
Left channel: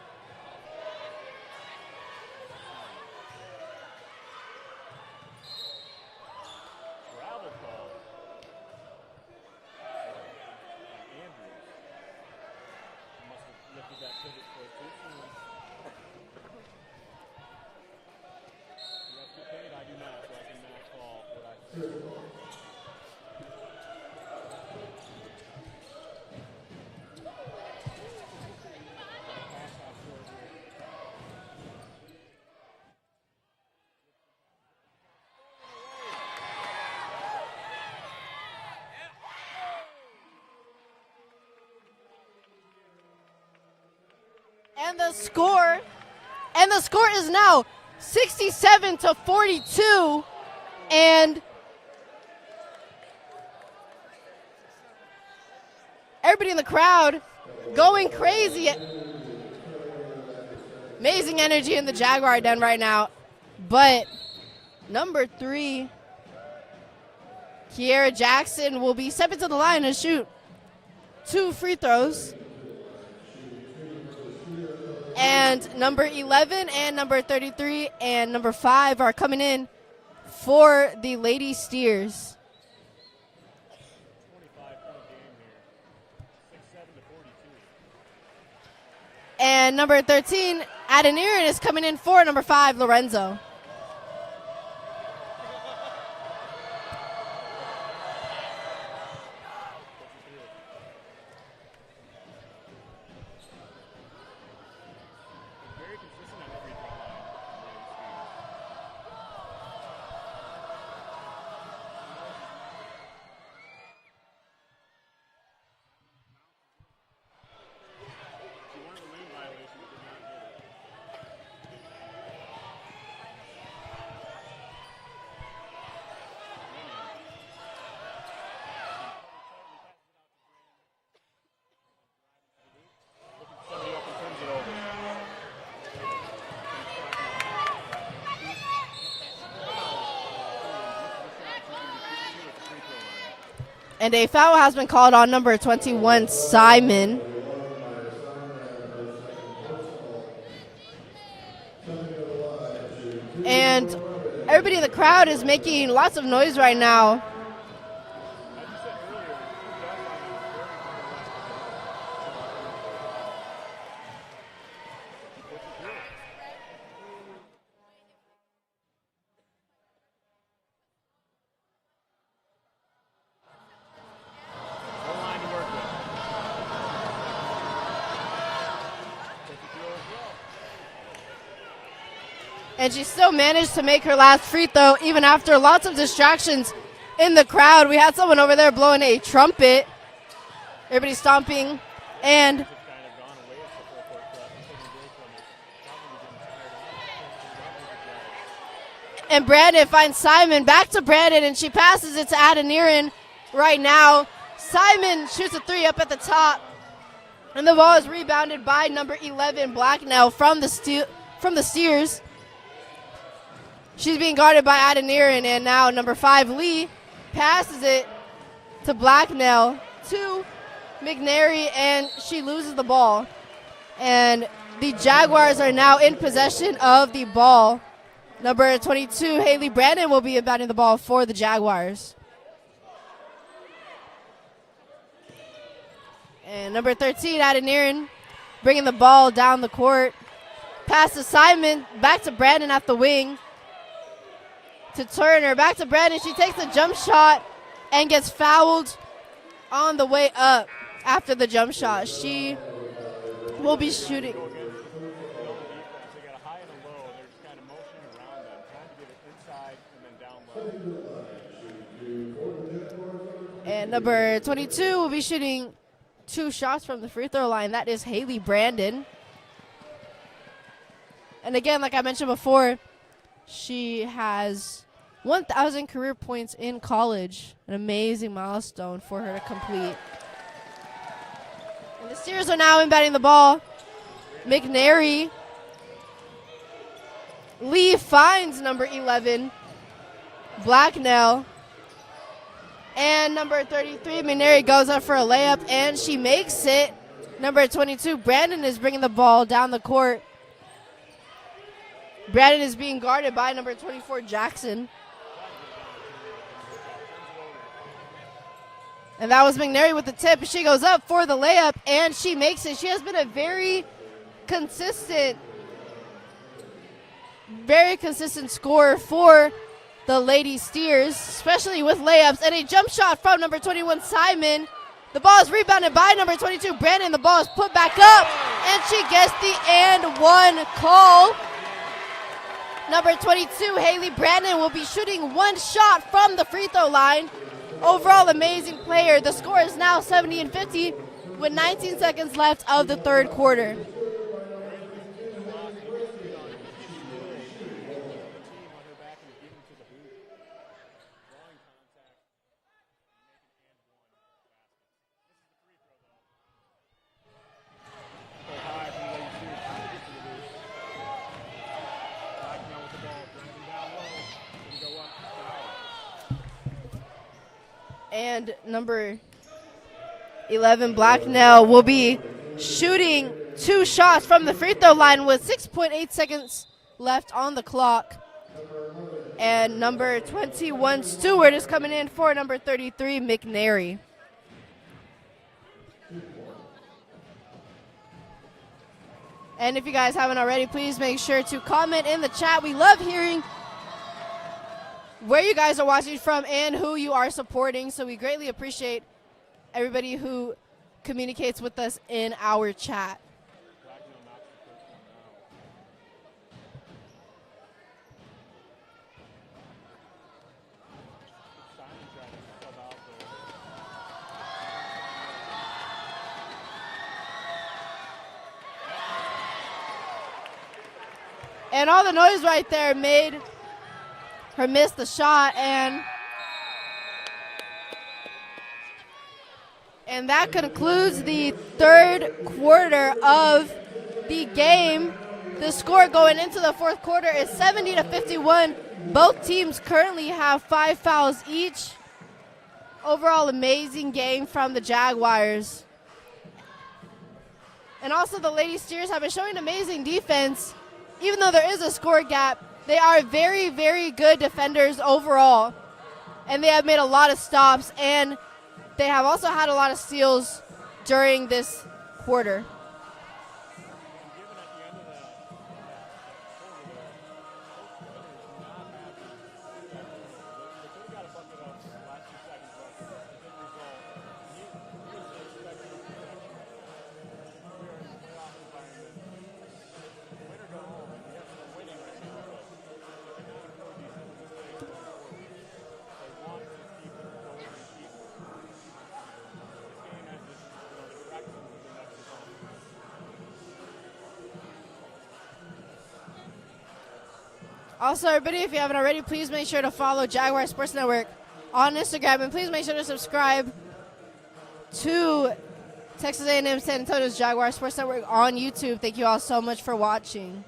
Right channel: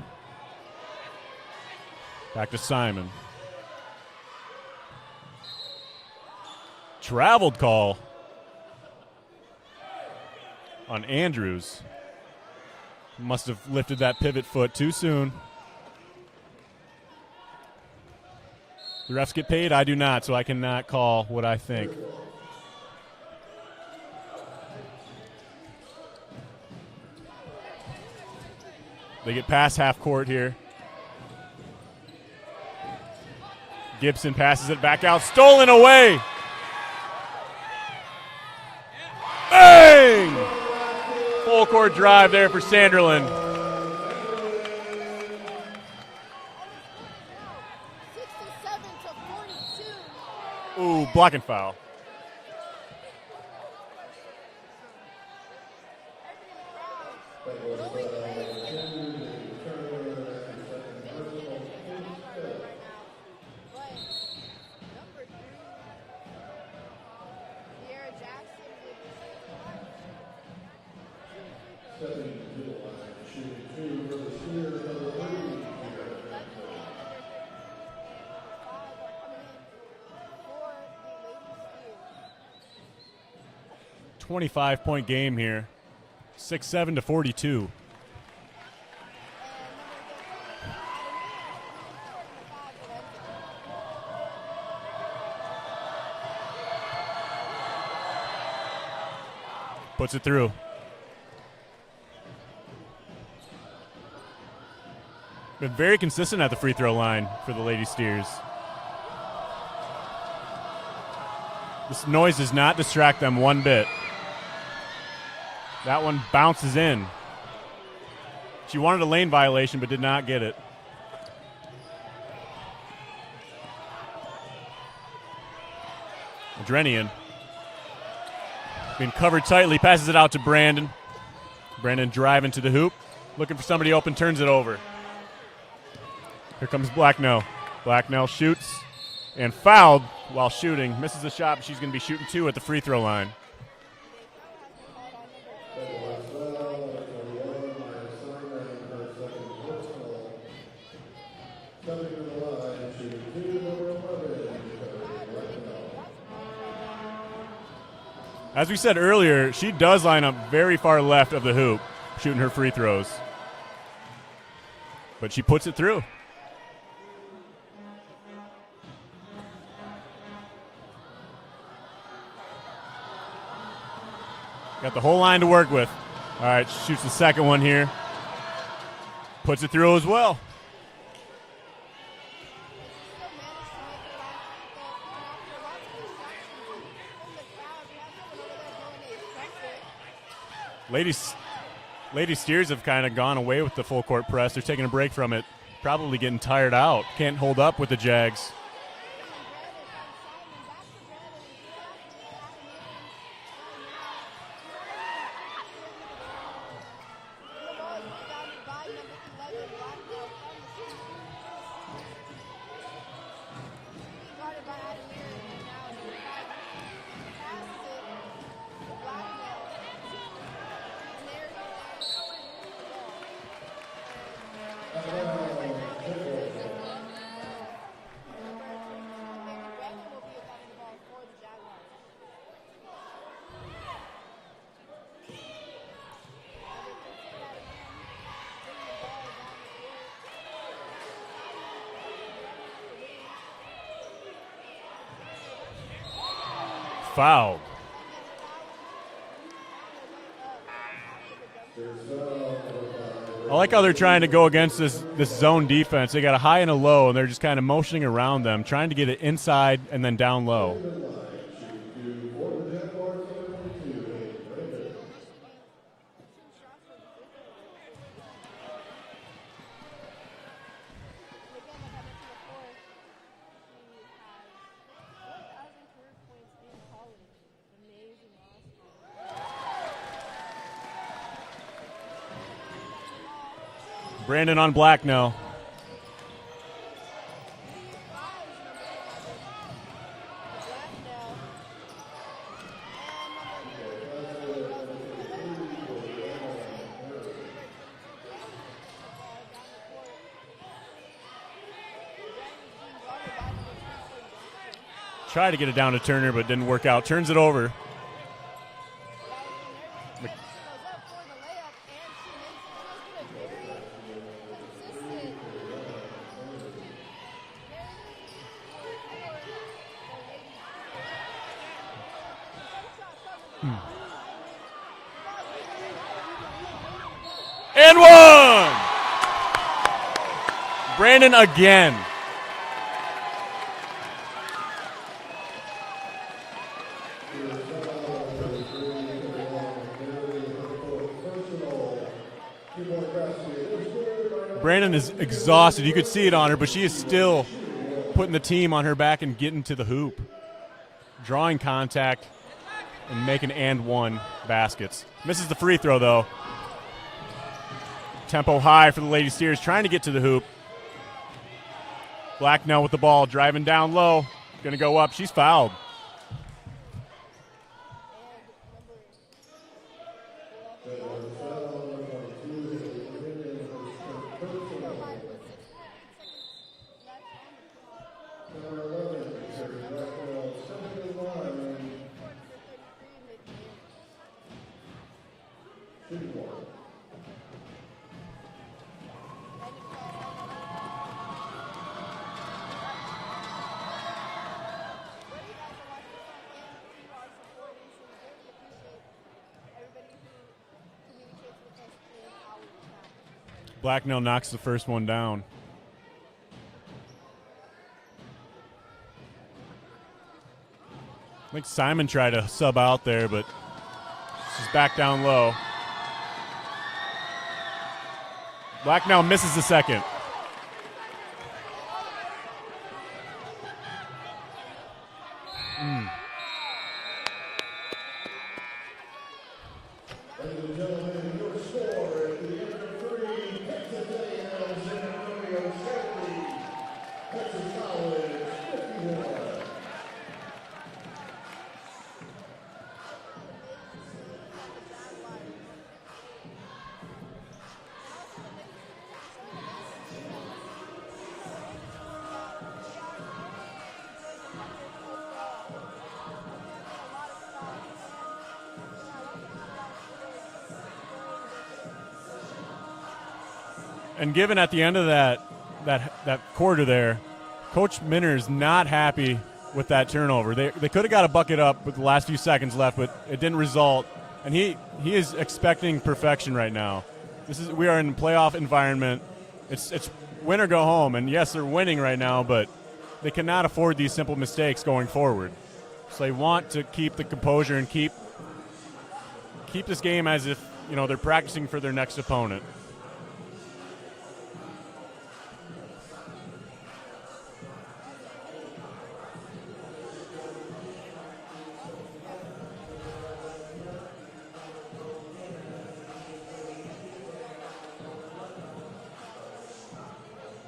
Back to Simon. Traveled call on Andrews. Must have lifted that pivot foot too soon. The refs get paid. I do not, so I cannot call what I think. They get past half court here. Gibson passes it back out. Stolen away. Bang! Full court drive there for Sanderland. And the score is now 67-42. Ooh, blocking foul. Everybody in the crowd going crazy. Amazing energy in the Jaguar den right now. But number 3, Kiera Jackson, will be stepping to the line and shoot 2 free throws. And number 11 and number 33 and number 5 are coming in for the Lady Steers. 25-point game here. 67-42. And number 13, Adeniran, is coming in for number 5, Lorenzo. Puts it through. Been very consistent at the free throw line for the Lady Steers. This noise does not distract them one bit. That one bounces in. She wanted a lane violation but did not get it. Adrenian. Being covered tightly, passes it out to Brandon. Brandon driving to the hoop. Looking for somebody open, turns it over. Here comes Blacknell. Blacknell shoots and fouled while shooting. Misses the shot, but she's going to be shooting 2 at the free throw line. And a foul has been called on number 21, Simon. And everybody in the crowd is making lots of noise right now. As we said earlier, she does line up very far left of the hoop, shooting her free throws. But she puts it through. Got the whole line to work with. All right, she shoots the second one here. Puts it through as well. And she still managed to make her last free throw even after lots of distractions in the crowd. We had someone over there blowing a trumpet. Everybody stomping. Lady Steers have kind of gone away with the full court press. They're taking a break from it. Probably getting tired out. Can't hold up with the Jags. And Brandon finds Simon. Back to Brandon, and she passes it to Adeniran right now. Simon shoots a 3 up at the top. And the ball is rebounded by number 11, Blacknell, from the Steers. She's being guarded by Adeniran, and now number 5, Lee, passes it to Blacknell, to McNary, and she loses the ball. And the Jaguars are now in possession of the ball. Number 22, Haley Brandon, will be inbounding the ball for the Jaguars. And number 13, Adeniran, bringing the ball down the court. Pass to Simon, back to Brandon at the wing. To Turner, back to Brandon. She takes a jump shot and gets fouled on the way up after the jump shot. I like how they're trying to go against this zone defense. They got a high and a low, and they're just kind of motioning around them, trying to get it inside and then down low. And number 22 will be shooting 2 shots from the free throw line. That is Haley Brandon. And again, like I mentioned before, she has 1,000 career points in college. An amazing milestone for her to complete. And the Steers are now inbounding the ball. Brandon on black now. Lee finds number 11, Blacknell. And number 33, McNary, goes up for a layup, and she makes it. Number 22, Brandon, is bringing the ball down the court. Brandon is being guarded by number 24, Jackson. Tried to get it down to Turner, but didn't work out. Turns it over. And that was McNary with the tip. She goes up for the layup, and she makes it. She has been a very consistent scorer for the Lady Steers, especially with layups. And a jump shot from number 21, Simon. The ball is rebounded by number 22, Brandon. The ball is put back and up, one! and she gets the and one call. Brandon again. Number 22, Haley Brandon, will be shooting 1 shot from the free throw line. Overall, amazing player. The score is now 70-50 with 19 seconds left of the third quarter. Brandon is exhausted. You could see it on her, but she is still putting the team on her back and getting to the hoop. Drawing contact and making and one baskets. Misses the free throw, though. Tempo high for the Lady Steers, trying to get to the hoop. Blacknell with the ball, driving down low. Going to go up. She's fouled. And number 11, Blacknell, will be shooting 2 shots from the free throw line with 6.8 seconds left on the clock. And number 21, Stewart, is coming in for number 33, McNary. And if you guys haven't already, please make sure to comment in the chat. We love hearing where you guys are watching from and who you are supporting. So we greatly appreciate everybody who communicates with us in our chat. Blacknell knocks the first one down. I think Simon tried to sub out there, but she's back down low. Blacknell misses the second. And all the noise right there made her miss the shot, and that concludes the third quarter of the game. The score going into the fourth quarter is 70-51. Both teams currently have 5 fouls each. Overall, amazing game from the Jaguars. And also the Lady Steers have been showing amazing defense. Even though there is a score gap, they are very, very good defenders overall. And they have made a lot of stops, and they have also had a lot of steals during this quarter. And given at the end of that quarter there, Coach Minner is not happy with that turnover. They could have got a bucket up with the last few seconds left, but it didn't result. And he is expecting perfection right now. We are in a playoff environment. It's win or go home. And yes, they're winning right now, but they cannot afford these simple mistakes going forward. So they want to keep the composure and keep this game as if, they're practicing for their next opponent. Also, everybody, if you haven't already, please make sure to follow Jaguar Sports Network on Instagram, and please make sure to subscribe to Texas A&M San Antonio's Jaguar Sports Network on YouTube. Thank you all so much for watching.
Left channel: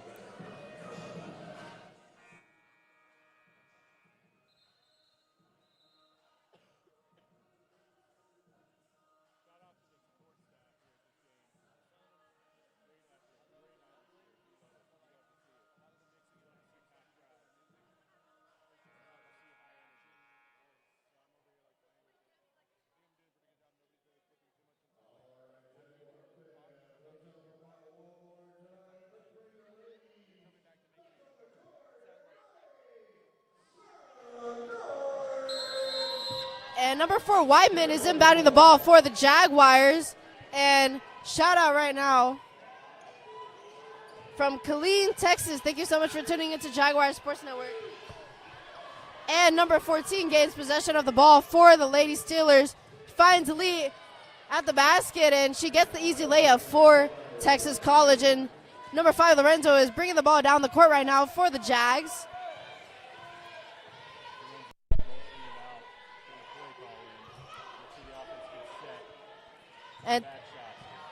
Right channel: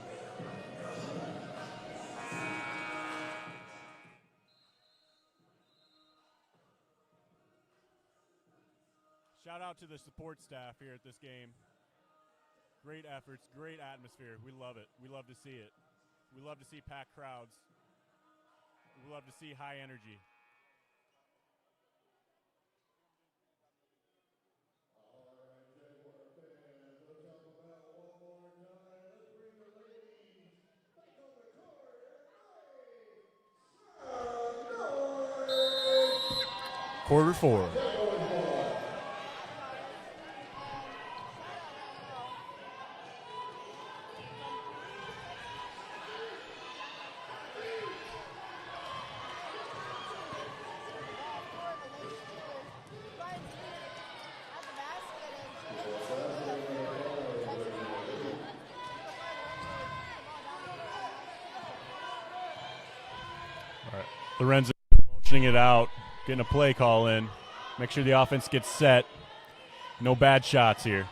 Shout out to the support staff here at this game. Great efforts, great atmosphere. We love it. We love to see it. We love to see packed crowds. We love to see high energy. And number 4, Whiteman, is inbounding the ball for the Jaguars. And shout out right now from Killeen, Texas. Thank you so much for tuning into Jaguar Sports Network. And number 14 gains possession of the ball for the Lady Steelers. finds Lee at the basket, and she gets the easy layup for Texas College. And number 5, Lorenzo, is bringing the ball down the court right now for the Jags. All right. Lorenzo pushing it out, getting a play call in. Make sure the offense gets set. No bad shots here.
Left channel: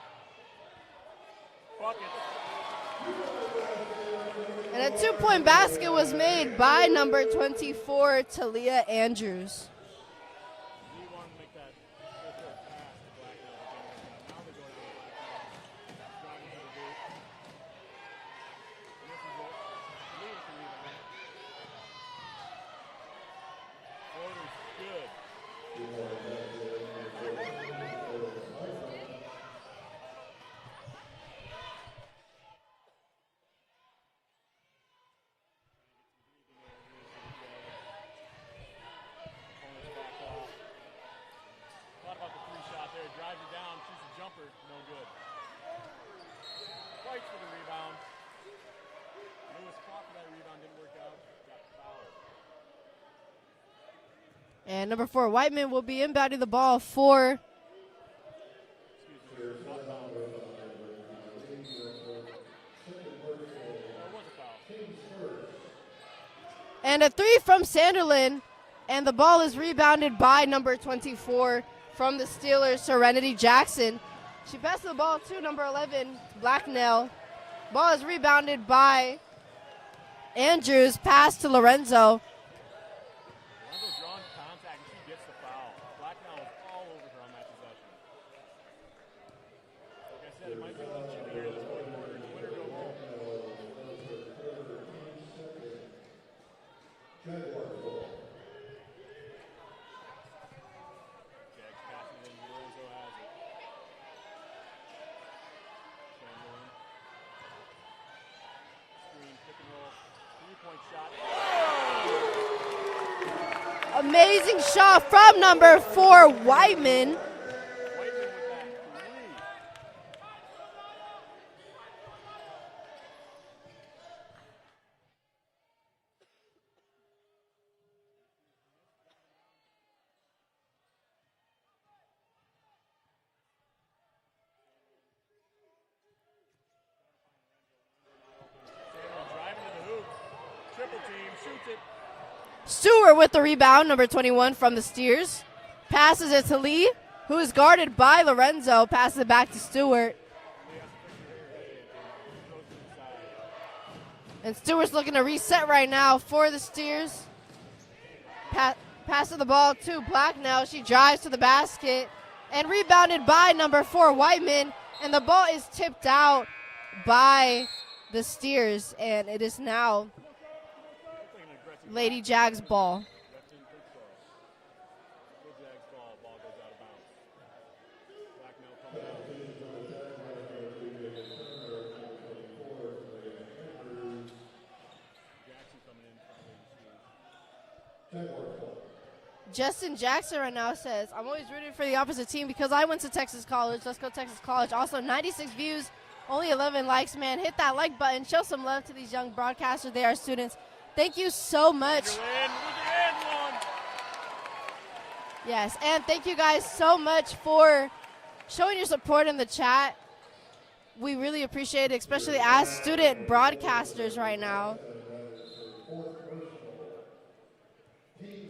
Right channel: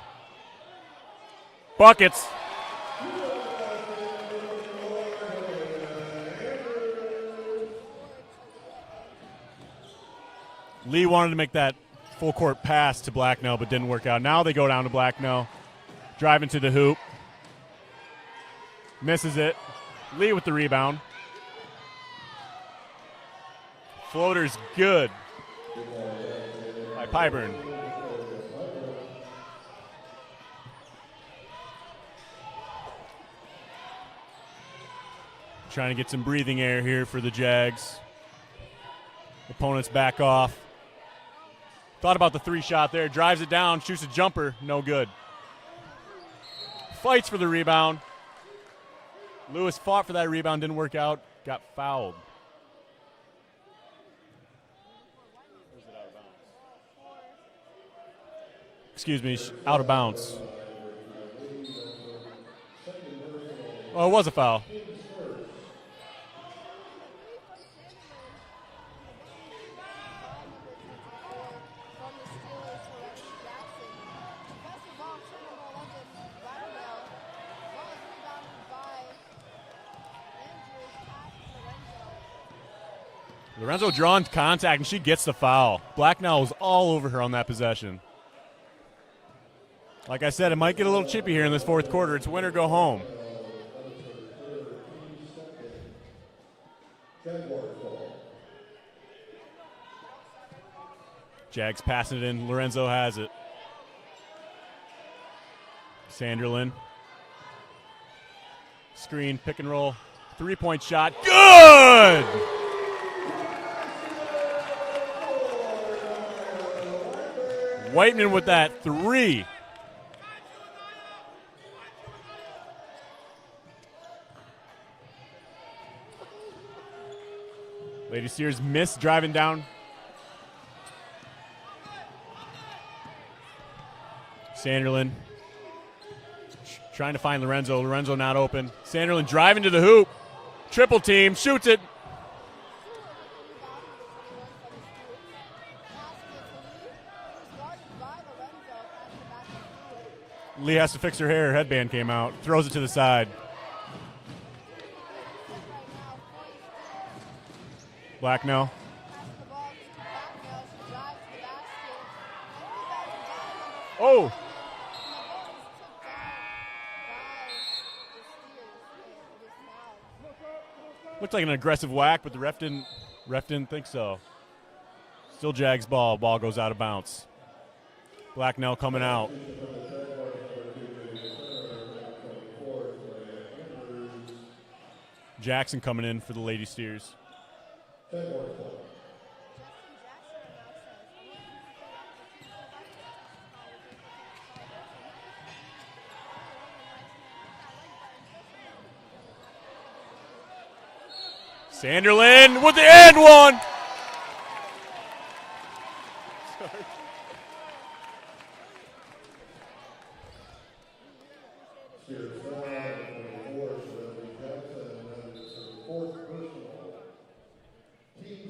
Buckets. And a 2-point basket was made by number 24, Talia Andrews. Lee wanted to make that full court pass to Blacknell, but didn't work out. Now they go down to Blacknell. Driving to the hoop. Misses it. Lee with the rebound. Floater's good by Pyburn. Trying to get some breathing air here for the Jags. Opponents back off. Thought about the 3-shot there. Drives it down, shoots a jumper. No good. Fights for the rebound. Lewis fought for that rebound. Didn't work out. Got fouled. And number 4, Whiteman, will be inbounding the ball for... Excuse me, out of bounds. Oh, it was a foul. And a 3 from Sanderlin, and the ball is rebounded by number 24 from the Steelers, Serenity Jackson. She passed the ball to number 11, Blacknell. Ball is rebounded by Andrews, pass to Lorenzo. Lorenzo drawing contact, and she gets the foul. Blacknell was all over her on that possession. Like I said, it might get a little chippy here in this fourth quarter. It's win or go home. Jags passing it in. Lorenzo has it. Sanderlin. Screen, pick and roll. 3-point shot. Good! Amazing shot from number 4, Whiteman. Whiteman with that 3. Lady Steers missed driving down. Sanderlin trying to find Lorenzo. Lorenzo not open. Sanderlin driving to the hoop. Triple team, shoots it. Stewart with the rebound, number 21 from the Steers. Passes it to Lee, who is guarded by Lorenzo. Passes it back to Stewart. Lee has to fix her hair. Her headband came out. Throws it to the side. And Stewart's looking to reset right now for the Steers. Blacknell. Passes the ball to Blacknell. She drives to the basket and rebounded by number 4, Whiteman. And the ball is tipped out by the Steers, and it is now Looked like an aggressive Lady whack. Jags ball. Ref didn't think so. Still Jags ball. Ball goes out of bounds. Blacknell coming out. Jackson coming in for the Lady Steers. Justin Jackson right now says, I'm always rooting for the opposite team because I went to Texas College. Let's go Texas College. Also, 96 views, only 11 likes, man. Hit that like button. Show some love to these young broadcasters. They are students. Thank you so much. Sanderlin with the and one. Yes, and thank you guys so much for showing your support in the chat. We really appreciate it, especially as student broadcasters right now.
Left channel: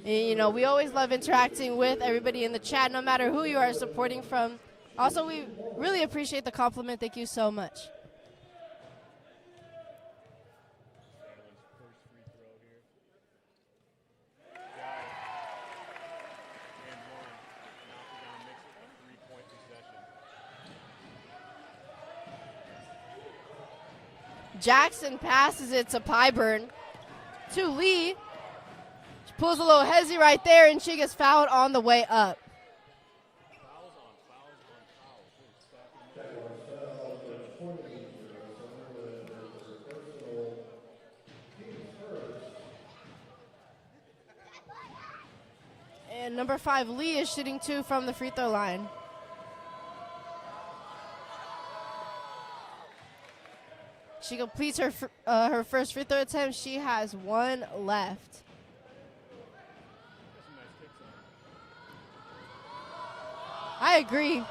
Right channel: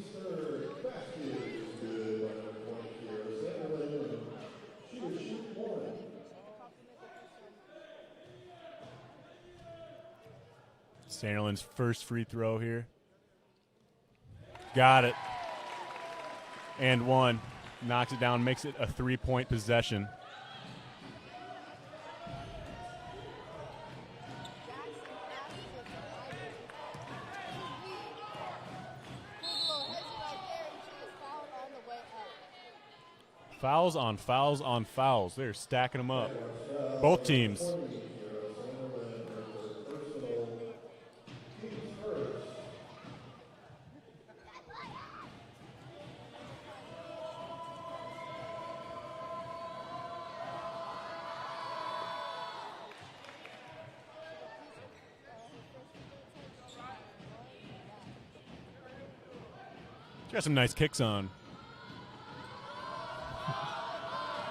And, you know, we always love interacting with everybody in the chat, no matter who you are supporting from. Also, we really appreciate the compliment. Thank you so much. Sanderlin's first free throw here. Got it. And one. Knocks it down, makes it a 3-point possession. Jackson passes it to Pyburn. To Lee. She pulls a little hezzy right there, and she gets fouled on the way up. Fouls on fouls on fouls. They're stacking them up. Both teams. And number 5, Lee, is shooting 2 from the free throw line. She completes her her first free throw attempt. She has 1 left. She got some nice kicks on. I agree.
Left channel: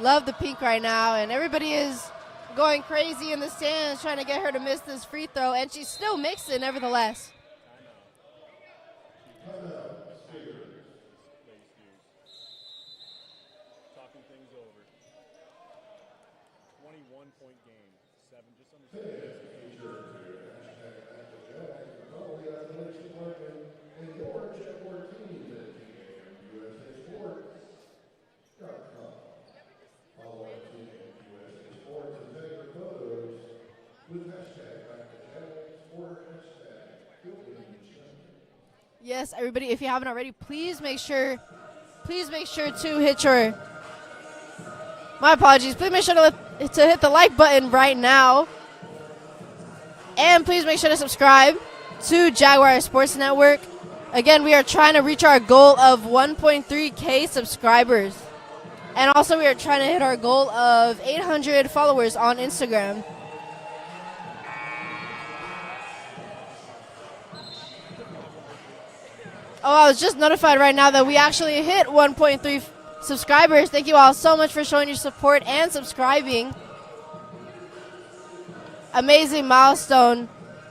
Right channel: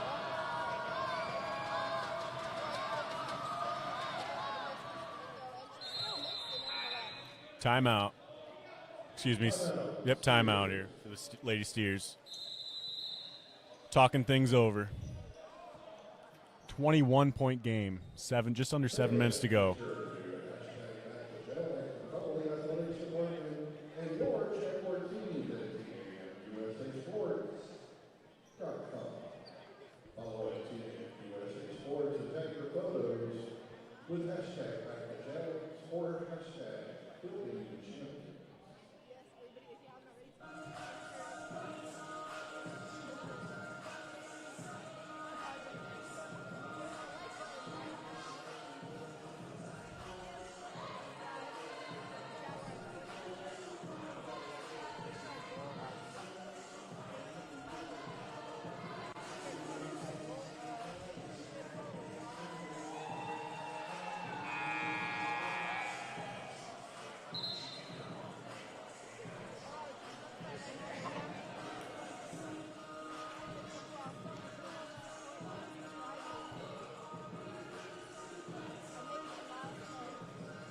Love the pink right now, and everybody is going crazy in the stands trying to get her to miss this free throw, and she still makes it nevertheless. Timeout. Excuse me. Yep, timeout here for the Lady Steers. Talking things over. 21-point game. Just under 7 minutes to go. Yes, everybody, if you haven't already, please make sure to hit your, my apologies, please make sure to hit the like button right now. And please make sure to subscribe to Jaguar Sports Network. Again, we are trying to reach our goal of 1.3K subscribers. And also we are trying to hit our goal of 800 followers on Instagram. Oh, I was just notified right now that we actually hit 1.3 subscribers. Thank you all so much for showing your support and subscribing. Amazing milestone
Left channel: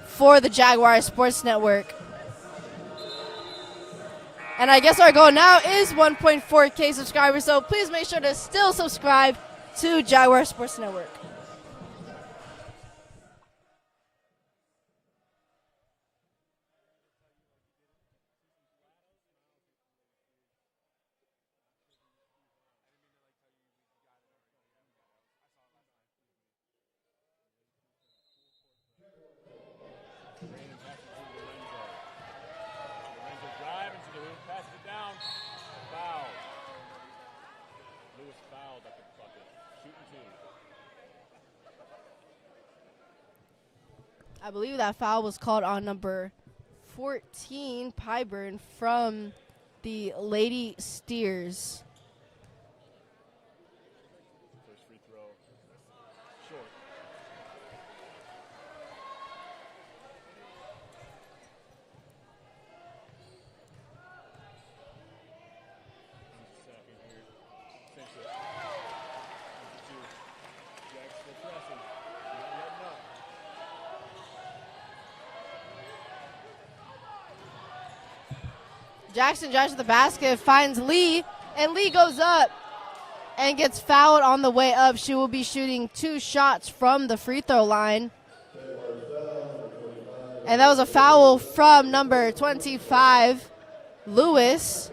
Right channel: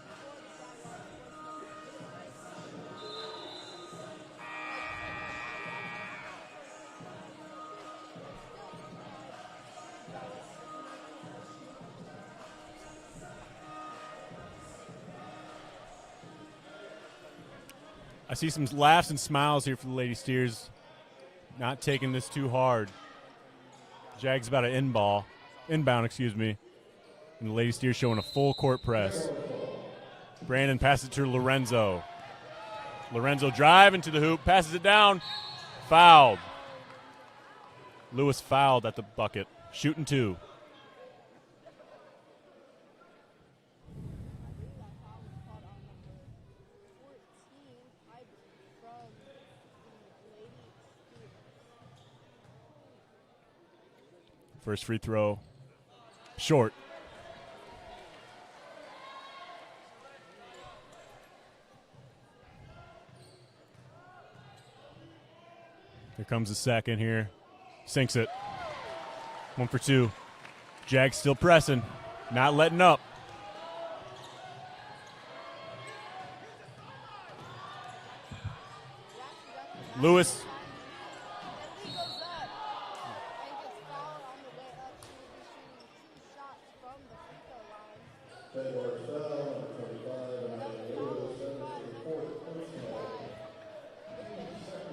for the Jaguar Sports Network. And I guess our goal now is 1.4K subscribers, so please make sure to still subscribe to Jaguar Sports Network. I see some laughs and smiles here for the Lady Steers. Not taking this too hard. Jags about to inbound, and the Lady Steers showing a full court press. Brandon passes it to Lorenzo. Lorenzo driving to the hoop, passes it down, fouled. Lewis fouled at the bucket, shooting 2. I believe that foul was called on number 14, Pyburn, from the Lady Steers. First free throw, short. Here comes the second here. Sinks it. 1 for 2. Jags still pressing, not letting up. Jackson drives to the basket, Lewis finds Lee, and Lee goes up and gets fouled on the way up. She will be shooting 2 shots from the free throw line. And that was a foul from number 25, Lewis.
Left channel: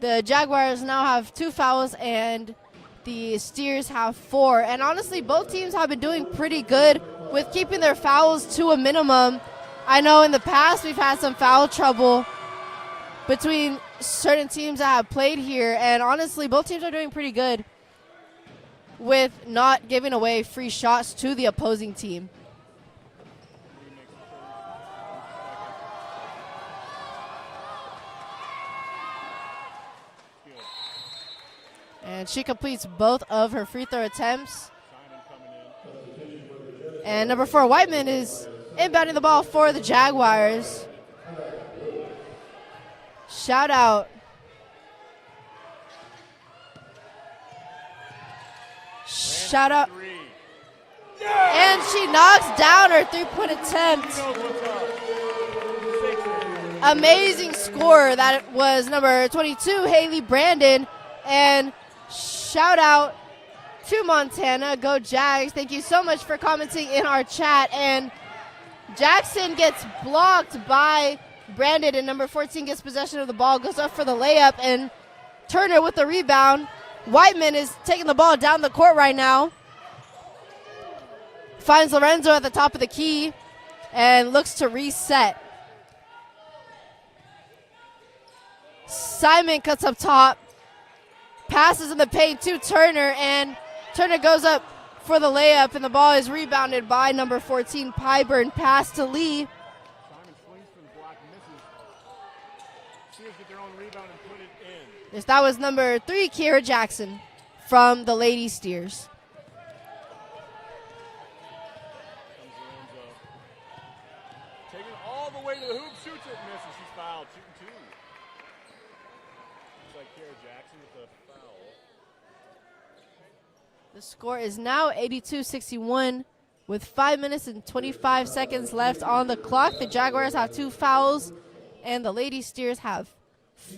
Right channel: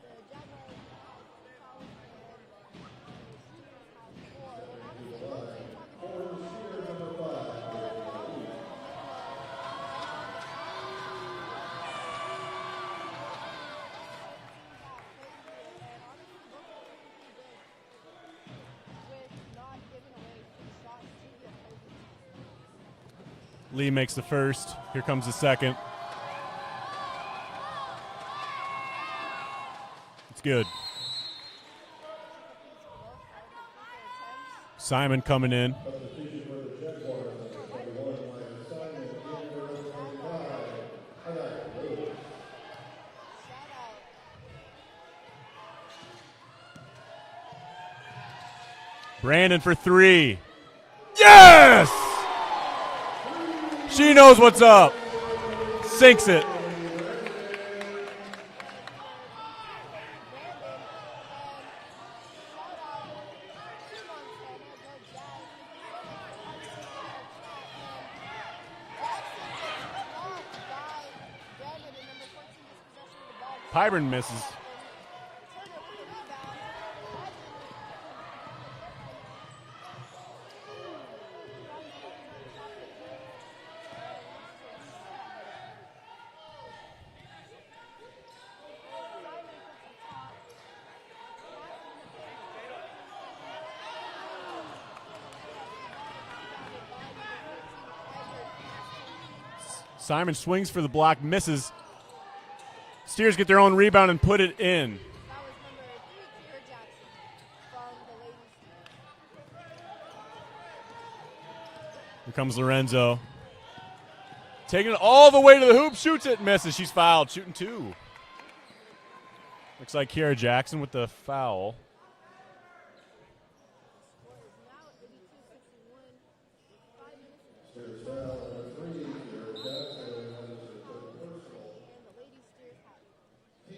The Jaguars now have 2 fouls, and the Steers have 4. And honestly, both teams have been doing pretty good with keeping their fouls to a minimum. I know in the past we've had some foul trouble between certain teams that have played here, and honestly, both teams are doing pretty good with not giving away free shots to the opposing team. Lee makes the first. Here comes the second. It's good. And she completes both of her free throw attempts. Simon coming in. And number 4, Whiteman, is inbounding the ball for the Jaguars. Shout out. Brandon Shout for out. 3. Yes! And she knocks down her 3-point attempt. She knows what's up. Sinks it. Amazing score. That was number 22, Haley Brandon. And shout out to Montana. Go Jags. Thank you so much for commenting in our chat. And Jackson gets blocked by Brandon, and number 14 gets possession of the ball, goes up for the layup, and Turner with the rebound. Whiteman is taking the ball down the court right now. Finds Lorenzo at the top of the key and looks to reset. Simon cuts up top, passes in the paint to Turner, and Turner goes up for the layup, and the ball is rebounded by number 14, Pyburn. Pass to Lee. Simon swings for the block, misses. Steers get their own rebound and put it in. Yes, that was number 3, Kiera Jackson from the Lady Steers. Here comes Lorenzo. Taking it all the way to the hoop, shoots it, misses. She's fouled, shooting 2. Here Looks like Kiara Jackson with the foul. The score is now 82-61 with 5 minutes and 25 seconds left on the clock. The Jaguars have 2 fouls, and the Lady Steers have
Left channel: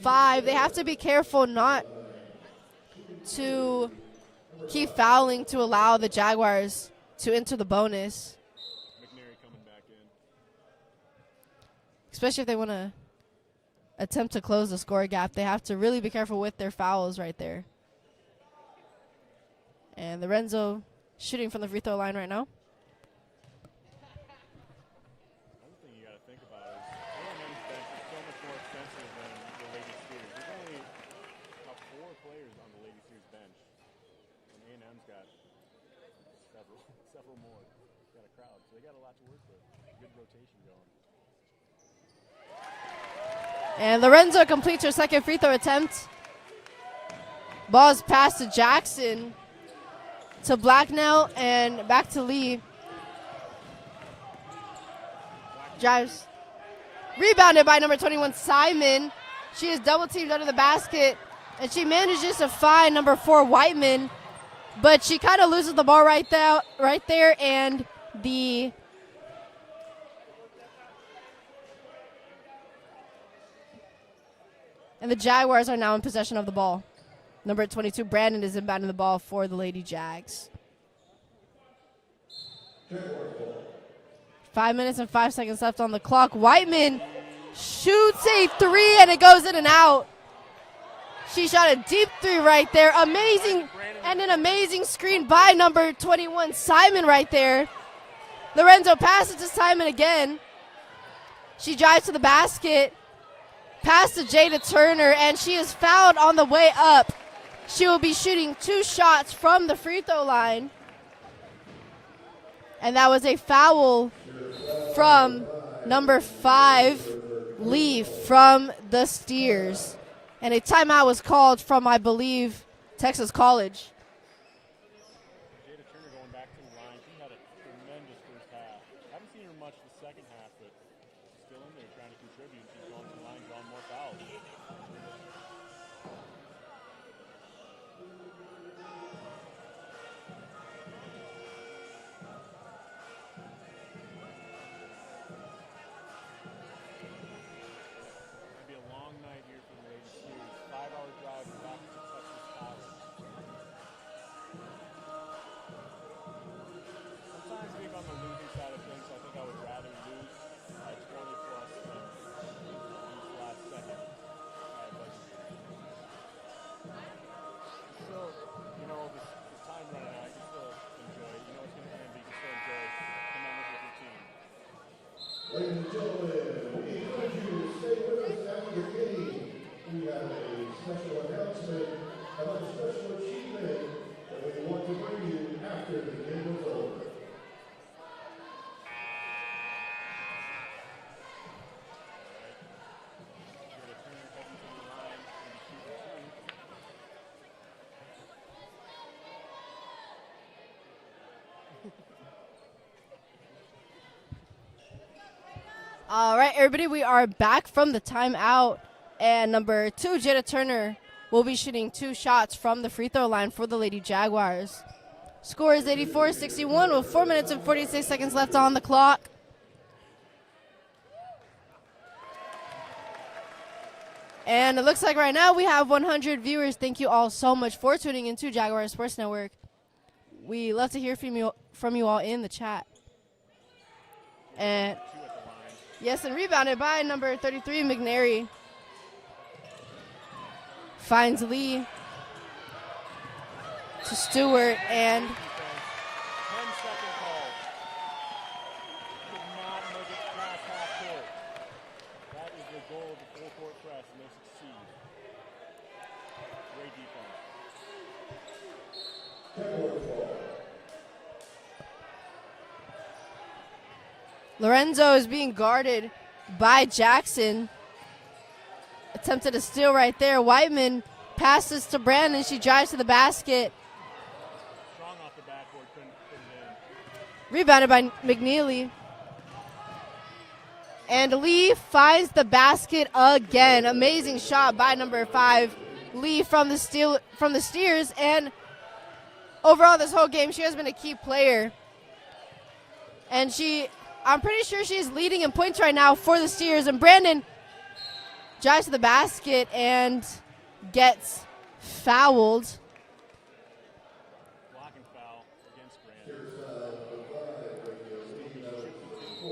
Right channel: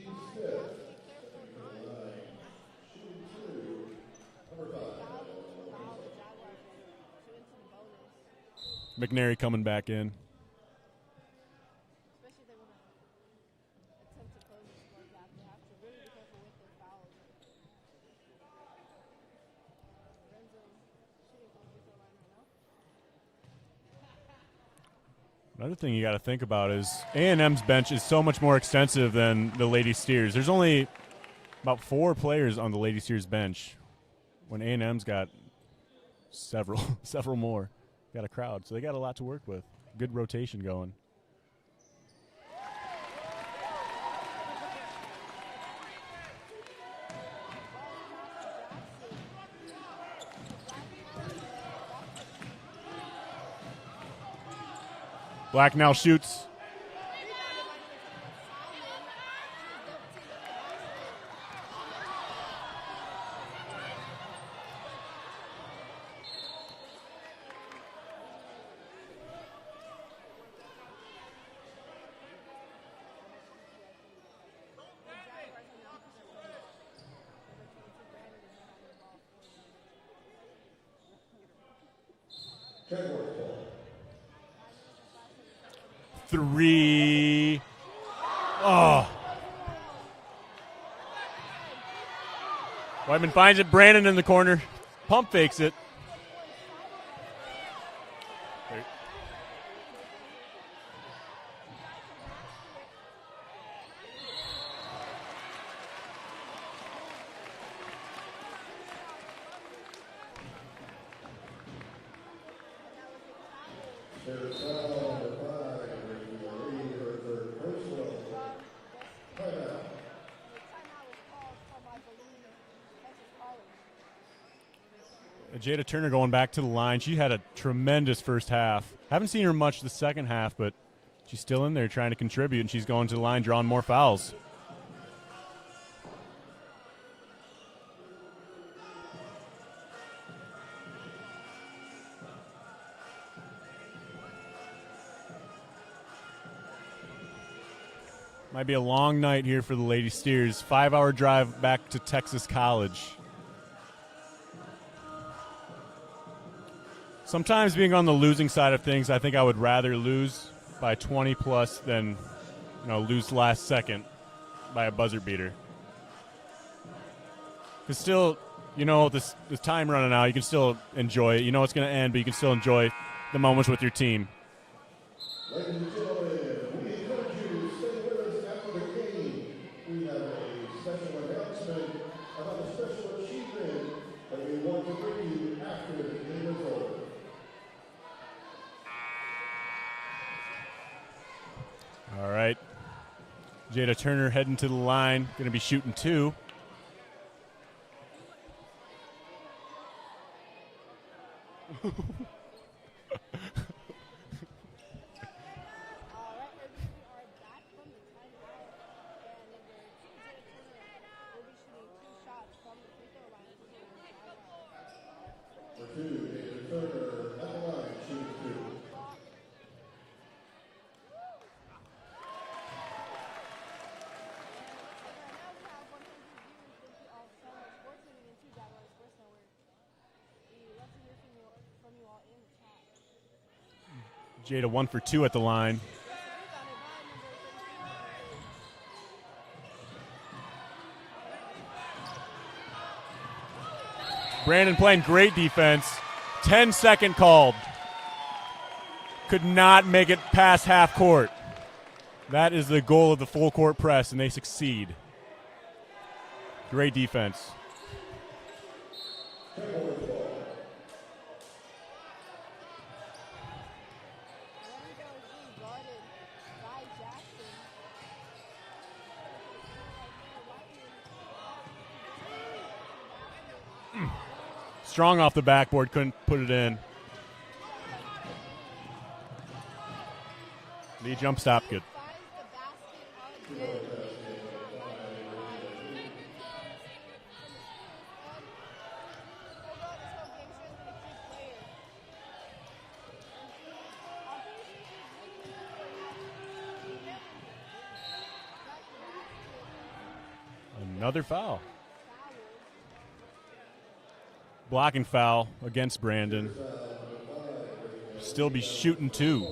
5. They have to be careful not to keep fouling to allow the Jaguars to enter the bonus. McNary coming back in. Especially if they want to attempt to close the score gap, they have to really be careful with their fouls right there. And Lorenzo shooting from the free throw line right now. Another thing you got to think about is A&M's bench is so much more extensive than the Lady Steers. There's only about 4 players on the Lady Steers bench, when A&M's got several more. Got a crowd, so they got a lot to work with. Good rotation going. And Lorenzo completes her second free throw attempt. Ball's passed to Jackson, to Blacknell, and back to Lee. Blacknell shoots. Rebounded by number 21, Simon. She is double teamed under the basket, and she manages to find number 4, Whiteman, but she kind of loses the ball right there, and the Jaguars are now in possession of the ball. Number 22, Brandon, is inbounding the ball for the Lady Jags. 5 minutes and 5 seconds left on the clock. Whiteman shoots a 3, and it goes in and out. She shot a deep 3 right there. Amazing. Finds it. Brandon in the corner. Amazing screen by number 21, Simon, right there. Lorenzo passes to Simon again. She drives to the basket. Pass to Jada Turner, and she is fouled on the way up. She will be shooting 2 shots from the free throw line. And that was a foul from number 5, Lee, from the Steers. And a timeout was called from, I believe, Texas College. Jada Turner going back to the line. She had a tremendous first half. Haven't seen her much the second half, but she's still in there trying to contribute, and she's going to the line, drawing more fouls. Might be a long night here for the Lady Steers. 5-hour drive back to Texas College. Sometimes being on the losing side of things, I think I would rather lose by 20 plus than lose last second by a buzzer beater. Because still, this time running out, you can still enjoy it. You know it's going to end, but you can still enjoy the moments with your team. Ladies and gentlemen, we encourage you to stay with us after the game. We have a special announcement about a special achievement that we want to bring you after the game is over. All right. Jada Turner heading to the line, going to be shooting 2. All right, everybody, we are back from the timeout, and number 2, Jada Turner, will be shooting 2 shots from the free throw line for the Lady Jaguars. Score is 84-61 with 4 minutes and 46 seconds left on the clock. And it looks like right now we have 100 viewers. Thank you all so much for tuning into Jaguar Sports Network. We love to hear from you all in the chat. Jada 1 for 2 at the line. Yes, and rebounded by number 33, McNary. Finds Lee to Stewart. Brandon playing great defense. 10-second called. Could not make it past half court. That is the goal of the full court press, and they succeed. Great defense. Lorenzo is being guarded by Jackson. Attempted a steal right there. Whiteman passes to Brandon. She drives to the basket. Strong off the backboard, couldn't put it in. Rebounded by McNeely. And Lee finds the basket again. Amazing shot by number 5, Lee from the Steers, and overall this whole game she has been a key player. And I'm pretty sure she's leading in points right now for the Steers. And Brandon drives to the basket and gets fouled. Blocking foul against Brandon. Still be shooting 2.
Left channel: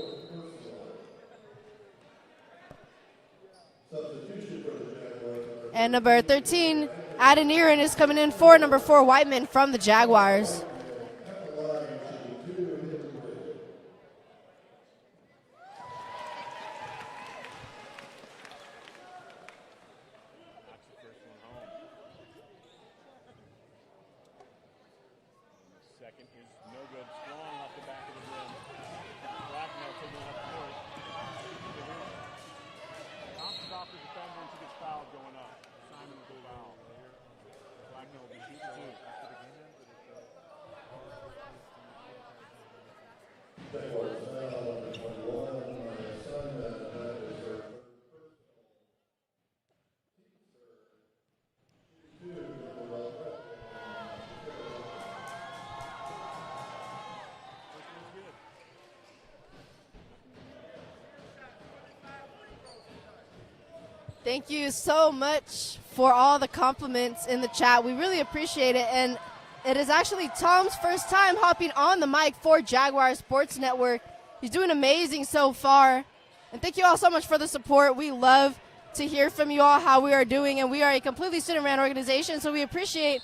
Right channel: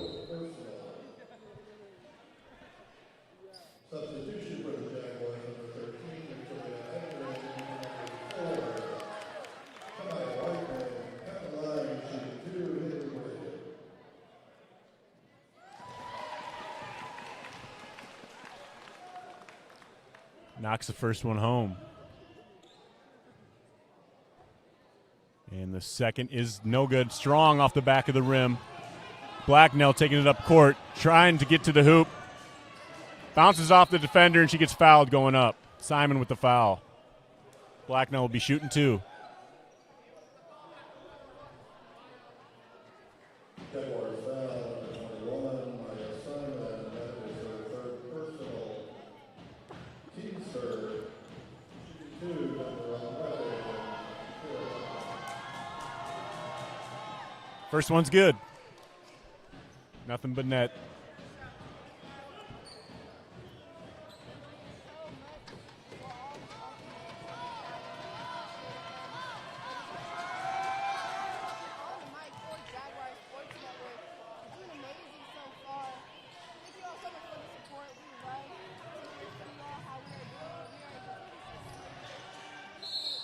And number 13, Adeniran, is coming in for number 4, Whiteman from the Jaguars. Knocks the first one home. And the second is no good. Strong off the back of the rim. Blacknell taking it up court, trying to get to the hoop. Bounces off the defender, and she gets fouled going up. Simon with the foul. Blacknell will be shooting 2. First one's good. Nothing but net. Thank you so much for all the compliments in the chat. We really appreciate it. And it is actually Tom's first time hopping on the mic for Jaguar Sports Network. He's doing amazing so far. And thank you all so much for the support. We love to hear from you all how we are doing. And we are a completely student-ran organization, so we appreciate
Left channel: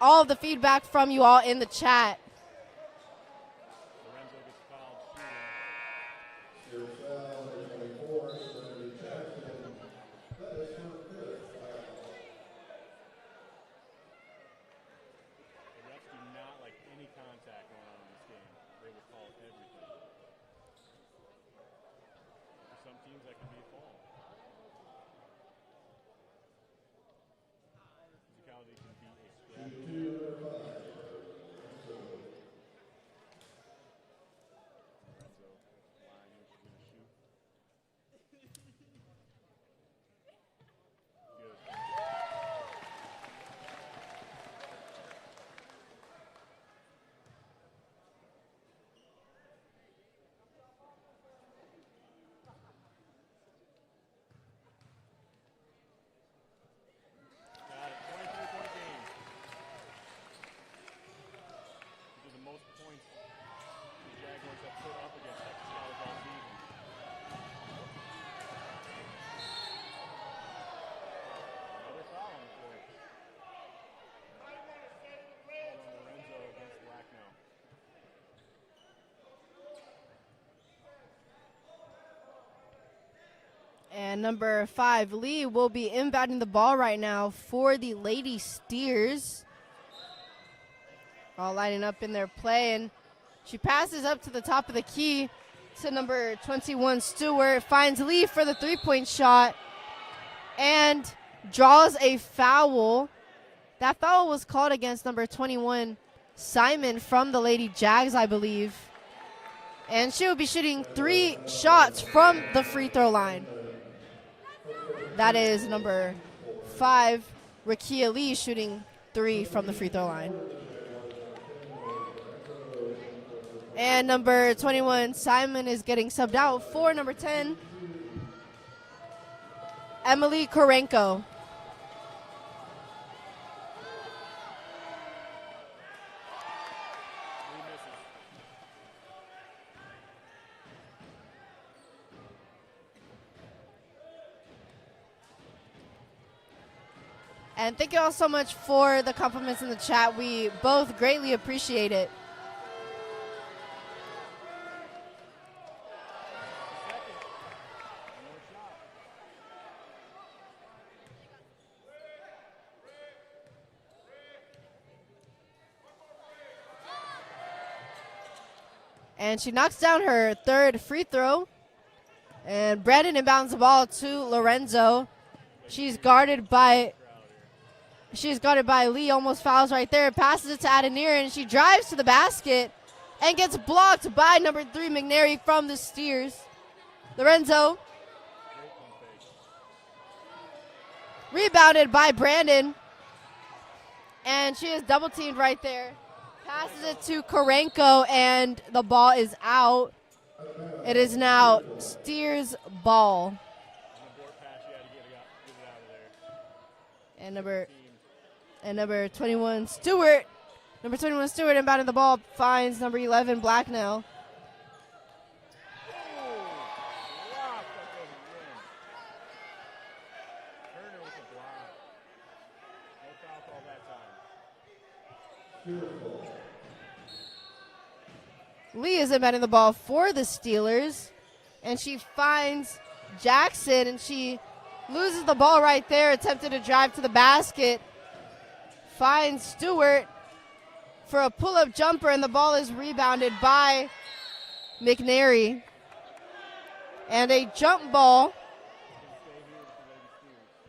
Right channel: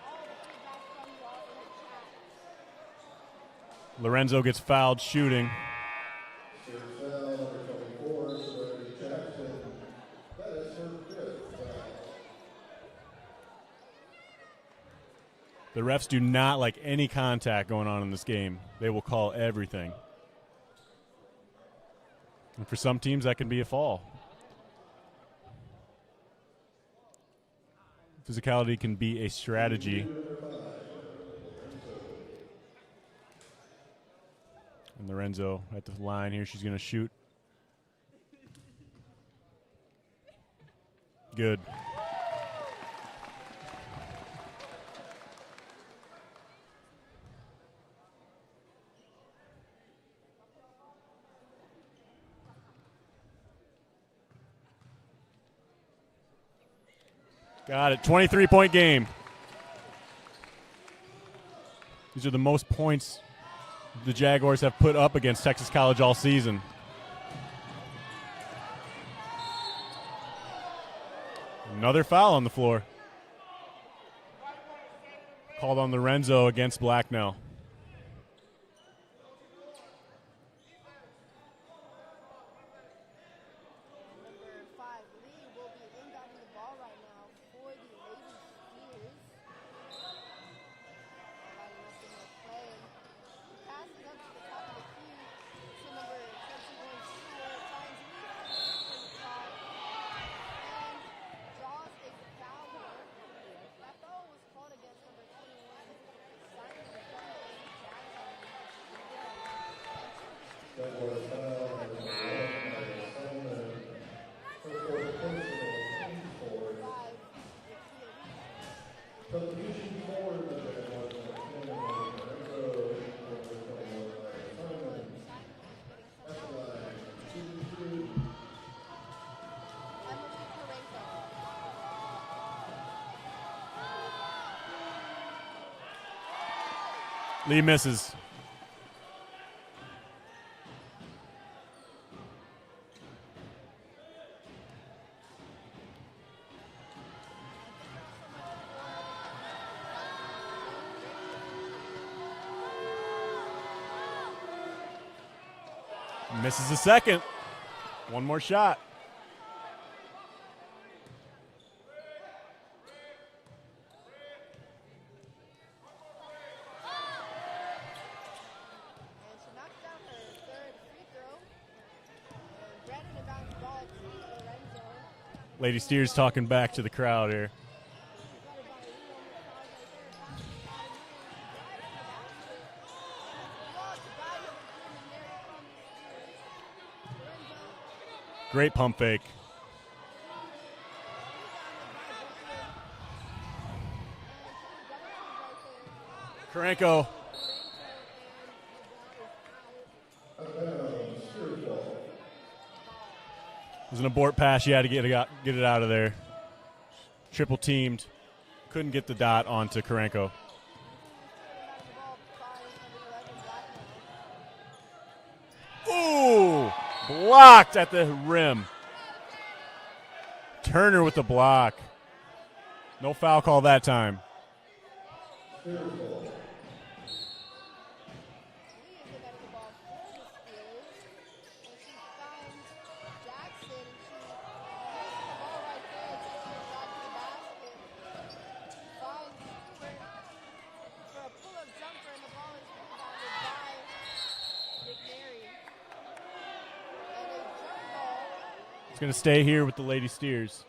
all of the feedback from you all in the chat. Lorenzo gets fouled shooting. The refs do not like any contact going on in this game. They will call everything. And for some teams, that can be a foul. Physicality can be a strategy. And Lorenzo at the line here. She's going to shoot. Good. Got it. 23-point game. These are the most points the Jaguars have put up against Texas College all season. Another foul on the floor. Called on Lorenzo against Blacknell. And number 5, Lee, will be inbounding the ball right now for the Lady Steers. All lining up in their play, and she passes up to the top of the key to number 21, Stewart. Finds Lee for the three-point shot and draws a foul. That foul was called against number 21, Simon from the Lady Jags, I believe. And she will be shooting 3 shots from the free throw line. That is number 5, Rakia Lee, shooting 3 from the free throw line. And number 21, Simon, is getting subbed out for number 10, Emily Korenko. Lee misses. And thank you all so much for the compliments in the chat. We both greatly appreciate it. Misses the second. One more shot. And she knocks down her 3rd free throw. And Brandon inbounds the ball to Lorenzo. Lady She's Steers guarded talking back to by- the crowd here. She's guarded by Lee, almost fouls right there. Passes it to Adenir, and she drives to the basket and gets blocked by number 3, McNary from the Steers. Lorenzo. Great pump fake. Rebounded by Brandon. And she is double teamed right there. Passes Karenko. it to Karenko, and the ball is out. It is now Steers' ball. It was an abort pass. You had to get it out of there. And Triple teamed. And Couldn't number get the dot 21 onto Stewart. Karenko. Number 21 Stewart inbounding the ball, finds number 11 Blacknell. Ooh, blocked at the rim. Turner with the block. No foul call that time. Lee is inbounding the ball for the Steelers, and she finds Jackson, and she loses the ball right there, attempted to drive to the basket. Finds Stewart for a pull-up jumper, and the ball is rebounded by McNary. And a jump ball. It's going to stay here with the Lady Steers.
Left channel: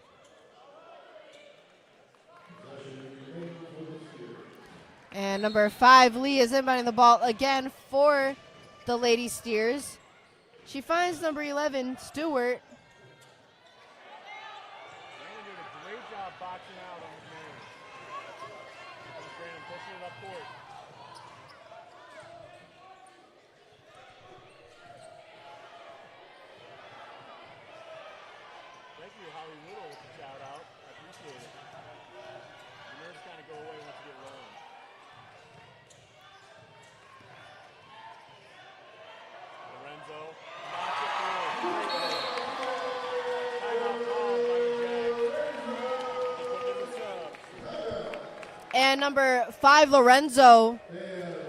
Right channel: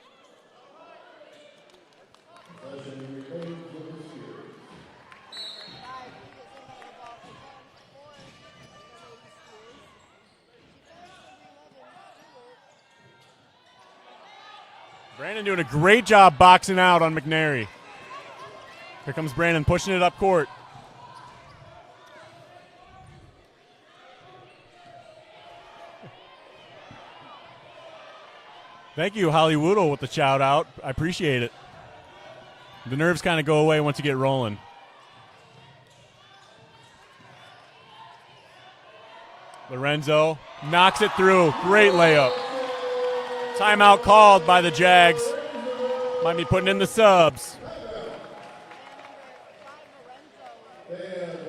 And number 5, Lee, is inbounding the ball again for the Lady Steers. She finds number 11, Stewart. Brandon doing a great job boxing out on McNary. Here comes Brandon pushing it up court. Thank you, Holly Woodle, with the shout out. I appreciate it. The nerves kind of go away once you get rolling. Lorenzo knocks it through. Great layup. Timeout called by the Jags. Might be putting in the subs. And number 5, Lorenzo,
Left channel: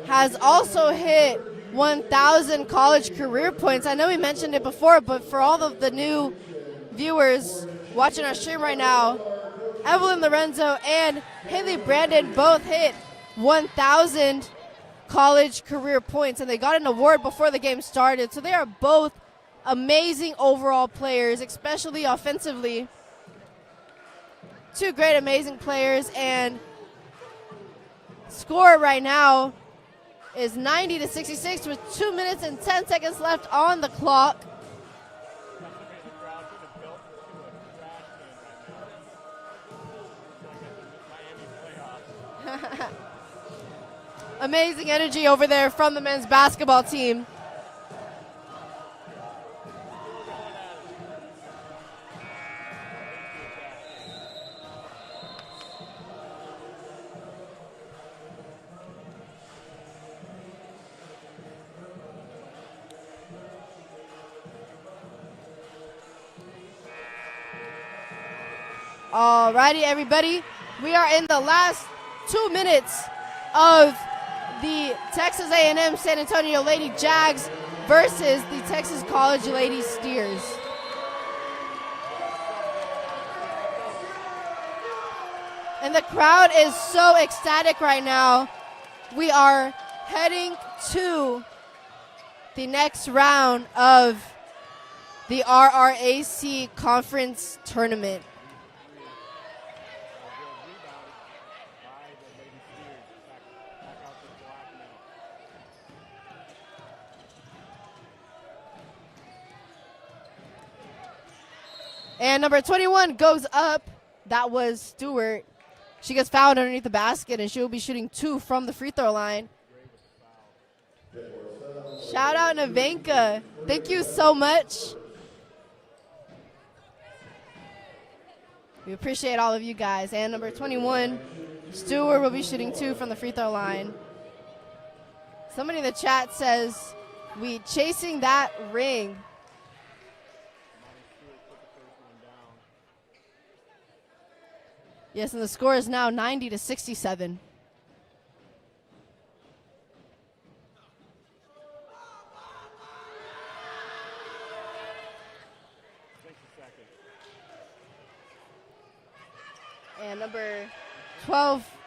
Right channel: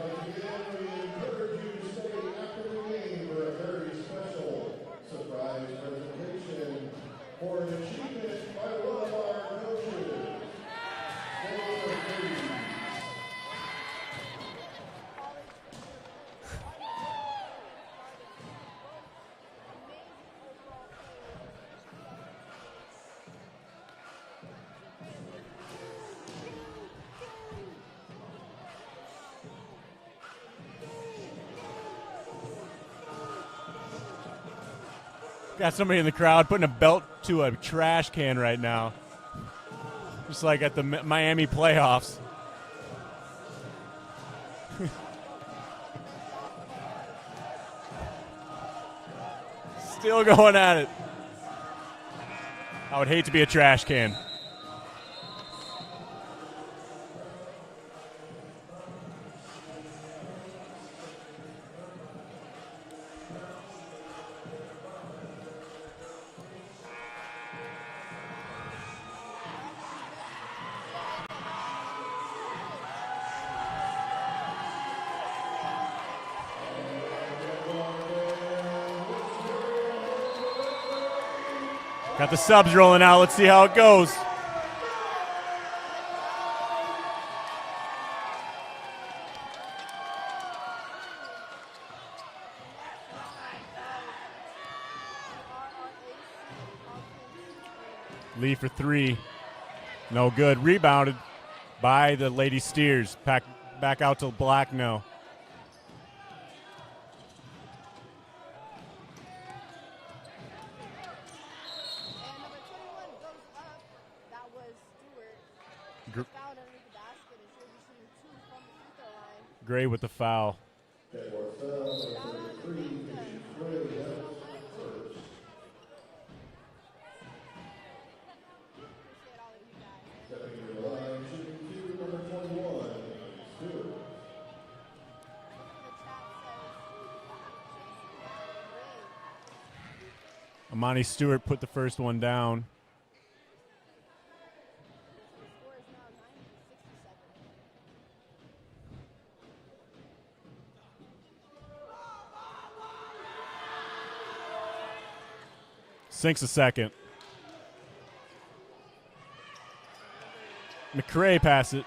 has also hit 1,000 college career points. I know we mentioned it before, but for all of the new viewers watching our stream right now, Evelyn Lorenzo and Haley Brandon both hit 1,000 college career points, and they got an award before the game started. So they are both amazing overall players, especially offensively. Two great, amazing players, and score right now is 90-66 with 2 minutes and 10 seconds left on the clock. Got somebody in the crowd putting a belt to a trash can right now. Just like at the Miami playoffs. Amazing energy over there from the men's basketball team. Still going at it. I would hate to be a trash can. Alrighty, everybody. We are in the last 2 minutes of the Texas A&M San Antonio Lady Jags versus the Texas College Lady Steers. Got the subs rolling out. Let's see how it goes. And the crowd is so ecstatic right now. We are heading to the next round of the RRAC Conference Tournament. Lee for 3. No good. Rebounded by the Lady Steers. Back out to Blacknell. And number 21 goes up. That was Stewart. She gets fouled underneath the basket, and she'll be shooting 2 from the free throw line. Gray with the foul. Shout out Navenka. Thank you so much. We appreciate all of you guys. And number 21, Stewart, will be shooting 2 from the free throw line. Somebody in the chat says, we chasing that ring. Amani Stewart put the first one down. Yes, and the score is now 90-67. Sinks a second. And number McCray 12. passes it.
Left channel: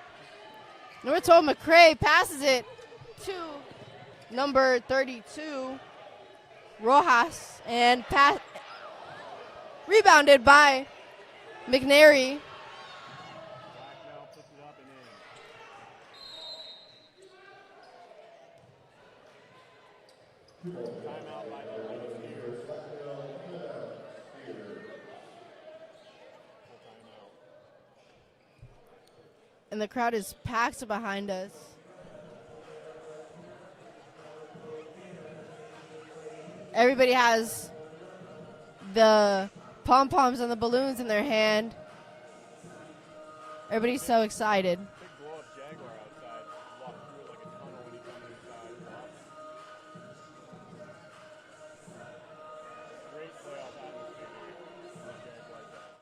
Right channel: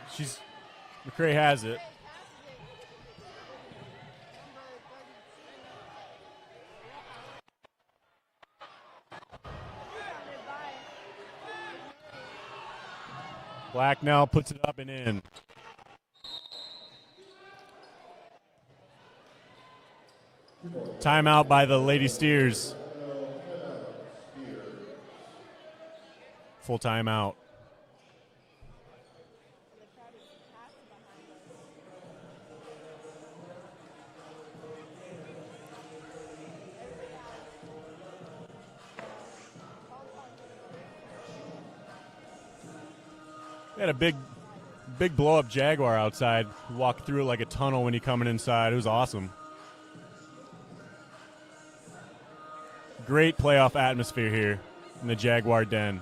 Number McCray 12, has it. McCray passes it to number 32, Rojas, and rebounded by McNary. Blacknell puts it up and in. Timeout by the Lady Steers. full timeout. And the crowd is packed behind us. Everybody has the pom-poms and the balloons in their hand. Everybody's so excited. Big blow-up Jaguar outside. Walked through it like a tunnel when he coming inside. It was awesome. Great playoff atmosphere here in the Jaguar Den.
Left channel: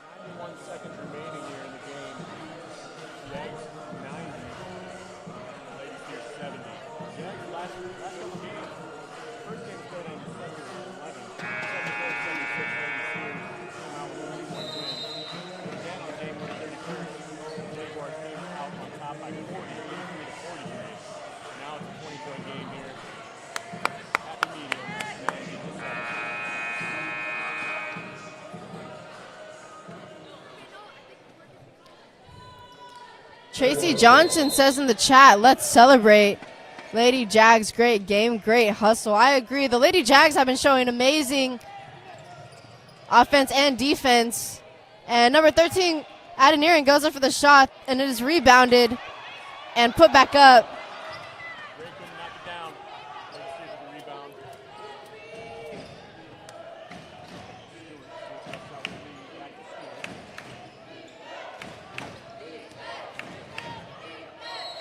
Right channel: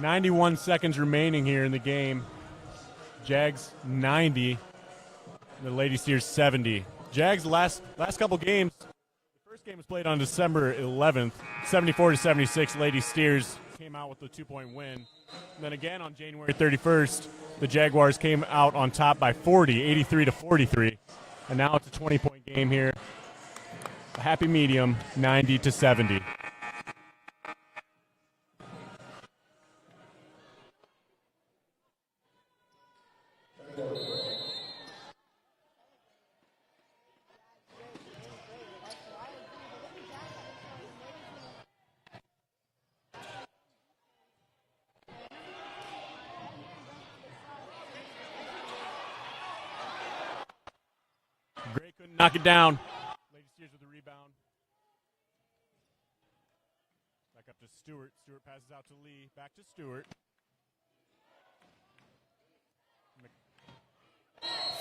.91 seconds remaining here in the game. Jags 90, the Lady Steers 70. Jags last couple games. First game played on December 11th, 74-76. Lady Steers came out with a 2-point win. Then again on January 31st, the Jaguars came out on top by 40, 83-43. And now it's a 20-point game here. Happy medium, 90-70. Tracy Johnson says in the chat, let's celebrate. Lady Jags, great game, great hustle. I agree. The Lady Jags have been showing amazing offense and defense. And number 13, Adeniran, goes up for the shot, and it is rebounded and put back up. Knock it down.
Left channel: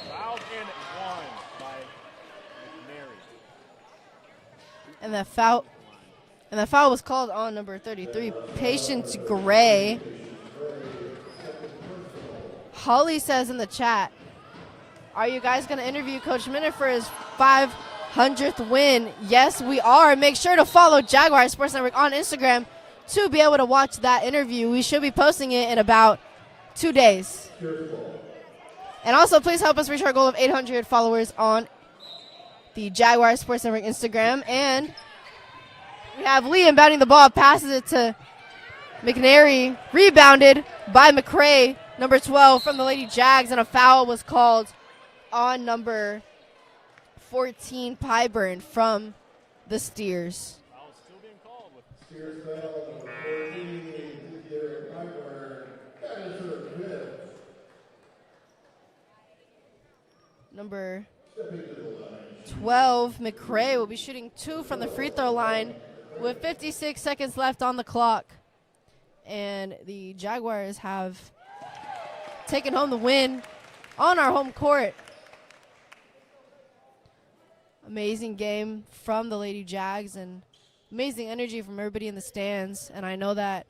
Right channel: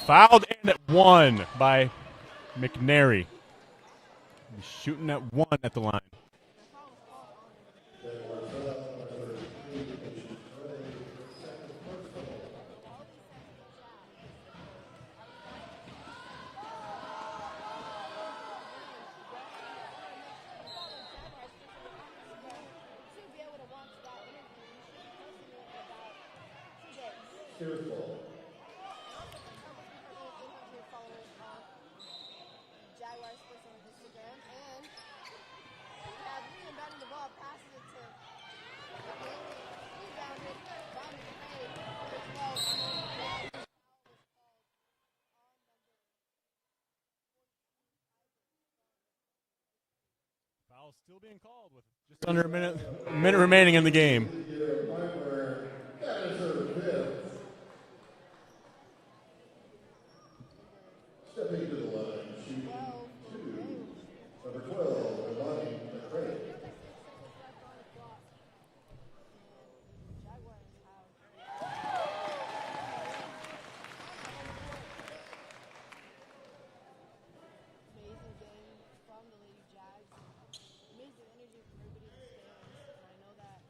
Fouled in at 1 by McNary. Shooting And at the foul- 1 at the line. And the foul was called on number 33, Patience Gray. Holly says in the chat, are you guys going to interview Coach Minter for his 500th win? Yes, we are. Make sure to follow Jaguar Sports Network on Instagram to be able to watch that interview. We should be posting it in about 2 days. And also, please help us reach our goal of 800 followers on the Jaguar Sports Network Instagram. And we have Lee inbounding the ball, passes it to McNary, rebounded by McCray, number 12 from the Lady Jags, and a foul was called on number 14, Pyburn from the Steers. Foul still being called with under a minute remaining in the game. Number 12, McCray, will be shooting 2 from the free throw line with 56 seconds left on the clock. And the Jaguars have taken home the win on our home court. Amazing game from the Lady Jags and amazing energy from everybody in the stands. And I know that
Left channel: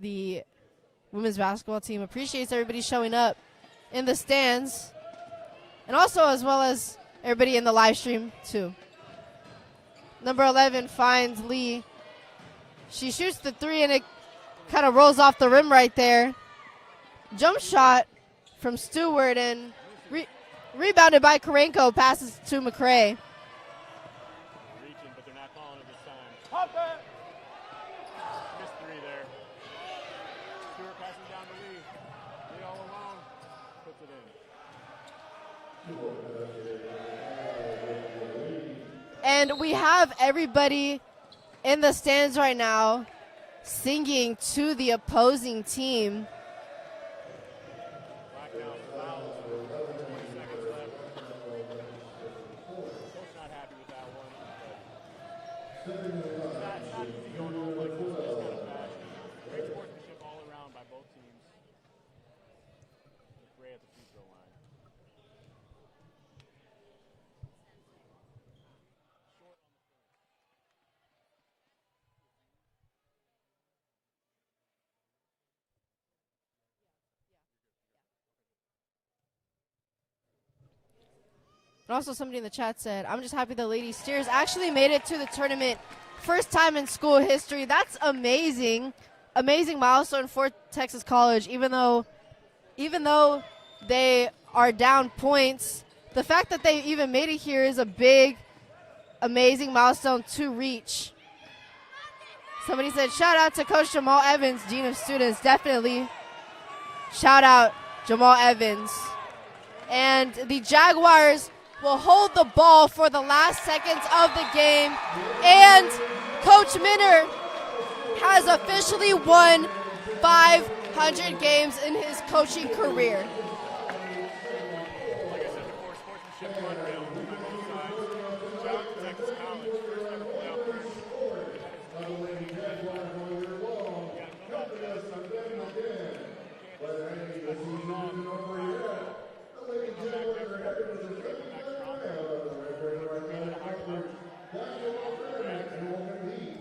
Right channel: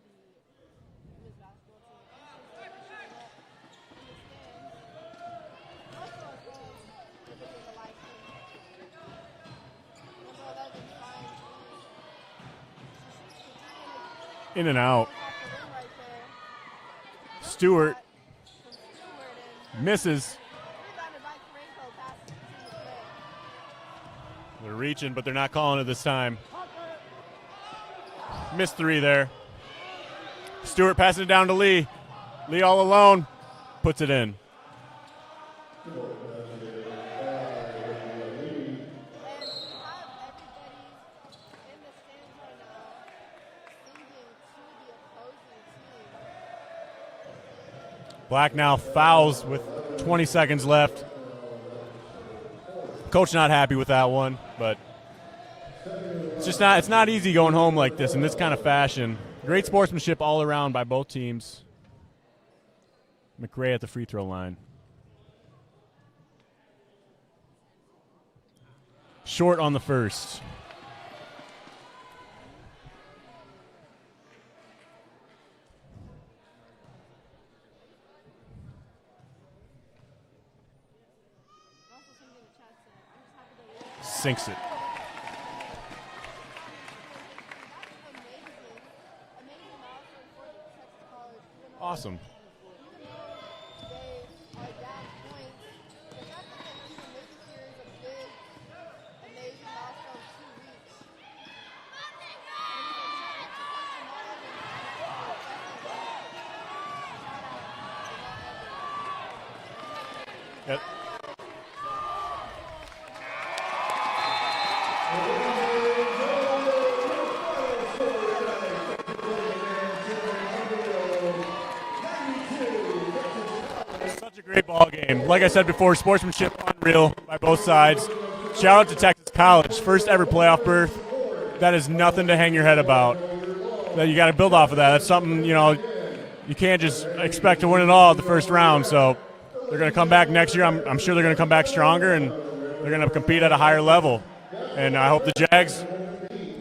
the women's basketball team appreciates everybody showing up in the stands. And also as well as everybody in the live stream too. Number 11 finds Lee. She shoots the 3 and it kind of rolls off the rim right there. Jump shot from Stewart and misses. Rebounded by Karenko, passes to McCray. They're reaching, but they're not calling it this time. Missed 3 there. Stewart passing it down to Lee. Lee all alone, puts it in. And we have everybody in the stands right now singing to the opposing team. Black now fouls with 20 seconds left. Coach not happy with that one, but it's not easy going home like this in this kind of fashion. Great sportsmanship all around by both teams. McRae at the free throw line. Short on the first. And also somebody in the chat said, I'm just happy the Lady Steers actually made it to the tournament. First time in school history. That's amazing. Amazing milestone for Texas College, even though they are down points. The fact that they even made it here is a big, amazing milestone to reach. Somebody said, shout out to Coach Jamal Evans, Dean of Students. Definitely. Shout out Jamal Evans. And the Jaguars will hold the ball for the last seconds of the game. And Coach Minner has officially won 500 games in his coaching career. Great ball game. Like I said before, sportsmanship unreal by both sides. Shout out to Texas College, first ever playoff berth. That is nothing to hang your head about. You got to build off of that. That's something, you can't just expect to win it all at the first round. So they're going to come back next year. I'm sure they're going to come back stronger, and they're going to compete at a higher level. And I hope the Jags,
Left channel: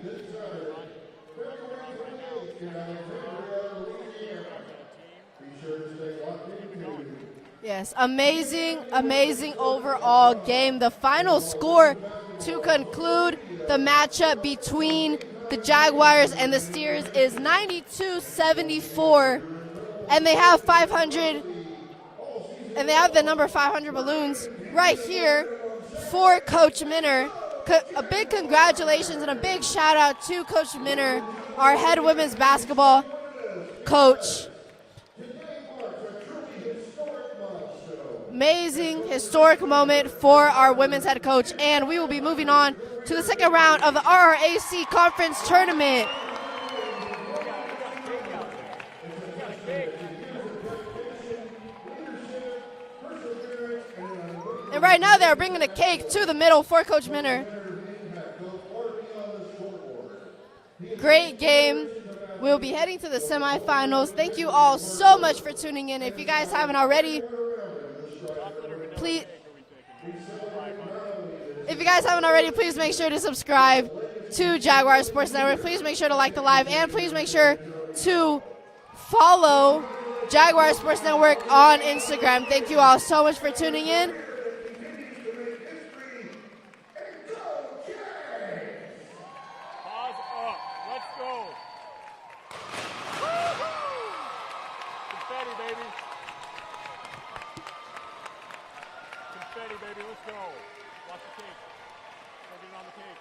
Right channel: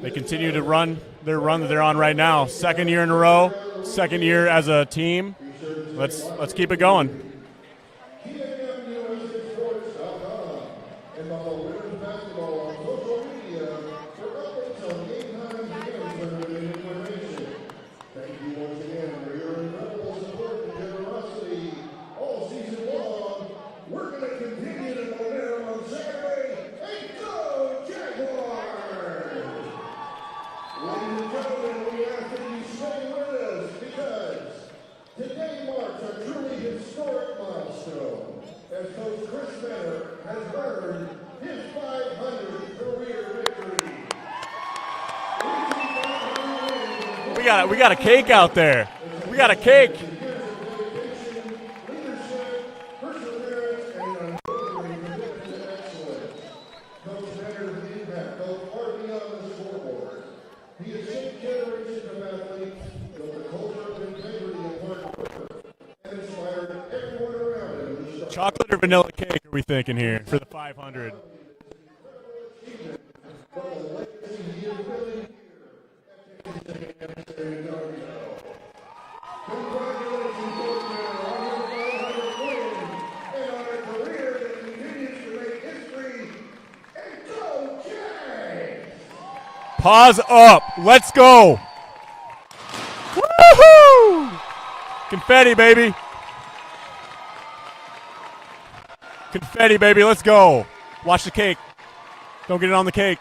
they continue to run their run that they're on right now. Second year in a row, second year as a team. Let's keep it going. Yes, amazing overall game. The final score to conclude the matchup between the Jaguars and the Steers is 92-74, and they have 500, and they have the number 500 balloons right here for Coach Minner. A big congratulations and a big shout out to Coach Minner, our head women's basketball coach. Amazing, historic moment for our women's head coach, and we will be moving on to the second round of the RRAC Conference Tournament. We got a cake out there. We got a cake. And right now they're bringing the cake to the middle for Coach Minner. Great game. We'll be heading to the semifinals. Thank you all so much for tuning in. If you guys haven't already, chocolate or vanilla cake are we thinking here for the 500? If you guys haven't already, please make sure to subscribe to Jaguar Sports Network. Please make sure to like the live, and please make sure to follow Jaguar Sports Network on Instagram. Thank you all so much for tuning in. Pause up. Let's go. Woohoo! Confetti, baby. Confetti, baby. Let's go. Watch the cake. Don't get it on the cake.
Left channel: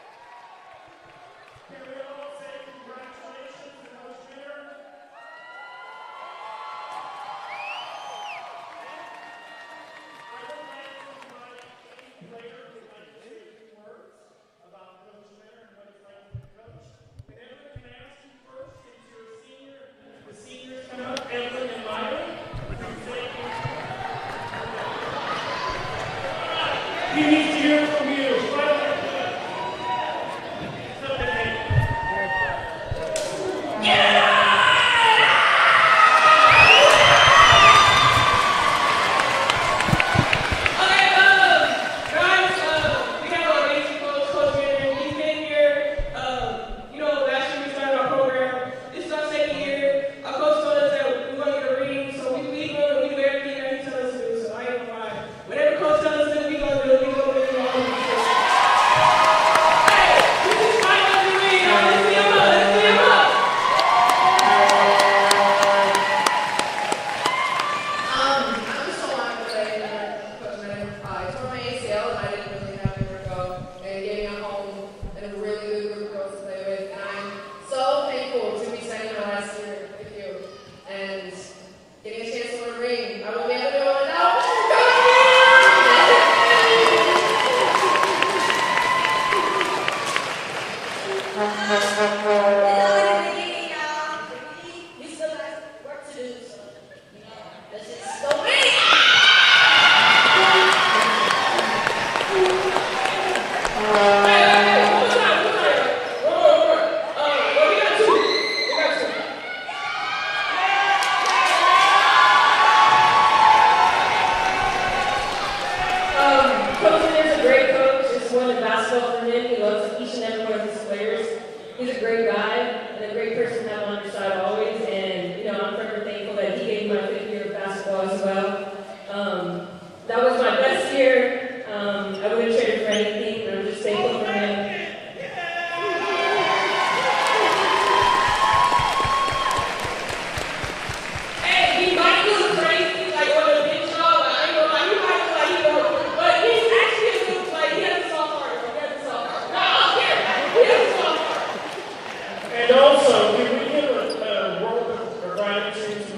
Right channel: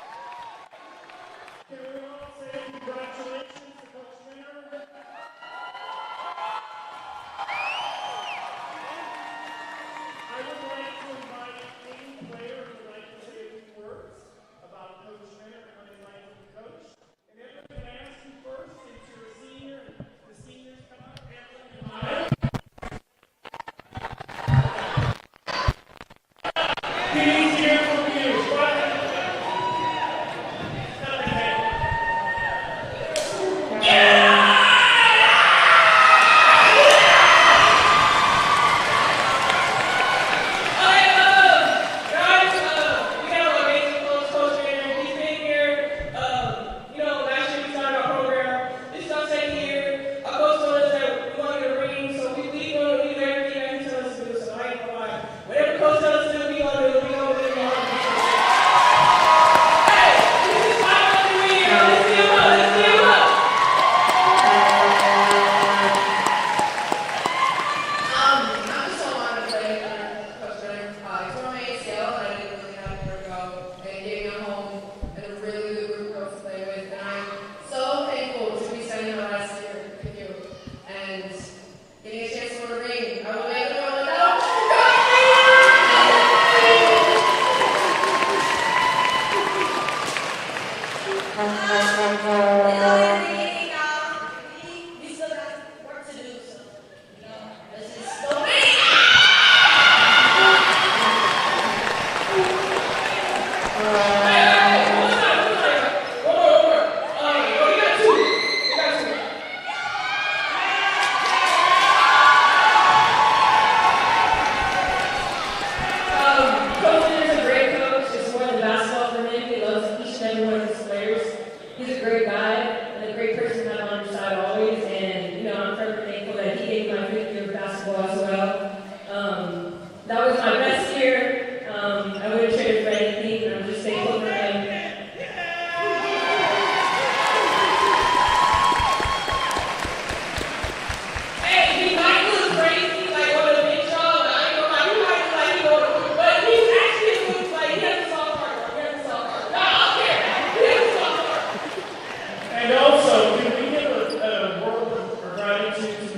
gratitude to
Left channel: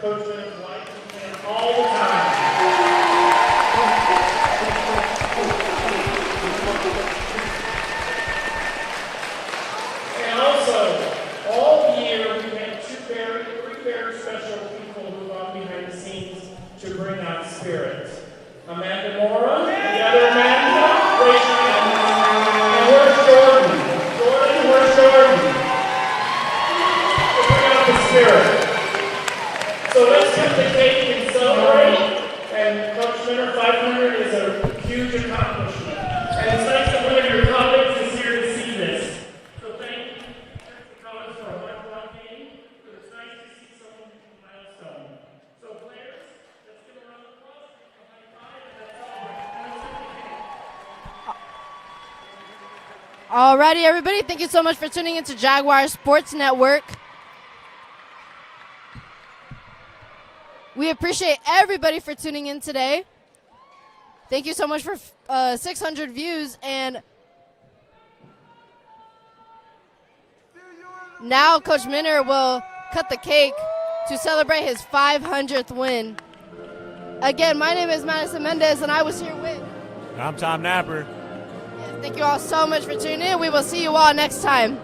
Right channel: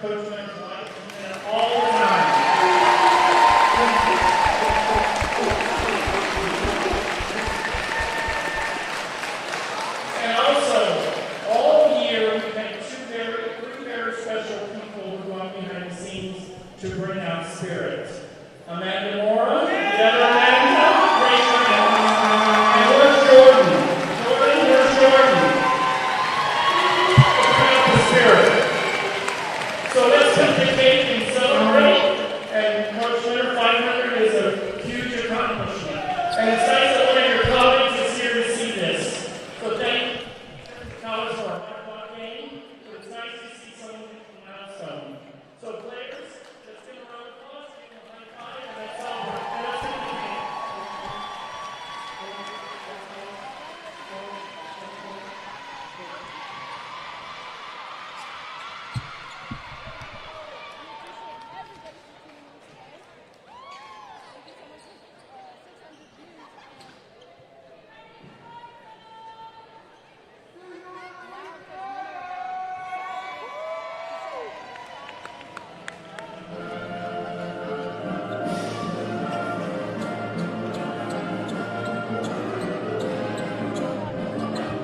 Coach Minner's life and all the time. to bring out spirit. Amanda Mora, the other Amanda, raise your hand. And where's Jordan? Jordan, where's Jordan? To bring out the spirit. So let's cut the cake and celebrate. And Coach Winter, 500 is a huge accomplishment. And it's nice that one of your colleagues is here to see this. So thank you, college for a hard game. It's nice to see someone with a milestone. So players, let's give a round of applause, give them a high five, and let's celebrate. And let's take the cake. Alrighty, everybody, thank you so much for tuning into Jaguar Sports Network. We appreciate everybody for tuning in today. Thank you so much for 600 views. And now Coach Minner will cut the cake to celebrate his 500th win. Again, my name is Madison Mendez, and I was here with... I'm Tom Napper. Thank you all so much for tuning in. We will see you all next time.